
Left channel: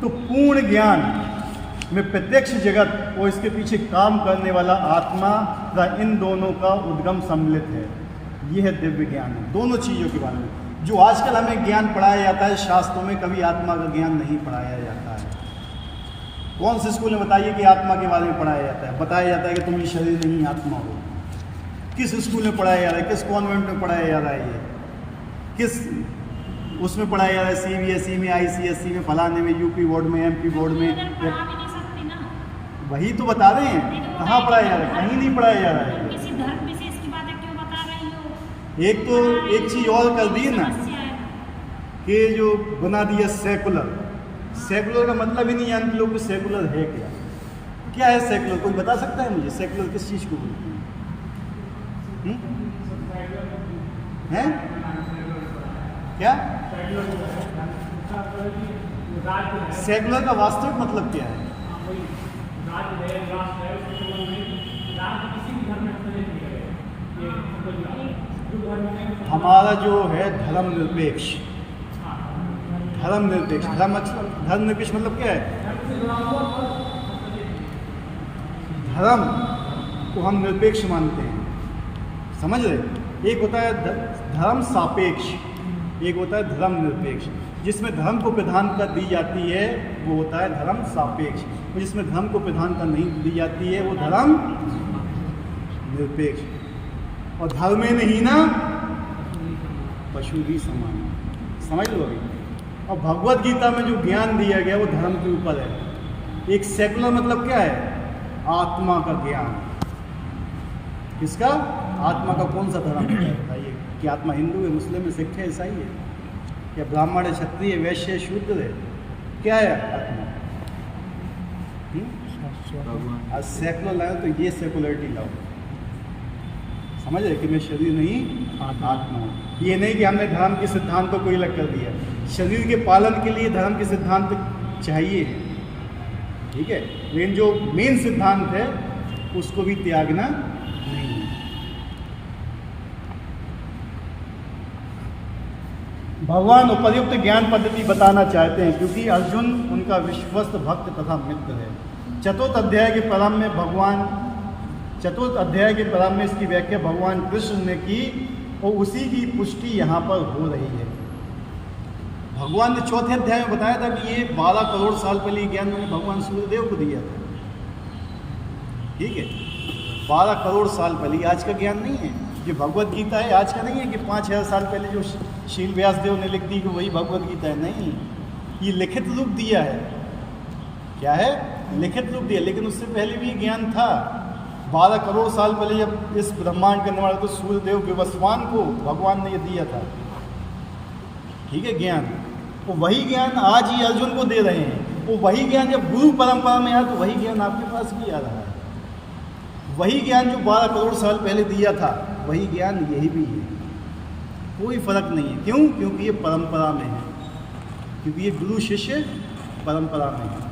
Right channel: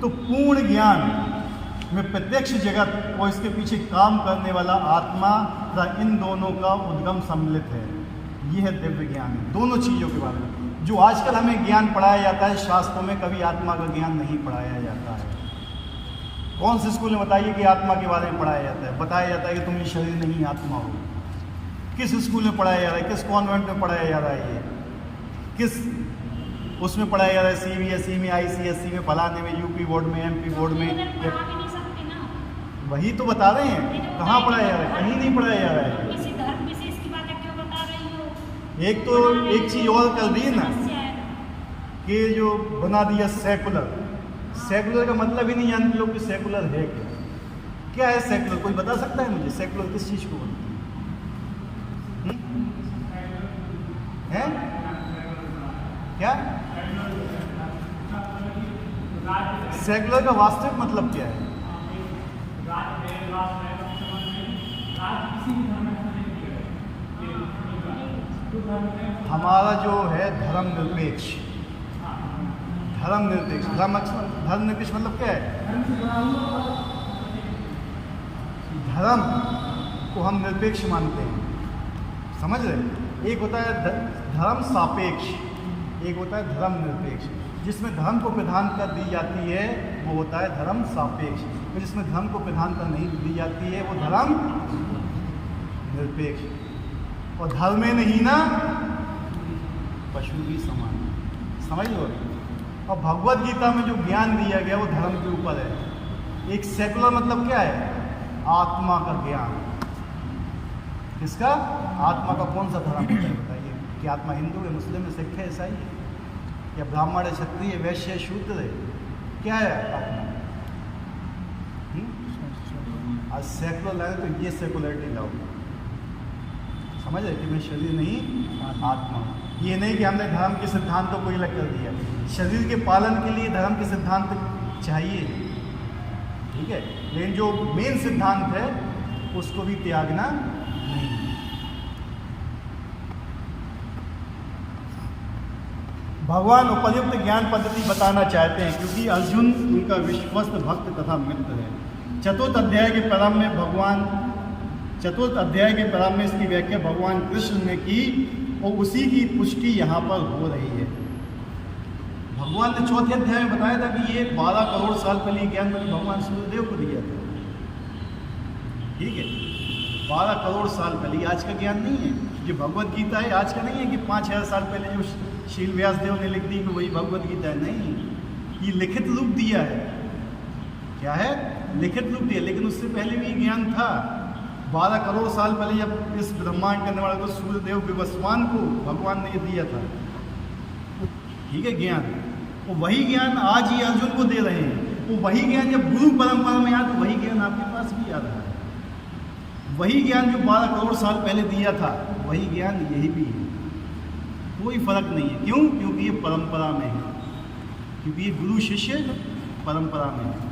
तो पूर्ण ज्ञान में प्रत्यक्ष जगत और इसके पीछे काम करने वाला आत्मा तथा इन दोनों का उद्गम सम्मिलित है। ये है दिव्य ज्ञान, दोनों चीज़ों के बारे में। जो आजकल हमें ज्ञान पढ़ाया जाता है शास्त्रों में, कभी आत्मा का ज्ञान नहीं पढ़ाया जाता है। कौन से स्कूल में बताइए कि आत्मा के बारे में पढ़ाया जाता है? बताया जाता है कि तुम शरीर नहीं आत्मा हो। किस स्कूल में पढ़ाया जा रहा है? किस कॉन्वेंट में पढ़ाया जा रहा है? ये किस उसमें पढ़ाया जा रहा है? CBSE में, ICSE में, फलाने में, UP बोर्ड में, MP बोर्ड में? वही तो बता रहे हैं। कहाँ पढ़ाया जा रहा है? कहीं नहीं पढ़ाया जा रहा है। एक तो एक चीज़ और कर दी ना कि जो बना दिया सेकुलर। सेकुलर का मतलब ही नहीं जानते लोग कि सेकुलर है क्या। क्या है सेकुलर? कोई बता सकता है मुझे? सेकुलर किस चीज़ को बोलते हैं? क्या सेकुलर का वास्तविक मतलब क्या है? हमारा जो है धर्मनिरपेक्ष, धर्मनिरपेक्ष मतलब क्या है? धर्म को हम निरपेक्ष मानते हैं, समझ रहे? एक होता है धर्म सापेक्ष, एक होता है धर्म निरपेक्ष। जिसमें धर्म को प्रधानता दी जाती है वो होता है धर्म सापेक्ष, और जिसमें धर्म को प्रधानता नहीं दी जाती है वो धर्म निरपेक्ष। और धर्म में नहीं ना पशु भी समान, समझ लो अभी। और भगवत गीता में जो ज्ञान दिया गया वो धर्म के ऊपर है। एक सेकुलर मतलब क्या है? आत्मा का ज्ञान। किसका? आत्मा का। कौन सा धर्म है बताइए? कि आत्मा हिंदू है, मुस्लिम है, सिख है, ईसाई है, या ब्राह्मण है, क्षत्रिय है, वैश्य है, शूद्र है? क्या है आत्मा? आज सेकुलर लाए तो ये सेकुलरिटी लाओ, समझ रहे? कि मैं शरीर नहीं आत्मा हूँ। ये नहीं कि हमने धर्म के सिद्धांतों को अलग कर दिया। शरीर के पालन के लिए धर्म के सिद्धांत चाहिए, ठीक है, लेकिन जो मेन सिद्धांत है उसको भी त्यागना नहीं। भगवान उपयुक्त ज्ञान पद्धति बताना चाहते हैं क्योंकि अर्जुन उनका विश्वस्त भक्त तथा मित्र है। चतुर्थ अध्याय के प्रारंभ में इसकी व्याख्या भगवान कृष्ण ने की और उसी की पुष्टि यहाँ पर हो रही है। भगवान ने चौथे अध्याय में बताया था कि ये 12 करोड़ साल पहले ज्ञान मैंने भगवान सूर्यदेव को दिया था, ठीक है, 12 करोड़ साल पहले। आज का ज्ञान नहीं है, जो भगवत गीता है आज का नहीं है कि 5000 साल पहले जो शील व्यास देव ने लिख दी कि वही भगवत गीता है। नहीं, ये लिखित रूप दिया है। क्या है? लिखित रूप दिया, लेकिन उससे पहले भी ज्ञान था। 12 करोड़ साल पहले जब इस ब्रह्मांड के निर्माण को सूर्यदेव विवस्वान को भगवान ने ये दिया था, ठीक है, ज्ञान। तो वही ज्ञान आज ही अर्जुन को दे रहे हैं। वो वही ज्ञान जब गुरु परंपरा में आया तो वही ज्ञान आपके पास भी आ रहा है। वही ज्ञान जो 12 करोड़ साल पहले दिया था वही ज्ञान यही भी है, कोई फर्क नहीं है। क्यों? क्योंकि ये परंपरा में है, क्योंकि ये गुरु शिष्य परंपरा में है।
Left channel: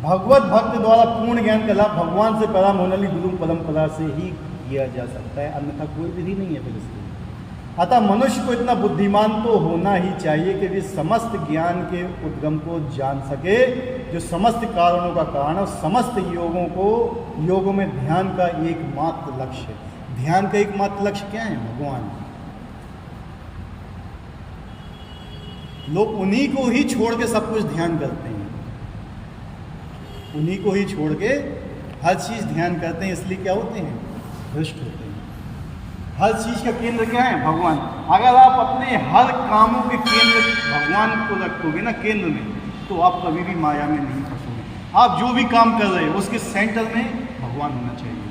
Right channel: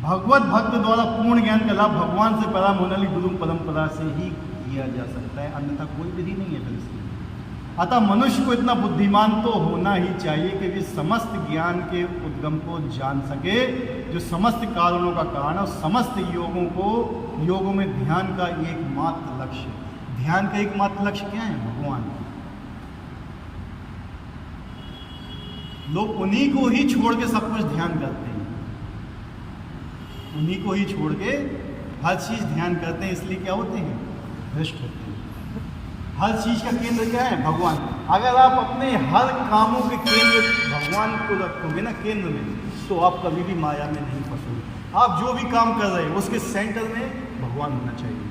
भगवत भक्त द्वारा पूर्ण ज्ञान का लाभ भगवान से प्रारंभ होने वाली गुरु परंपरा से ही किया जा सकता है, अन्यथा कोई विधि नहीं है फिर इसकी। अतः मनुष्य को इतना बुद्धिमान तो होना ही चाहिए कि वे समस्त ज्ञान के उद्गम को जान सके, जो समस्त कारणों का कारण और समस्त योगों में ध्यान का एकमात्र लक्ष्य है। ध्यान का एकमात्र लक्ष्य क्या है? भगवान। लोग उन्हीं को ही छोड़ के सब कुछ ध्यान करते हैं, उन्हीं को ही छोड़ के हर चीज़ ध्यान करते हैं, इसलिए क्या होते हैं? भ्रष्ट होते हैं। हर चीज़ का केंद्र क्या है? भगवान। अगर आप अपने हर कामों के केंद्र भगवान को रखोगे ना केंद्र में, तो आप कभी भी माया में नहीं फंसोगे। आप जो भी काम कर रहे हो उसके सेंटर में भगवान होना चाहिए,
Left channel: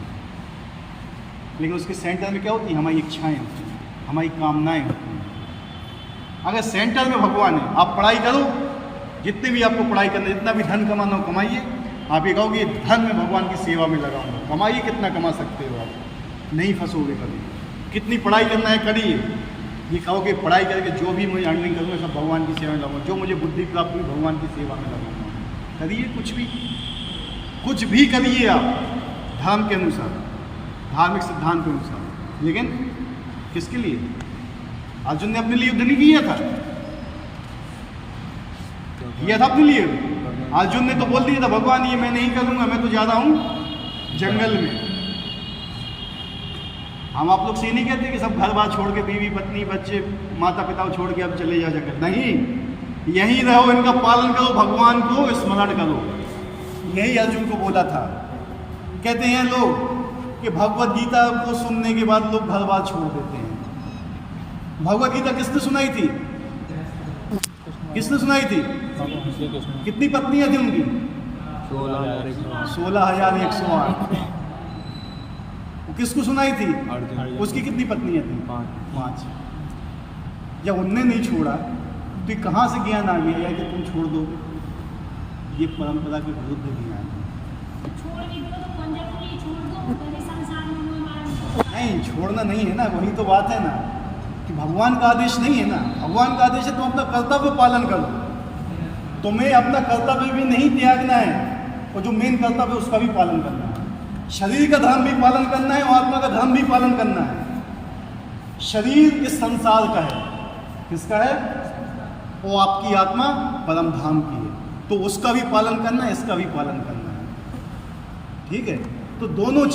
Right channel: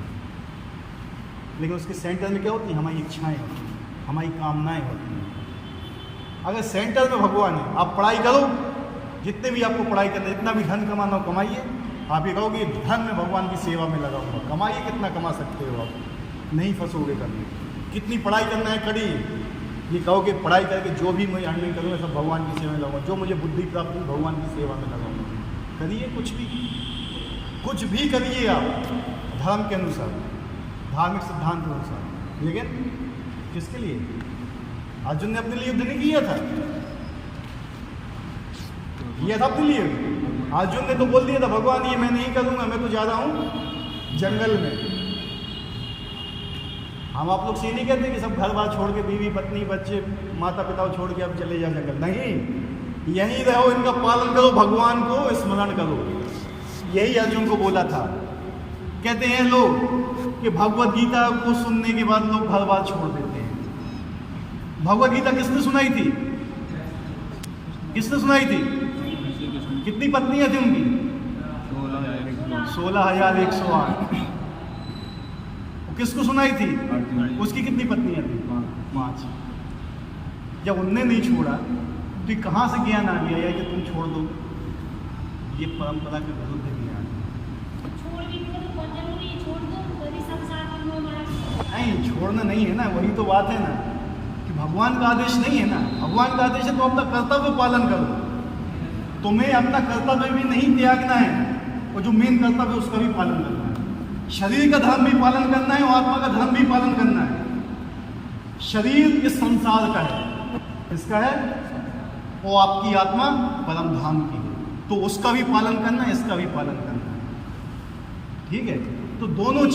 लेकिन उसके सेंटर में क्या होती है? हमारी इच्छाएं होती हैं, हमारी कामनाएं होती हैं। अगर सेंटर में भगवान है, आप पढ़ाई करो, जितने भी आपको पढ़ाई करना, जितना भी धन कमाना हो कमाइए। आप ये कहोगे धन में भगवान की सेवा में लगाऊंगा, कमाइए, कितना कमा सकते हो आप, नहीं फंसोगे कभी। कितनी पढ़ाई करना है करिए, ये कहोगे पढ़ाई करके जो भी मुझे अर्निंग करूँगा सब भगवान की सेवा में लगाऊंगा, जो मुझे बुद्धि प्राप्त हुई भगवान की सेवा में लगाऊंगा। करिए, कुछ भी करिए आप धर्म के अनुसार, धार्मिक सिद्धांत के अनुसार, लेकिन किसके लिए? अर्जुन ने अपने लिए युद्ध नहीं किया था, अपने लिए। अर्जुन ने तो बोल दिया था भगवान ये मैं नहीं करूँगा, मैं तो जा रहा हूँ जंगल में। हम आप लोग से नहीं कहते कि सब घर बार छोड़ के, बीवी पत्नी बच्चे माता पिता को छोड़ के अब चले जा जंगल। नहीं, यहीं रहो, इनका पालन करो, भगवान को स्मरण करो। यही अर्जुन को बोला था। कहते हैं लोग कि भगवत गीता को सुनने के बाद लोग घर बार छोड़ देते हैं। भगवत गीता किसने सुनाई थी? किसने सुनाई थी? कितनी पत्नियां थी उनकी? 16,108। किसको सुनाई थी? उसकी कितनी पत्नियां थी? 5। जब उनने नहीं छोड़ा तो कहाँ से ज्ञान आ गया यार कि तुम छोड़ दो? ये परंपरा के विरुद्ध ज्ञान है। नहीं, छोड़ना नहीं है ना, वही तो बात है ना कि भगवान का आदेश नहीं है ना। भगवान का आदेश है तुम अपना कर्तव्य पालन करो, तुम्हें अपना कर्तव्य भी नहीं त्यागना है, और जो मेन कर्तव्य है उसका भी पालन करना है। शरीर का धर्म भी पालन करना है और आत्मा का धर्म भी पालन करना है। शरीर इस संसार का है, किसका है? और आपकी आत्मा परम धाम की है, तो उसका भी पालन करना है, इसका भी पालन करना है। ठीक है, तो दोनों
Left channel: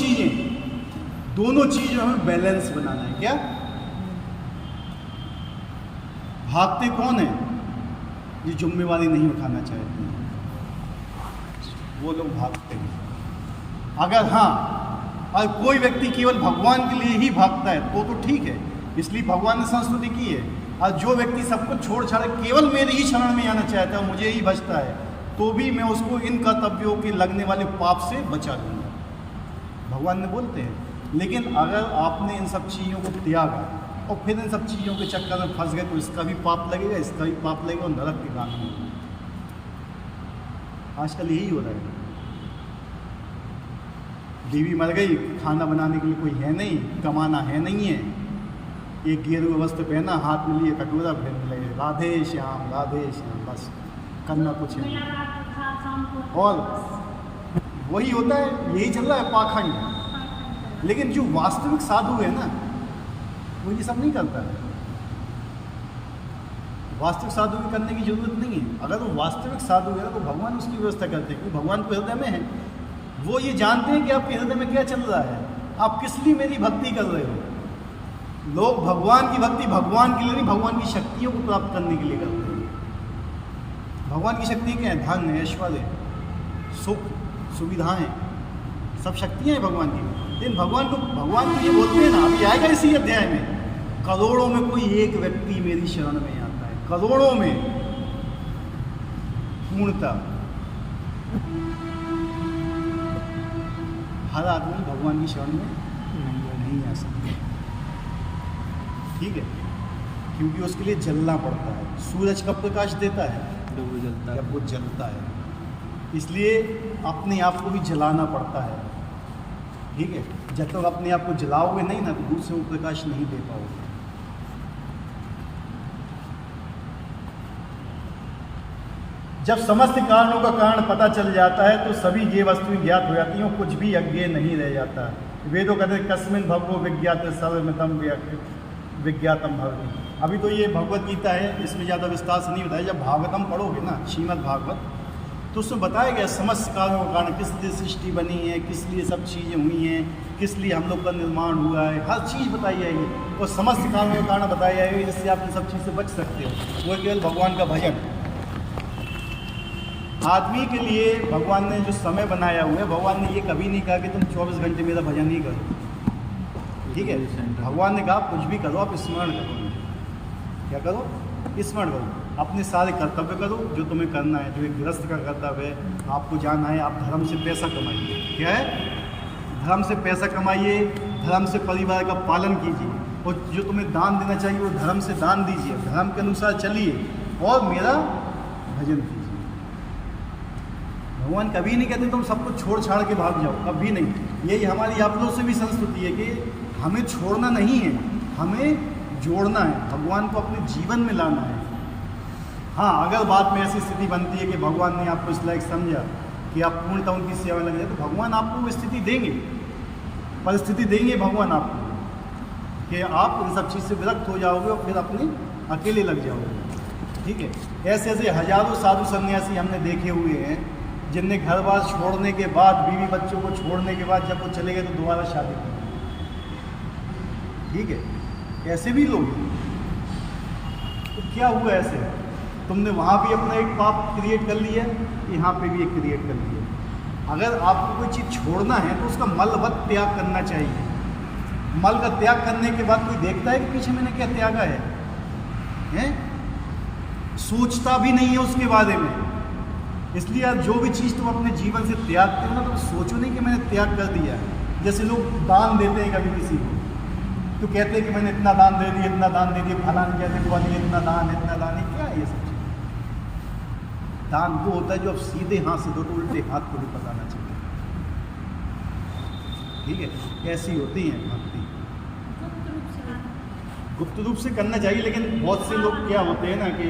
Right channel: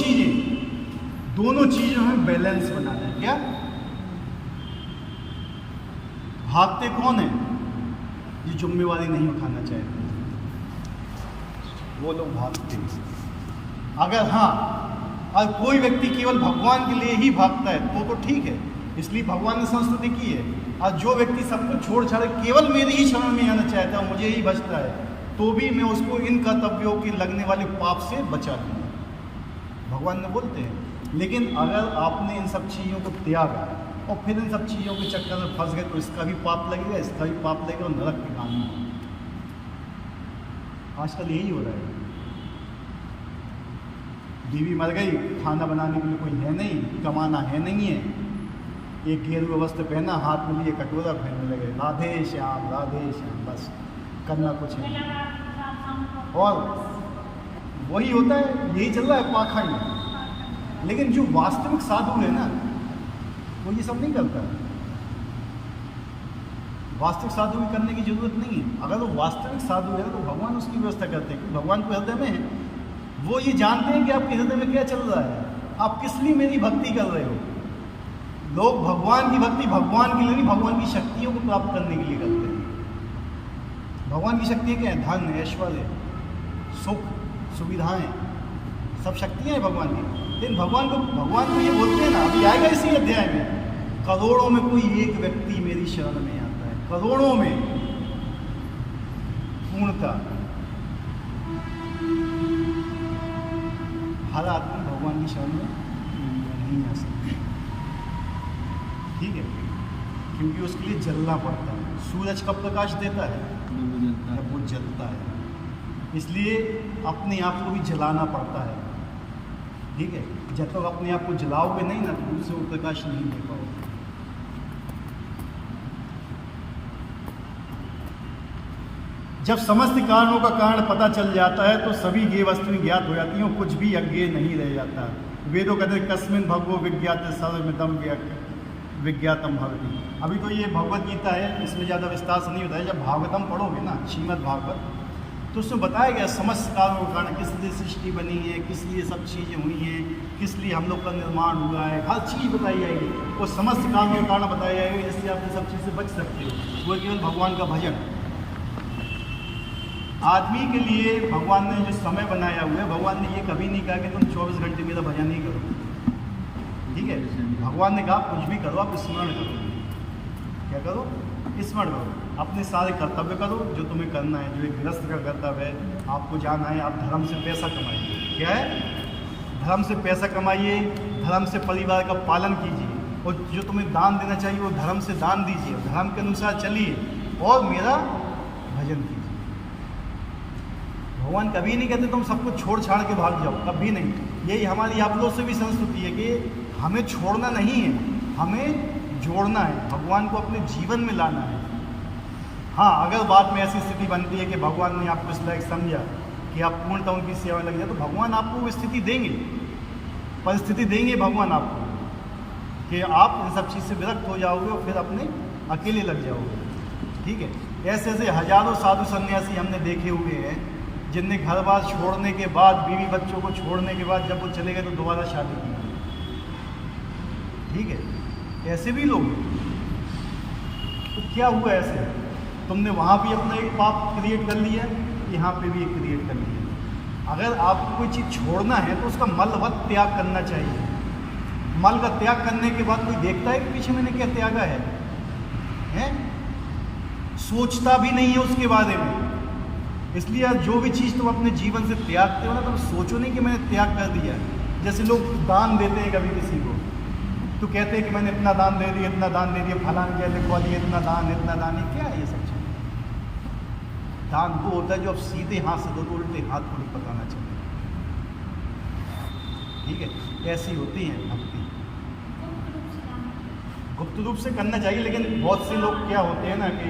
चीज़ों में बैलेंस बनाना है। क्या भागते कौन है? ये जिम्मेवारी नहीं उठाना चाहते, वो लोग भागते हैं। अगर कोई व्यक्ति केवल भगवान के लिए ही भागता है तो ठीक है, इसलिए भगवान ने संस्तुति की है। और जो व्यक्ति सब कुछ छोड़ छाड़ केवल मेरे ही शरण में आना चाहता है, मुझे ही बचता है, तो भी मैं उसको इन कर्तव्यों के लगने वाले पाप से बचा दूंगा, भगवान ने बोलते हैं। लेकिन अगर आपने इन सब चीज़ों को त्यागा और फिर इन सब चीज़ों के चक्कर में फंस गए तो इसका भी पाप लगेगा, इसका भी पाप लगेगा और नरक के गामी होगा। आजकल यही हो रहा है। बीवी मर गई, खाना बनाने के लिए कोई है नहीं, कमाना है नहीं है, एक गेरुआ वस्त्र पहना, हाथ में लिए कटोरा, फेरने लगे राधे श्याम, बस करना कुछ है नहीं। और वही होता है, यही चल रहा है पाखंड। लेकिन जो वास्तविक साधु है ना, वो ये सब नहीं करता है। वास्तविक साधु की करने की जरूरत नहीं है। अगर वो वास्तविक साधु है तो भगवान उसकी व्यवस्था करते हैं, क्योंकि भगवान को हृदय में है। वो ये जानते हैं कि आपके हृदय में क्या चल रहा है, आप किस लिए मेरी भक्ति कर रहे हो। लोग भगवान की भक्ति भगवान के लिए नहीं, भगवान की शक्तियों को प्राप्त करने के लिए करते हैं। भगवान की शक्तियाँ क्या है? धन, ऐश्वर्य, सुख, सुविधाएं, सब शक्तियाँ हैं भगवान की। लेकिन भगवान तो ये बोलते हैं ना, अभी आएगा इसी अध्याय में, करोड़ों में कोई एक व्यक्ति मेरी शरण में आता है, करोड़ों में पूर्णता। हर आदमी भगवान की शरण में नहीं आ सकता, ठीक है, क्योंकि उसके लिए जलना पड़ता है। सूरज कब प्रकाश देता है? जब वो जलता है। इसलिए अपने आप को भी जलाना पड़ता है, ठीक है। जब तक अपने आप को जलाओगे नहीं ना, तो दूसरे को प्रकाश नहीं दे पाओगे। जब समस्त कारणों का कारण पता चल जाता है तो सभी ये वस्तुएं ज्ञात हो जाती हैं और कुछ भी अज्ञेय नहीं रह जाता। वेदों कहते हैं कस्मिन भगवो विज्ञात सर्वमिदं विज्ञातम भवति। अभी तो ये भगवत गीता है, इसमें ज़्यादा विस्तार से नहीं होता है। जब भागवतम पढ़ोगे ना, श्रीमद् भागवत, तो उसमें बताया गया समस्त कारणों का कारण, किस लिए सृष्टि बनी है, किस लिए सब चीज़ें हुई हैं, किस लिए हम लोग का निर्माण हुआ है, हर चीज़ बताई जाएगी और समस्त कारणों का कारण बताया जाएगा, जिससे आप इन सब चीज़ से बच सकते हो। वो केवल भगवान का भजन। आदमी के लिए भगवान ने जो समय बनाया हुआ है, भगवान ने ये कभी नहीं कहा कि तुम 24 घंटे मेरा भजन ही करो, ठीक है। भगवान ने कहा कुछ भी करो, आप स्मरण करो। क्या करो? स्मरण करो, अपने सारे कर्तव्य करो जो तुम्हें करना है, जो एक गृहस्थ का कर्तव्य है। आपको जाना है, आप धर्म से पैसा कमाइए। क्या है? धर्म से पैसा कमाइए, धर्म से परिवार का पालन कीजिए, और जो तुम्हें दान देना चाहिए वो धर्म से दान दीजिए, धर्म के अनुसार चलिए और मेरा भजन कीजिए। भगवान कभी नहीं कहते तुम सब कुछ छोड़ छाड़ के भाग जाओ, कभी नहीं। यही हमारी आप लोग से भी संस्तुति है कि हमें छोड़ना नहीं है, हमें जोड़ना है, भगवान को अपने जीवन में लाना है। हाँ, अगर बात में ऐसी स्थिति बनती है कि भगवान ने आपको इस लायक समझा कि आप पूर्णतः उनकी सेवा में लग जाए, तो भगवान आपको वो स्थिति देंगे, परिस्थिति देंगे भगवान आपको, कि आप इन सब चीज़ से विरक्त हो जाओगे और फिर अपने अकेले लग जाओगे, ठीक है। ऐसे ऐसे हजारों साधु सन्यासी हमने देखे हुए हैं जिनने घर बार छोड़ने के बाद, बीवी बच्चों को छोड़ने के बाद, जब वो चले गए तो दोबारा शादी की, ठीक है। ऐसे भी लोग, तो क्या हुआ ऐसे? तुमने वहाँ भी अपना एक पाप क्रिएट कर लिया, यहाँ पे भी एक क्रिएट कर लिया। अगर आपको कोई चीज़ छोड़ना है तो उसका मलवत त्याग करना चाहिए। मल का त्याग करने के बाद कोई देखता है कि पीछे मैंने क्या त्यागा है? सोचता भी नहीं है उसके बारे में। इसलिए जो भी चीज़ तुम अपने जीवन से त्यागते हो ना, तुम सोचो नहीं कि मैंने त्याग कर दिया है। जैसे लोग दान देते हैं कभी किसी को, तो कहते हैं कि मैंने इतना दान दे दिया, इतना दान दे दिया, फलान कहते बुआ दिया, इतना दान, क्या है ये सब चीज़? दान वो होता है जो आप सीधे हाथ से दो, तो उल्टे हाथ को भी पताना चाहिए, ठीक है। ऐसी होती है भक्ति, गुप्त रूप से करना चाहिए। लेकिन बहुत से लोग क्या होते हैं ना कि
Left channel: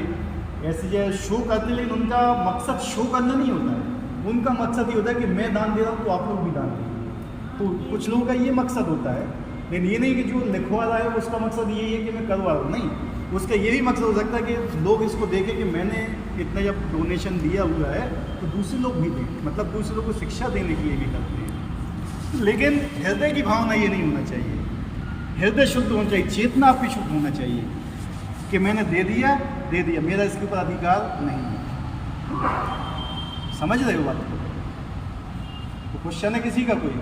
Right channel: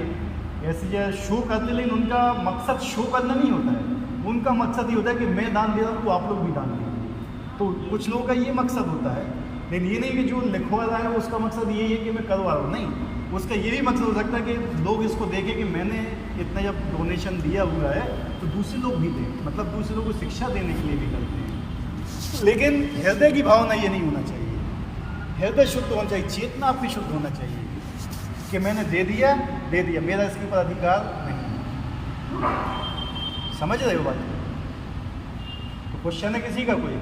ऐसी जगह शो करते, लेकिन उनका मकसद शो करना नहीं होता है। उनका मकसद ये होता है कि मैं दान दे रहा हूँ तो आप लोग भी दान देंगे, तो तो कुछ लोगों का ये मकसद होता है, लेकिन ये नहीं कि जो लिखवा रहा है उसका मकसद यही है कि मैं करवा रहा हूँ, नहीं, उसका ये भी मकसद हो सकता है कि लोग इसको देखें कि मैंने इतना जब डोनेशन दिया हुआ है तो दूसरे लोग भी दें, मतलब दूसरे लोगों को शिक्षा देने के लिए भी करते हैं। लेकिन हृदय की भावना ये नहीं होना चाहिए, हृदय शुद्ध होना चाहिए, चेतना आपकी शुद्ध होना चाहिए कि मैंने दे दिया, मेरा इसके ऊपर अधिकार नहीं है। समझ रहे हो बात? तो क्वेश्चन है किसी का कोई?